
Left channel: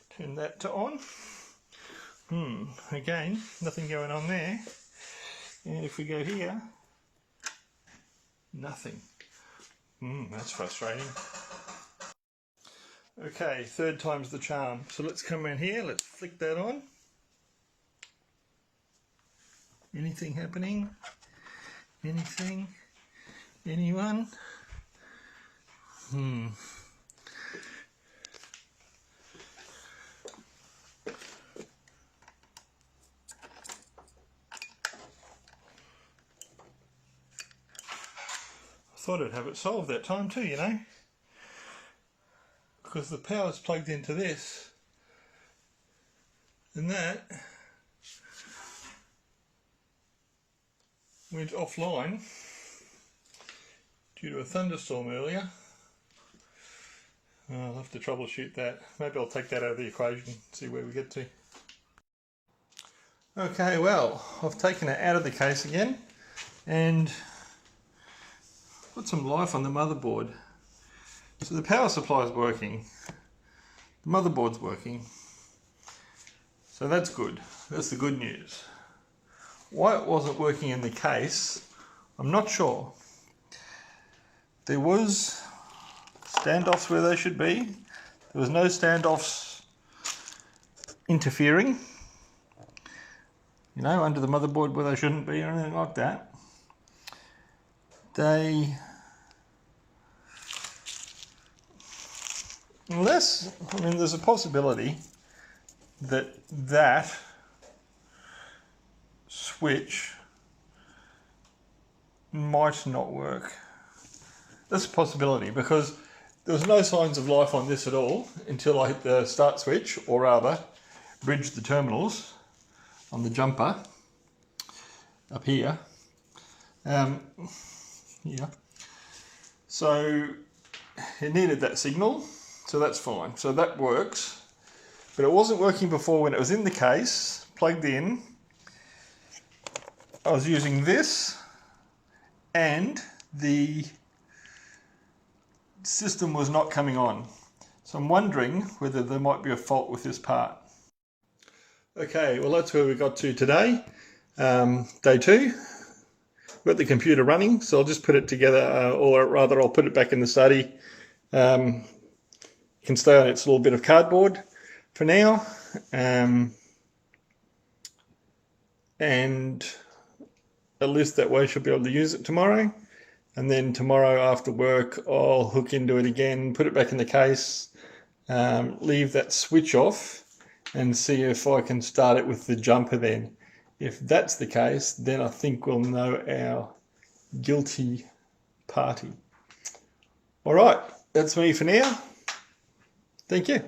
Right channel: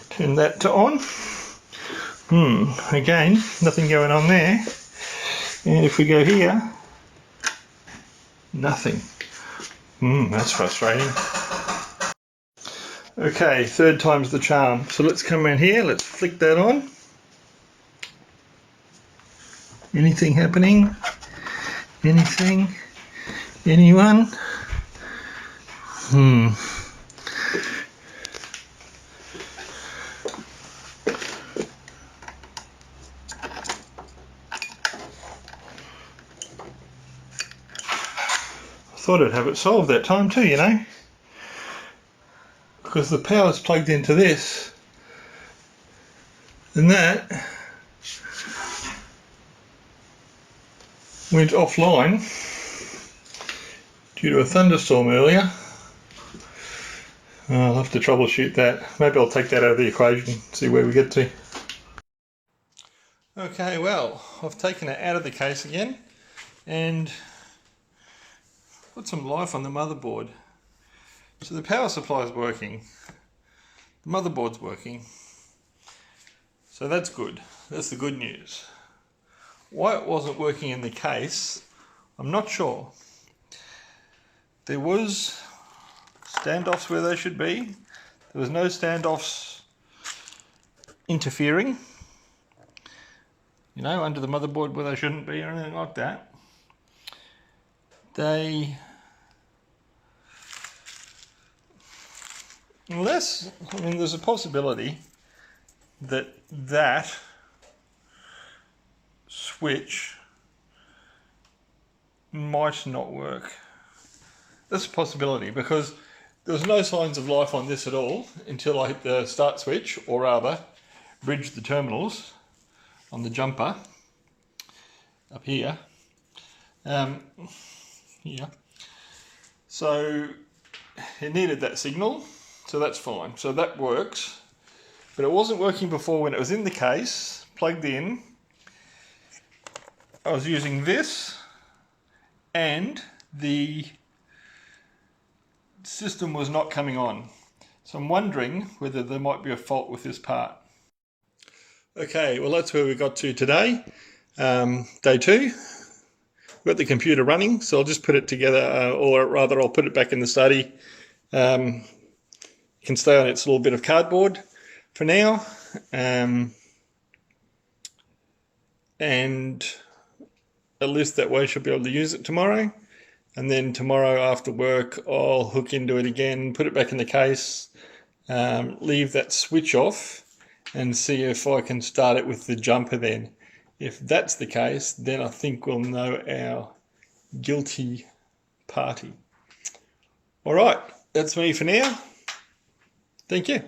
Turn that to on. Again, nothing going on there. And if we go here, nothing. That's frustrating. Okay, third time's the charm. So let's come in here, let's flick that on. Anything happening? Anything? Anyone? Thought I'd have it solved that time too, you know, because the power's plugged into this, and that went offline due to a thunderstorm earlier. I'll have to troubleshoot that. Maybe I'll take that out of the equation, see where we get to. Okay, well, I've taken it out of the case again and put some life on the motherboard. So the power supply is working, the motherboard's working, so that's good. That's the good news. Why it wasn't working in the case, I'm not sure. There was standoffs where they should be. There was no standoffs interfering, you know, under the motherboard where they shouldn't be or anything like that. There's a possibility that that switch might not work. That's a possibility because there was no signs of life on this at all until I hit the start switch, or rather bridged the terminals on the jumper up here. Yeah. So it needed that signal, so that's fine. So that works. But it wasn't working before when it was in the case, plugged in. I was using this and the system was not coming on. So I'm wondering whether there might be a fault with this part. Okay, well that's where we got to today. Day 2. We've got the computer running, so I'll just put it together, or rather I'll put it back in the study. It can stay on its little bit of cardboard for now. And at least that way I should be able to use it tomorrow. And then tomorrow after work I'll hook into it again, put it back in the case, leave that switch off and see if I can start it with the jumper then. If that's the case, then I think we'll know our guilty party. All right, that's me for now. Thank you.